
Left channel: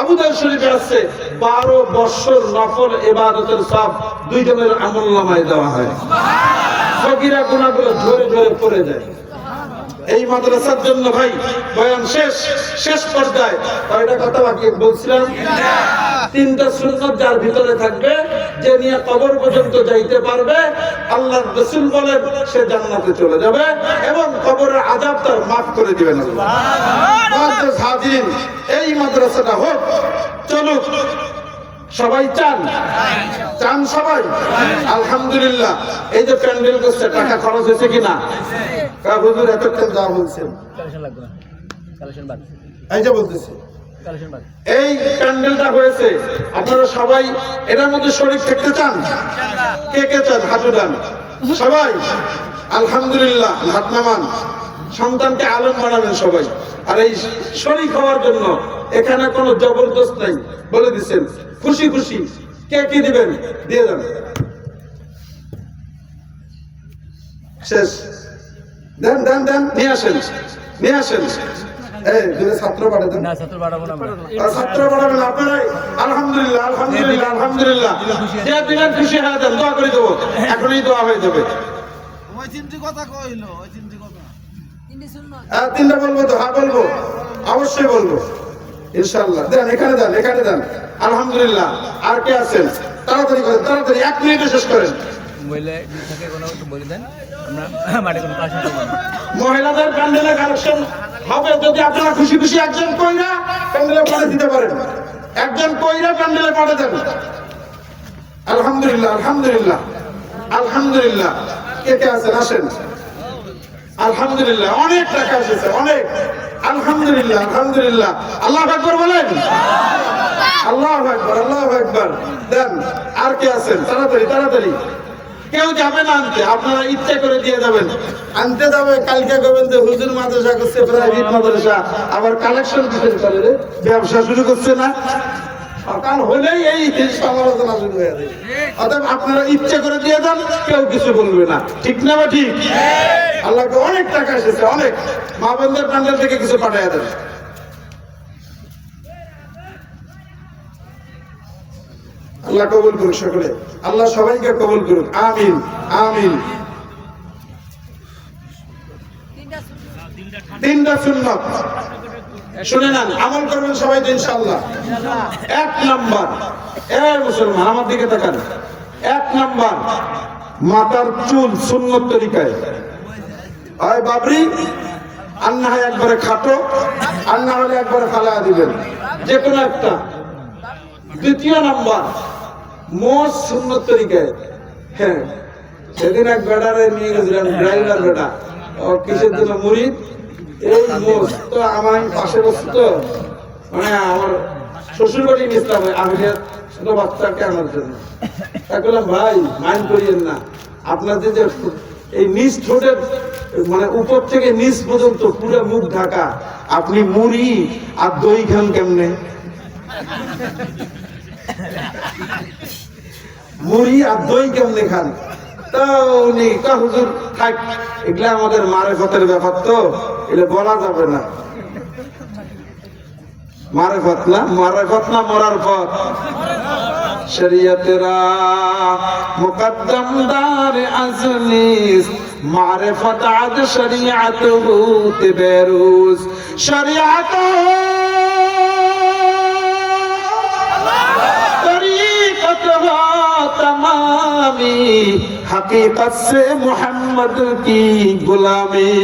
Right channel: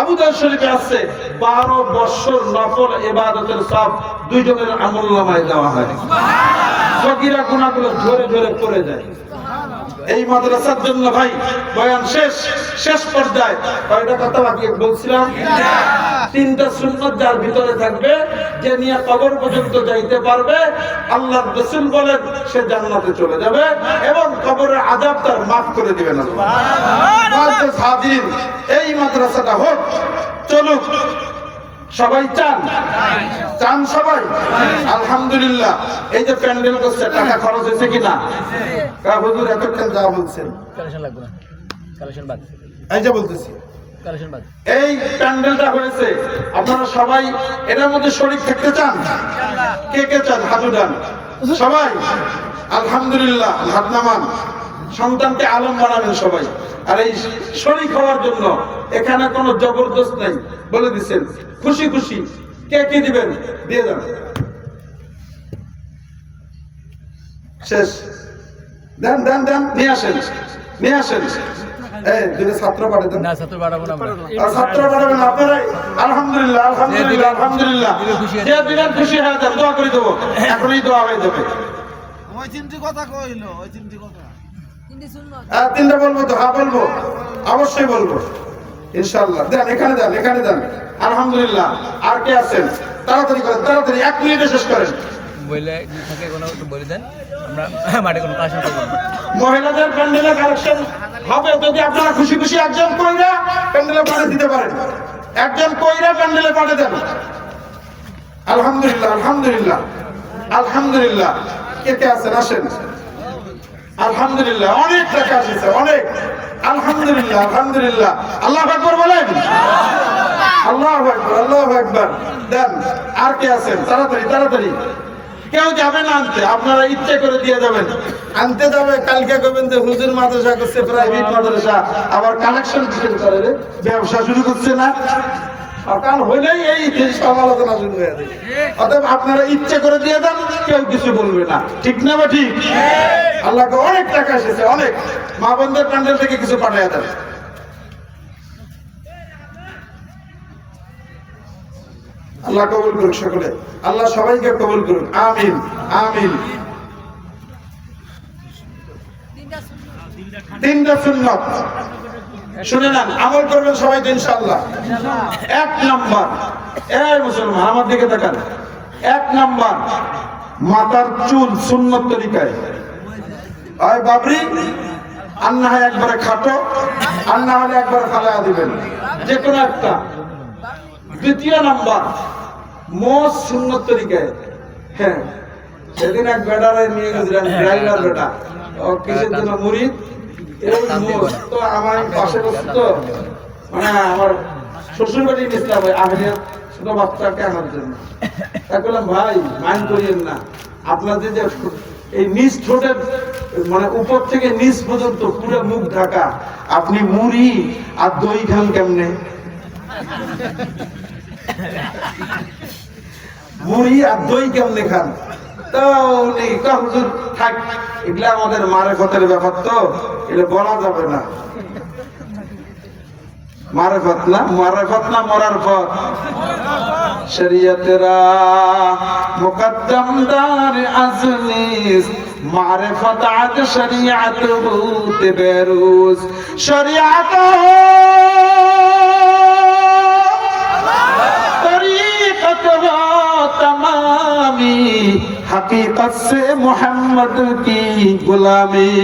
আবু দাউদ শরীফে আছে 12 বছর নফল ইবাদতের সব দুইজনের আমলনামায় দেওয়া হয়। সগীরা গুনাহগুলো ঝরে ঝরে পড়ে যায়। এই মাদ্রাসার জন্য ভাই বয়ান শেষ পর্যায়ে কয়টা কথা বাকি বলছিলাম? 3টা সুন্নাত যার ভিতরে থাকবে, যে নিয়ে কবর পর্যন্ত যাইতে পারবে, আল্লাহর রাসূল বলেন সে জান্নাতে চলে যাবে এবং কবরের আযাব তার মাফ করে দিবেন আল্লাহ। হাজির, এই মাদ্রাসাটা হোক, চলুক। সবাই চান সবাই? আলহামদুলিল্লাহ। এই যে প্যান্ডেল করছে, টাকা খরচ হয়েছে কিনা? হুজুর এতক্ষণ যা বলছেন, এই যে বলতেছি, এই প্যান্ডেলটা হয়েছে, আপনারা সবাই এটার মধ্যে শরীক থাকতে চান? কে কে চান? হাত উঠান সবাই। আলহামদুলিল্লাহ, হাত নামান। সন্তানকে আলেম বানাবেন সবাই। আর এই শরীক হওয়ার জন্য এখানে কোনো জবরদস্ত নাই, বলে দিচ্ছেন। খুশি খুশি কে কি দিবেন দিয়ে যান। শেষ, দেন দেন দেন, নিয়ে আসেন। এই দুটো ছাত্র পাঠাবেন না? ছাত্র পাঠাবেন আপনারাই? আলহামদুলিল্লাহ আলহামদুলিল্লাহ আলহামদুলিল্লাহ। যে দিবেন খুশি হয়ে দেন, দোয়া করে দেবো, এখনই দোয়া হয়ে যাবে। ওই চিন্তি কথা কইলো, ওই চিন্তি কথা। 3টা বলবো তো? হ্যাঁ বলবো, অবশ্যই বলবো ইনশাআল্লাহ। দেন এখানে দেন। আলহামদুলিল্লাহ। আর কে আছেন? তাড়াতাড়ি করেন, তাড়াতাড়ি 1 মিনিটে শেষ করেন। মহিলাদের প্যান্ডেলে কালেকশন হবে, যদি আপনারা খুশি খুশি একজন কইরা প্যান্ডেলে পাঠিয়ে দিতে পারেন, একজন কইরা প্যান্ডেলে পাঠিয়ে দেন। আলহামদুলিল্লাহ আলহামদুলিল্লাহ আলহামদুলিল্লাহ। কে কে আছেন? আসেন। আলহামদুলিল্লাহ, অনেক টাকা এসেছে, অনেক। আলহামদুলিল্লাহ আলহামদুলিল্লাহ। আল্লাহু আকবার বলেন। আল্লাহু আকবার আল্লাহু আকবার। দেন। আর কে আছেন? তাড়াতাড়ি। কেউ যাবে না আনতে, আপনারা ইচ্ছে করে দিয়ে যাবেন। আনতে যাবে, কালকে কবেন যে হুজুর মাদ্রাসা করছে, প্রাইভেট মাদ্রাসা, আবার কালেকশন কিসের করে রে? ব্যবসা শুরু করছে না? সকাল হলেই এই সমালোচনা শুরু হয়ে যায়। অতএব আপনারা ইচ্ছে করে দিয়ে দেন, কেউ কিছু বলবে না, ঠিক না? বা ঠিক? আল্লাহকে অনেক টাকা এসেছে, অনেক। মা বোনদের প্যান্ডেল থেকে কিছু পাঠিয়ে দেন। আল্লাহ কবুল করুন সকলে, আল্লাহ সবাইকে কবুল করুন, আমিন আমিন। 3টা সুন্নাত শুনে নেন, আমল করবেন সবাই তো ইনশাআল্লাহ। 1 নাম্বার, এই মুসলমান আমার দিকে তাকান। 1 নাম্বার, মাথার চুল সুন্নত তরিকায়। হয় বাবরি, আর না হয় একবারে খাটো, আর না হলে একবারে ফালায়া দিবেন, যে কোনো একটা। 2 নাম্বার, মোষ সুন্নত তরিকায়। হ্যাঁ, সেদিন এক বেটারে নিয়ে গেছিলাম, ড্রাইভার বেটা, ও কিসের জন্য মুরিদ, এই মোষ তো আমার পাশে বসে, তো মানে আমার শ্বশুর বাড়ি গেছিলাম আমি ছোট বাচ্চাকে আনার জন্য। তা বললাম ভাই মাইন্ড করিয়েন না, আপনাদের যে এই নিচ ঠোঁটের মানে উপর থেকে নিচ পর্যন্ত পুরো মুখ ঢাকা, আপনি মুড়ি আর দই খান কেমনে? মুড়ি আর দই কেমনে খান? তা উনি হুজুর থাক, এগুলা আমাদের মারেফতের ব্যাপার, তো এটা বলা যাবে না। মারেফত না, মারেফত না মরার পথ। শরীয়তেরা মুকদ্দম দার আজলিস মারিফত আদ শরীয়ত হুত বেরুজ শরীয়ত তরিকত তমামি হकीकत से मोहम्मद की गुलामी।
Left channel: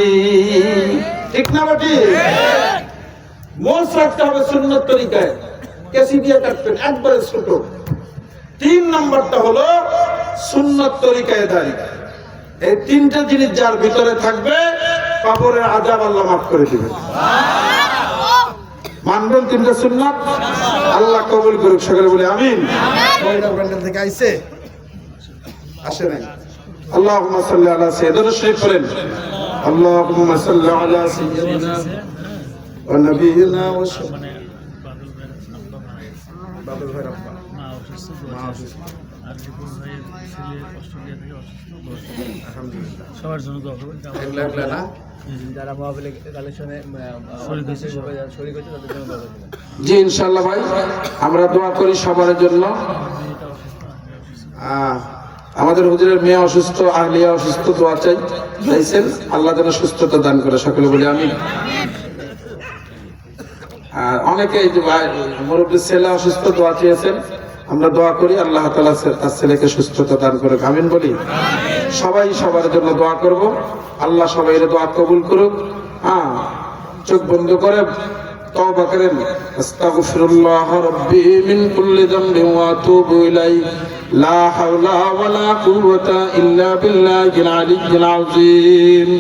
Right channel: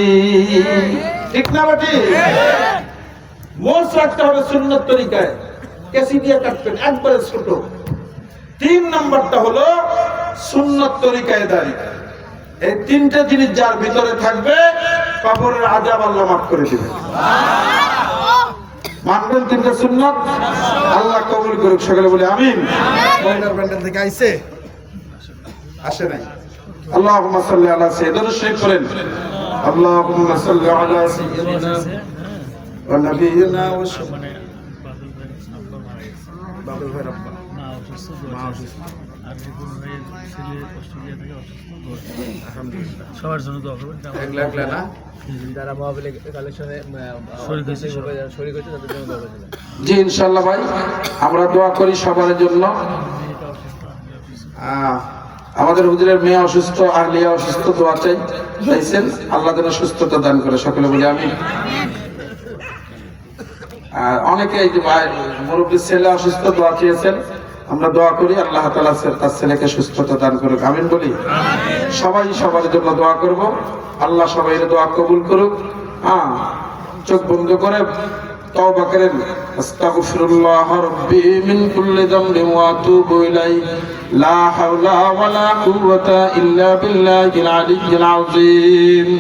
ঠিক না বেটি? মোষ রাখতে হবে সুন্নত তরিকায়, কেসি দিয়ে কাটবেন একবারে ছোট। 3 নম্বরটা হলো সুন্নত তরিকায় দাড়ি। এই 3টে জিনিস যার ভিতরে থাকবে কবরের আযাব আল্লাহ মাফ করে দিবেন। মানবেন 3টে সুন্নত? আল্লাহ কবুল করুক, সকলে বলে আমিন। মহিলার ব্যান্ডেল থেকে আইছে? আসে নাই? আল্লাহুম্মা সাল্লি আলা সাইয়্যিদিনা শরীফ বলেন, আল্লাহুম্মা সাল্লি আলা সাইয়্যিদিনা ওয়া নাবিয়িনা ওয়া বাদল ভাই রাব্বা মা অসুস্থ, আলহামদুলিল্লাহ সবার জন্য দোয়া করবেন। একলা না যারা মহাবিলে কালেকশনে শরীর হয়েছে তাদের জন্য দোয়া করবেন। জি ইনশাআল্লাহ ভাই, আমরা দোয়া করি সবার জন্য। আমাদের হুজুরের মেয়ে অসুস্থ, আহলিয়া অসুস্থ, দোয়া চাইছেন, আল্লাহ যেন সুস্থতা দান করে, সকলে বলি আমিন। অনেকে এই যে মুরব্বীর ছেলে অসুস্থ, দোয়া চেয়েছেন, আমরা দোয়া করি আল্লাহ তাআলা তার ছেলেকে সুস্থতা দান করুক, আমিন বলি। সবাই সবার জন্য দোয়া করব, আল্লাহ সবাই দোয়া কবুল করুক। চোখ বন্ধ করে তওবা করেন, আস্তাগফিরুল্লাহ রাব্বি মিন কুল্লি যামবিন ওয়া আতুবু ইলাইহি লা হাওলা ওয়ালা কুওয়াতা ইল্লা বিল্লাহিল আলিয়্যিল আযীম।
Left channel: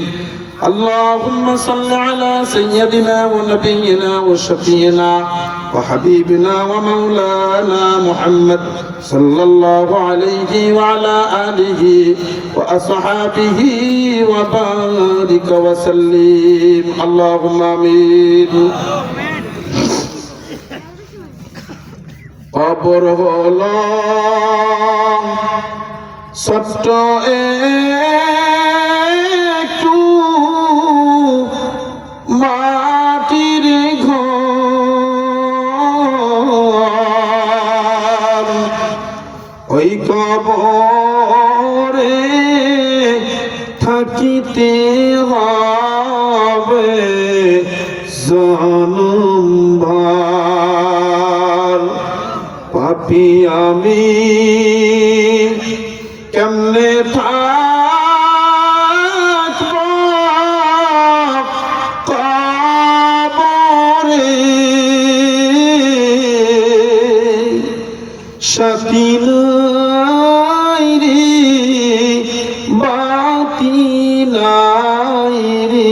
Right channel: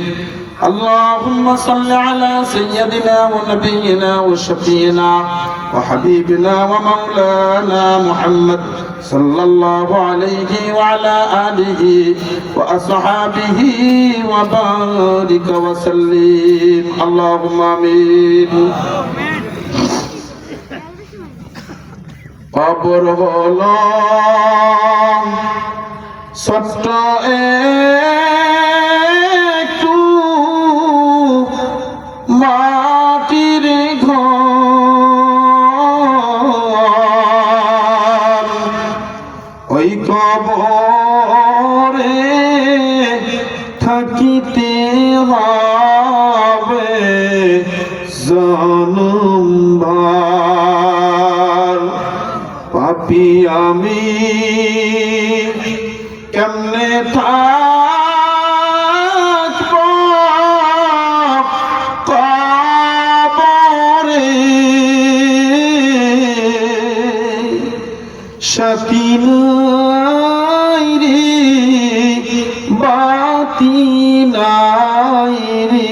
اللهم صل على سيدنا ونبينا وشفينا وحبيبنا ومولانا محمد صلى الله عليه وعلى آله وأصحابه وبارك وسلم اللهم آمين। কবর হলো ছোট্ট একটু মাটির ঘর, ওই কবরে থাকিতে হবে জনমভর। পাপী আমি কেমনে থাকব কবরে, সাথী নাই রে বাতি নাই রে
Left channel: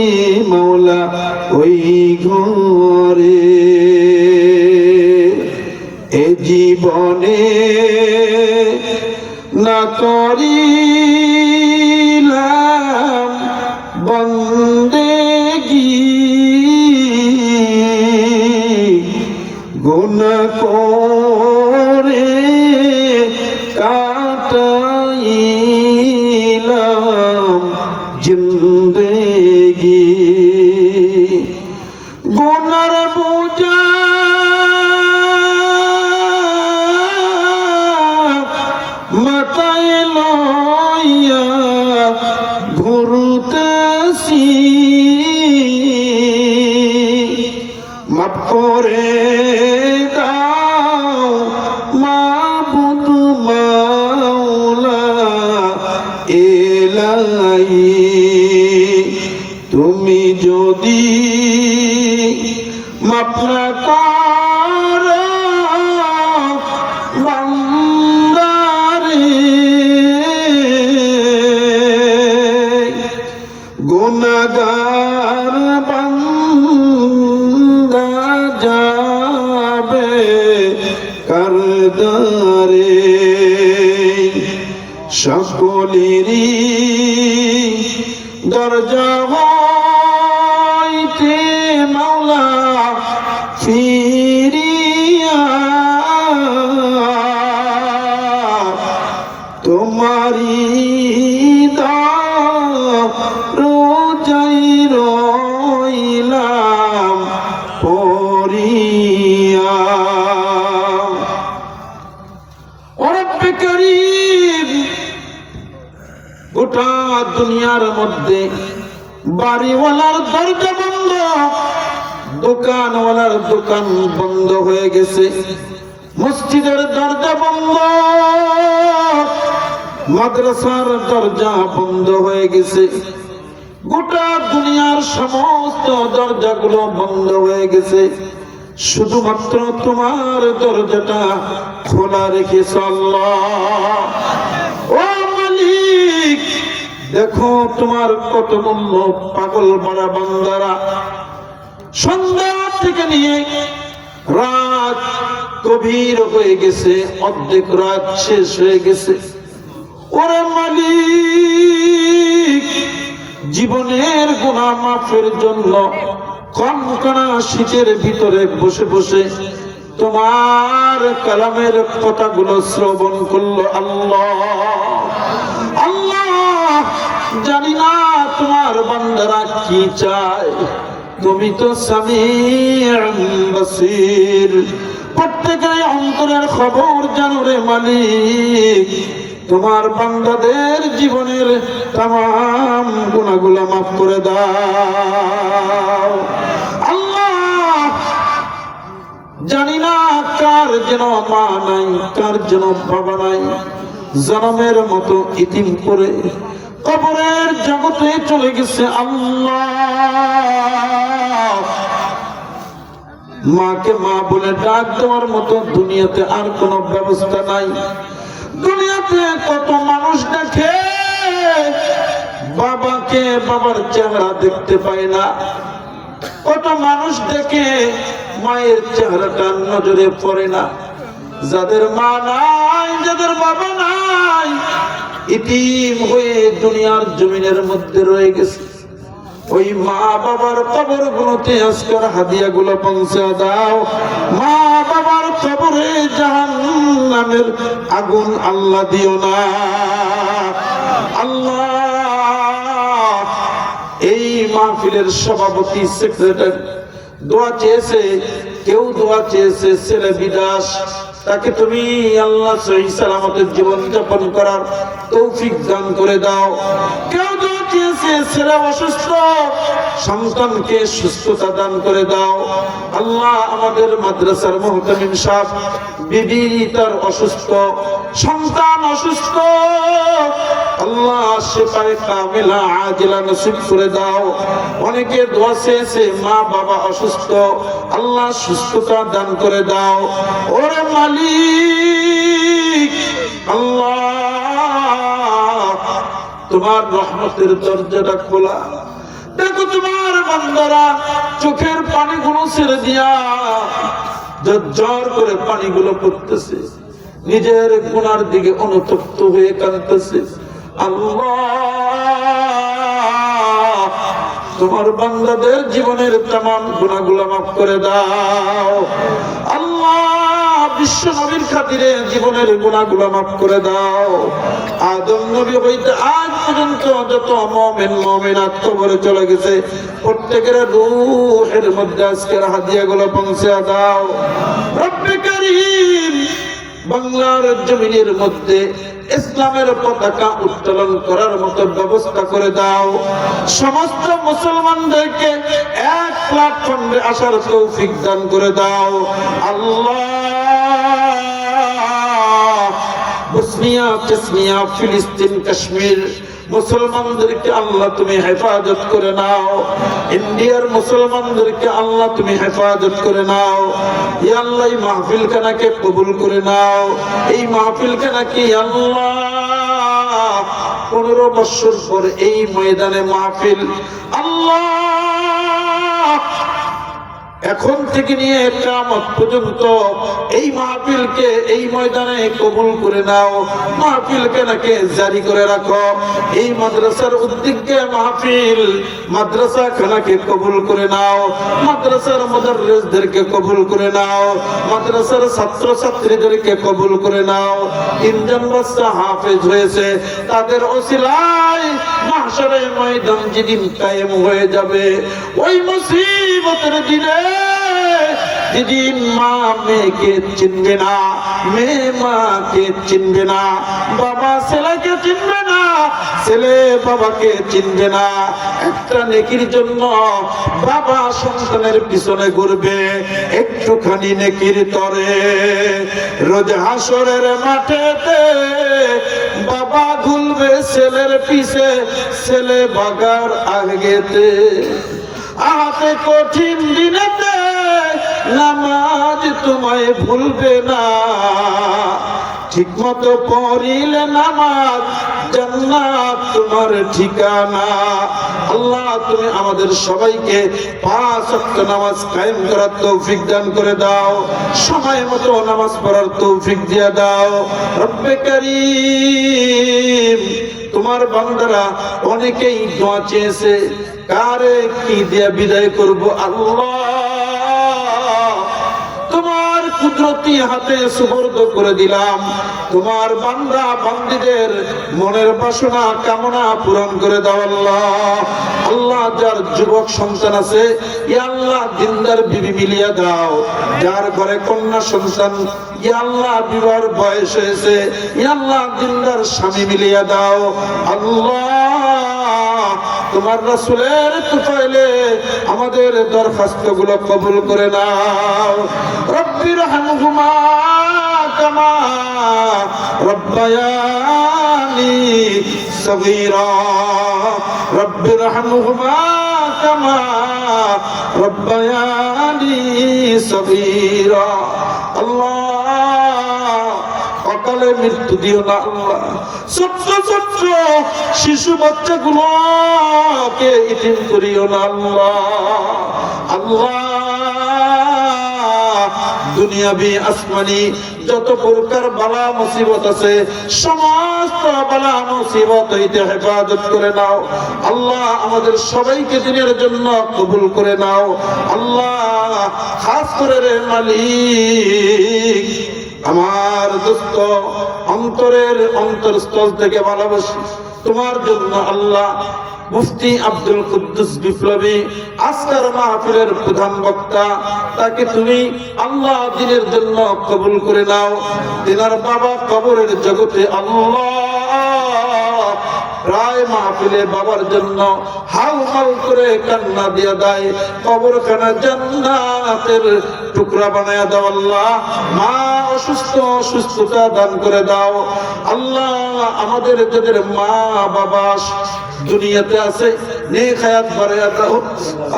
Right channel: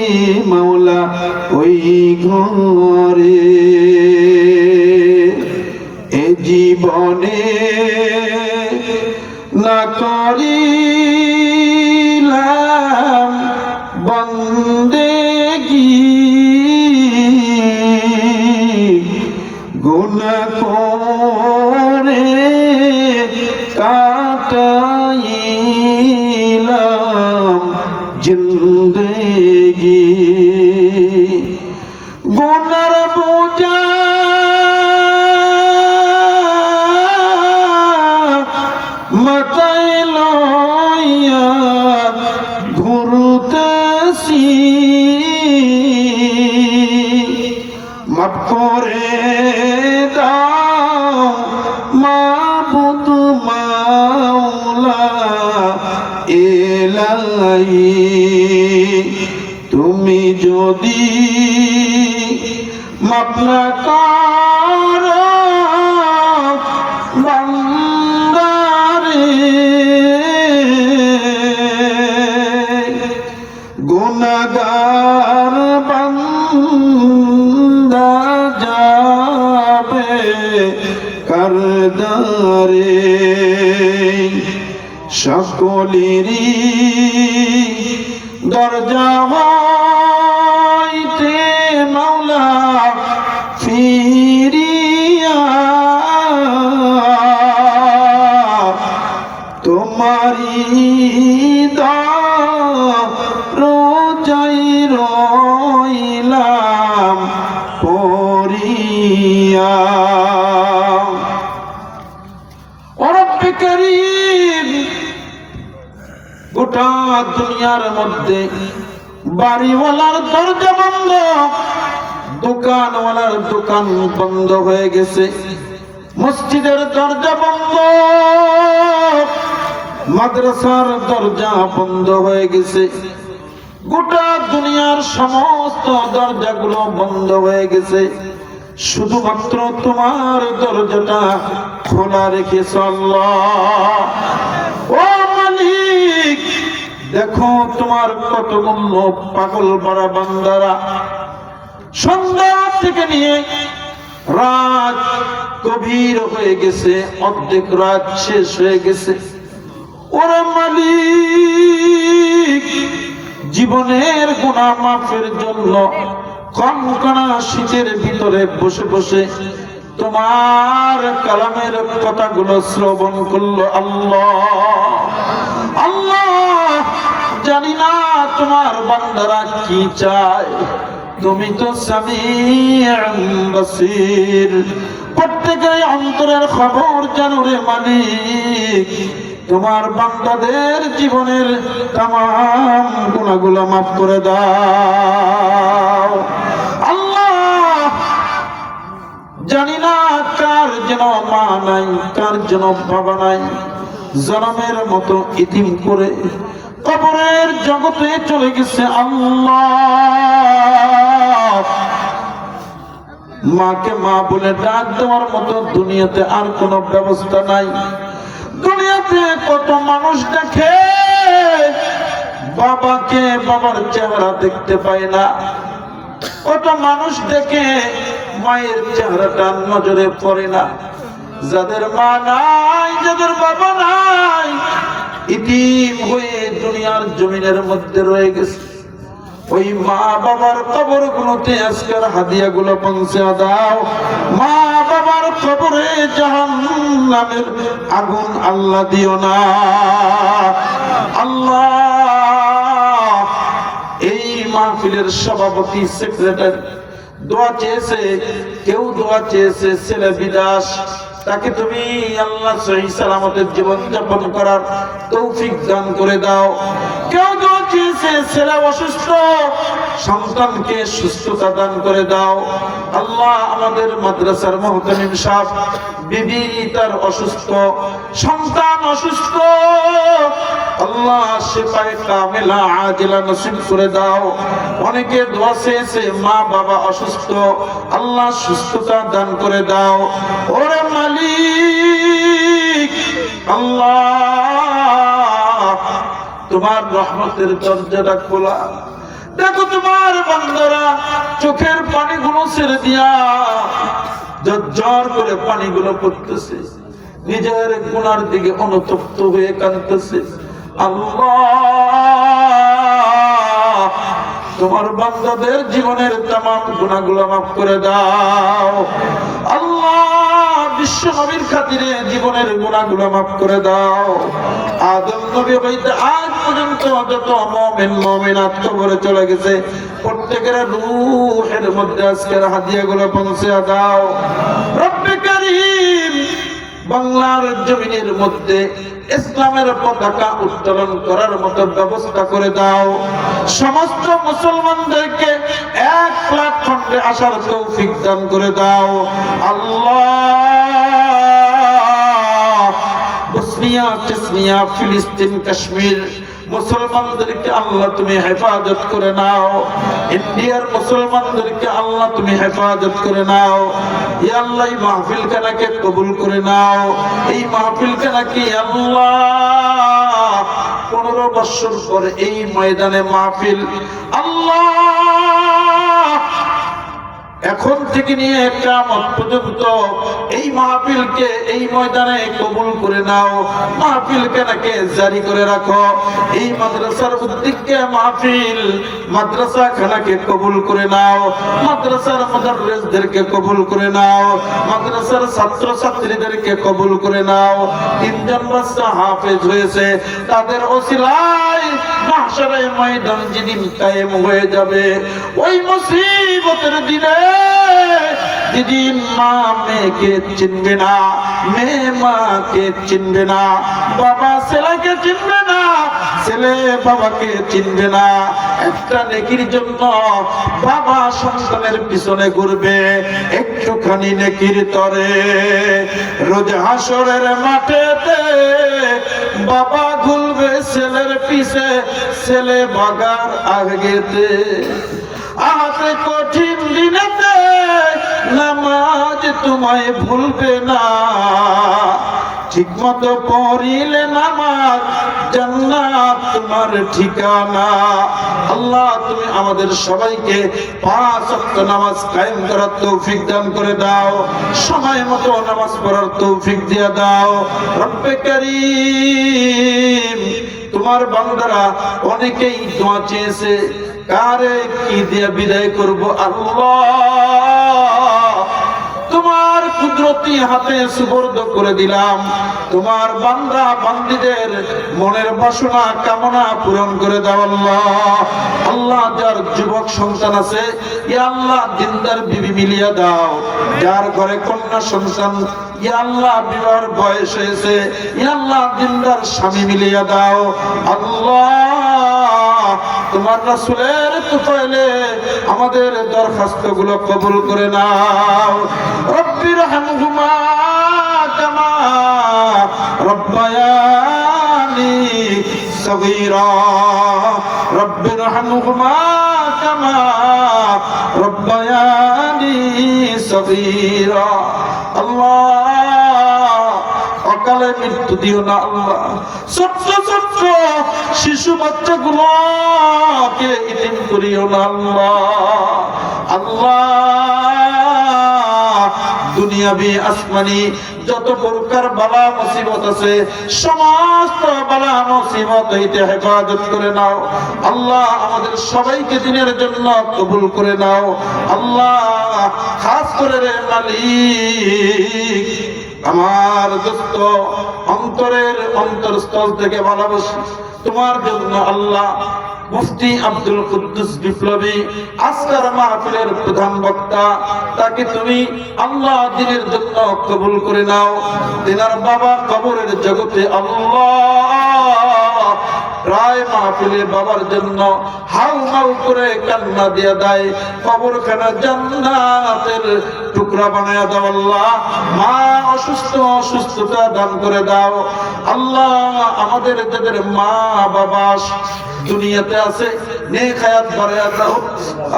মাওলা ওই ঘরে। এ জীবনে না করিলাম বন্দেগী, গুনাহ করে কাটাইলাম জিন্দেগী। গুনার বোঝা মাথায় লইয়া ঘুরতেছি, মাফ করে দাও মাবুদ মাওলা এলাহি। তুমি যদি মাফ না করো বান্দারে, গুনাহগার বান্দা যাবে কারদারে। সকলেরই দরজা হইতে মাওলা ফিরিয়া তোমারি দরজায় রইলাম পড়িয়া। ও রব্বে করিম, গোটা দুনিয়ার মধ্যে বাড়িওয়ালার দরজা বন্ধ, দোকানওয়ালার দোকান বন্ধ হয়ে গেছে, মসজিদের দরজা বন্ধ, মাদ্রাসার দরজা বন্ধ হয়ে গেছে, গোটা দুনিয়ার সমস্ত দরজাগুলো বন্ধ হয়ে গেছে, শুধুমাত্র তোমার দরজাটা খোলা রেখেছ আল্লাহ। ও মালিক, দেখো তোমার কত মূল্য পাগল বাড়া বান্দারা সন্ধ্যা থেকে নিয়ে রাত গভীর হয়ে গেছে, অর্ধেক রাত শেষ হয়ে গেছে। ওরে মালিক, জীবনের গুনাহ মাফের জন্য কনকনা শীতের ভিতরে বসে বসে তোমার কালামের কথাগুলো শ্রবণ করলো আল্লাহ। আল্লাহ, জানি না তোমার বান্দারা কি চায়, তুমি তো সামিউন বাসীর, প্রত্যেকের অন্তরের খবর জানো রে মালিক। তোমার বান্দাদের জীবনের তামাম গুনাহগুলো মাফ করে দাও আল্লাহ। জানি না কার যেন মা নাই, কার যেন বাবা নাই, জনমের মতো ইতিম করে কবরের জগতে চলে গেছে আল্লাহ। মাকে মা বলে ডাক দেওয়ার মতো দুনিয়াতে আর কোনো ব্যবস্থা নাই। দুনিয়াতে কত মানুষ দেখে বাবাকে, বাবার চেহারা দেখতে পায় না, কত মানুষ দেখে মায়ের চেহারাটা নজরে পড়ে না। যাদের মা নাই, যাদের বাবা নাই, ইতিম হয়ে দুনিয়ার জমিনের মধ্যে রয়ে গেছে, ওই মা বাবার কবরগুলোতে আজকের হাদিয়াগুলো পৌঁছে দাও। মা বাবার কবরে জাহান্নামের আগুন আল্লাহ দিও না আল্লাহ। এই মাহফিলের সভাপতি, সেক্রেটারি দোয়া চেয়েছে, কেউ দোয়া চেয়েছে ছেলে বিদেশ, তাকে তুমি আল্লাহ সহি সালামতের জীবন যাপন করার তৌফিক দান করে দাও। কেউ দোয়া চেয়েছে ছেলে অসুস্থ, সন্তানকে সুস্থতা দান করে দাও আল্লাহ। আমাদের মাদ্রাসার মুহতামিম সাহেব, বিবি তার অসুস্থ, সন্তান অসুস্থ, আল্লাহ শিফায়ে কামিলা আজিলা নসিব করে দাও। অনেকে দোয়া চেয়েছে মা বাবা অসুস্থ, আল্লাহ সুস্থতা দান করে দাও। ওরে মালিক আল্লাহ, তোমার রহমতের দরজাটা খোলা, দেখো তোমার বান্দারা চোখের পানিগুলো ছেড়ে দিয়া ঝরঝর করে পানিগুলো পড়তেছে, নিজের গুনার দিকে অনুতপ্ত হয়ে কাঁদতেছে। আল্লাহ, তোমার বান্দাদের জীবনের তামাম গুনাহগুলো মাফ করে দাও আল্লাহ। বিশ্ব নবীর খাতিরে জীবনের গুনাহগুলো মাফ করে দাও। আদম নবী হইতে আজ পর্যন্ত যত মুমিন মুমিনাত কবরে চলে গেছে, প্রত্যেকের রূহের মধ্যে আজকের হাদিয়াগুলো পৌঁছে দাও রব্বে করিম। বাংলার জমিনের মধ্যে ইসলামের পতাকা উত্তোলন করার মতো ব্যবস্থা করে দাও। সমস্ত মুসলমানদেরকে এক প্ল্যাটফর্মে আসার তৌফিক দান করে দাও আল্লাহ। বসনিয়া, চেচনিয়া, ফিলিস্তিন, কাশ্মীর মুসলমানদেরকে আল্লাহ তুমি হেফাজত করে নাও। ইন্ডিয়ার মুসলমানদেরকে আল্লাহ তুমি হেফাজত করে নাও। ইয়া আল্লাহ, এই মাহফিল খানাকে কবুল করে নাও। এই মাহফিল খানাকে আল্লাহ 15 বছর পরে এই ময়দানে মাহফিল আল্লাহ এখন থেকে নিয়ে কিয়ামত পর্যন্ত এই মাহফিলকে এই ময়দানে কবুল করে নাও, মাহফিলকে নাকি জারি করে রাখো। এই মাদ্রাসার উদ্যোগে মাহফিল, মাদ্রাসা খানাকে কবুল করে নাও, মাদ্রাসার মুদাররিসদেরকে কবুল করে নাও, মাদ্রাসার ছাত্র ছাত্রীদেরকে কবুল করে নাও। তিনজন বাচ্চা হাফেজ হয়েছে, তাদের ওসিলায় মাহশারের ময়দান যেদিন কায়েম হয়ে যাবে, ওই মুসিবতের দিনে যেদিন মা মেয়েকে চিনবে না, মেয়ে মাকে চিনবে না, বাবা ছেলেকে চিনবে না, ছেলে বাবাকে চিনবে না, একটা নেকির জন্য বাবা সন্তানের পিছনে ঘুরবে একটুখানি নেকির তরে। রোজ হাসরের মাঠেতে বাবা ঘুরবে ছেলের পিছে, ছেলে বাগার আগেতে। আহাতে কঠিন দিনেতে নামাজ তোমায় ভুলবে না, ঠিক মতো পড়িলে নামাজ জান্নাত তোমার ঠিকানা। আল্লাহ তুমি আমাদের সবাইকে 5 ওয়াক্ত নামাজ কায়েম করার তৌফিক দান করে দাও, সময় মতো নামাজ পড়ার তৌফিক দিয়ে দাও। রব্বে কারীম, তোমার বান্দারা অনেকেই দোয়া চেয়েছে, কারে কি দিয়ে বিদায় করব আল্লাহ তোমার কুদরতি হাতে সুপর্দ করে দিলাম। তোমার বান্দা বান্দীদের মনের বাসনা কামনা পূরণ করে দাও আল্লাহ। আল্লাহ যার যুবক সন্তান আছে, ইয়া আল্লাহ দিনদার বিবি মিলিয়ে দাও। যার ঘরে কন্যা সন্তান, ইয়া আল্লাহ বিবাহের বয়স হয়েছে, ইয়া আল্লাহ দিনদার স্বামী মিলিয়ে দাও আল্লাহ। তোমার রাসূলের তুফাইলে আমাদের দরখাস্তগুলো কবুল করে নাও। রব্বির হামহুমা কামা রব্বায়ানি সগীরা, রব্বির হামহুমা কামা রব্বায়ানি সগীরা। আল্লাহ অকালে মৃত্যু দিও না আল্লাহ। ছোট্ট ছোট্ট শিশু বাচ্চাগুলোকে ইতিম করিও না আল্লাহ। আল্লাহ দুনিয়াবি আসমানি যত প্রকার বালা মুসিবত আছে, সমস্ত বালা মুসিবত হইতে হেফাজত করে নাও আল্লাহ। আমাদের সবাইকে দিনের জন্য কবুল করে নাও আল্লাহ। খাস করে রে মালিক, আমার দোস্ত অন্তরের অন্তরস্থল থেকে ভালোবাসি তোমার জন্য আল্লাহ। মুফতি আব্দুল কুদ্দুস বিপ্লবী আজকের মাহফিলের প্রধান বক্তা, তাকে তুমি আল্লাহ দিনের জন্য কবুল করে নাও। তিনার বাবা কবরের জগতে আল্লাহ রায় মাহফিলে বাবার জন্য হাউ হাউ করে কান্না দিয়ে দেয়, কবরখানা জান্নাতের টুকরা বানায়া দাও আল্লাহ। মা অসুস্থতা দান করে দাও আল্লাহ। আমাদের যাদের মা বাবা দুনিয়াতে আছে, নেক হায়াত বাড়ায়া দাও।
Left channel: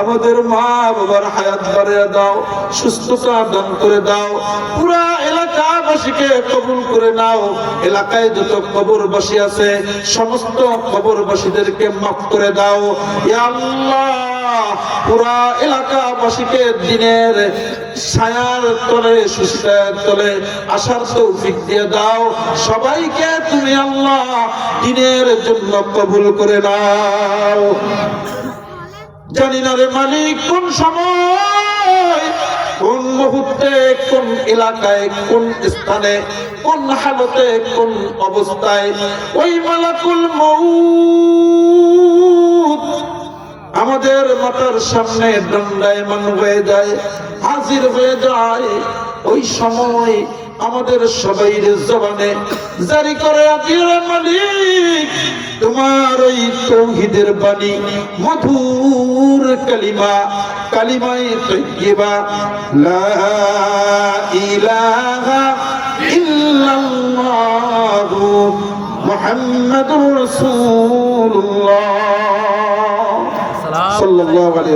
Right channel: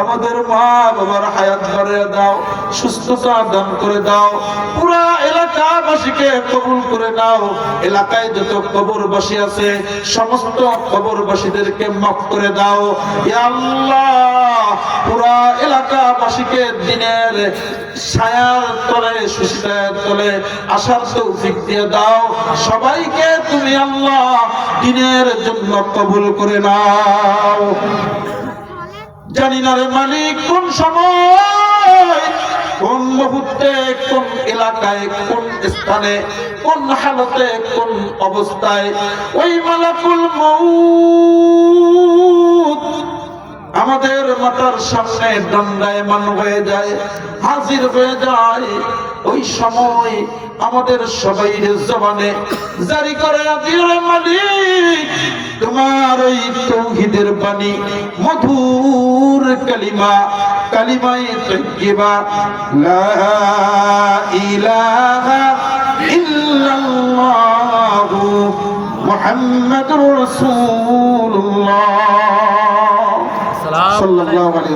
আমাদের মা বাবার হায়াত বাড়ায়া দাও, সুস্থতা দান করে দাও। পুরা এলাকাবাসীকে কবুল করে নাও। এলাকায় যত কবরবাসী আছে, সমস্ত কবরবাসীদেরকে মাফ করে দাও ইয়া আল্লাহ। পুরা এলাকাবাসীকে দিনের ছায়ার তলে, সুস্থার তলে আসার তৌফিক দিয়ে দাও। সবাইকে তুমি আল্লাহ দিনের জন্য কবুল করে নাও। জানি না রে মালিক কোন সময়, কোন মুহূর্তে, কোন এলাকায়, কোন স্থানে, কোন হালতে, কোন অবস্থায় ওই মালাকুল মউত আমাদের মাথার সামনে দণ্ডায়মান হয়ে যায়, হাজির হয়ে যায়। ওই সময় আমাদের সবাইর জবানে জারি করে দিও মালিক তোমার ওই তাওহীদের বাণী, মধুর কালিমা, কালিমায়ে তাইয়্যিবা লা ইলাহা ইল্লাল্লাহু মুহাম্মাদুর রাসূলুল্লাহ সাল্লাল্লাহু আলাইহি ওয়াসাল্লাম।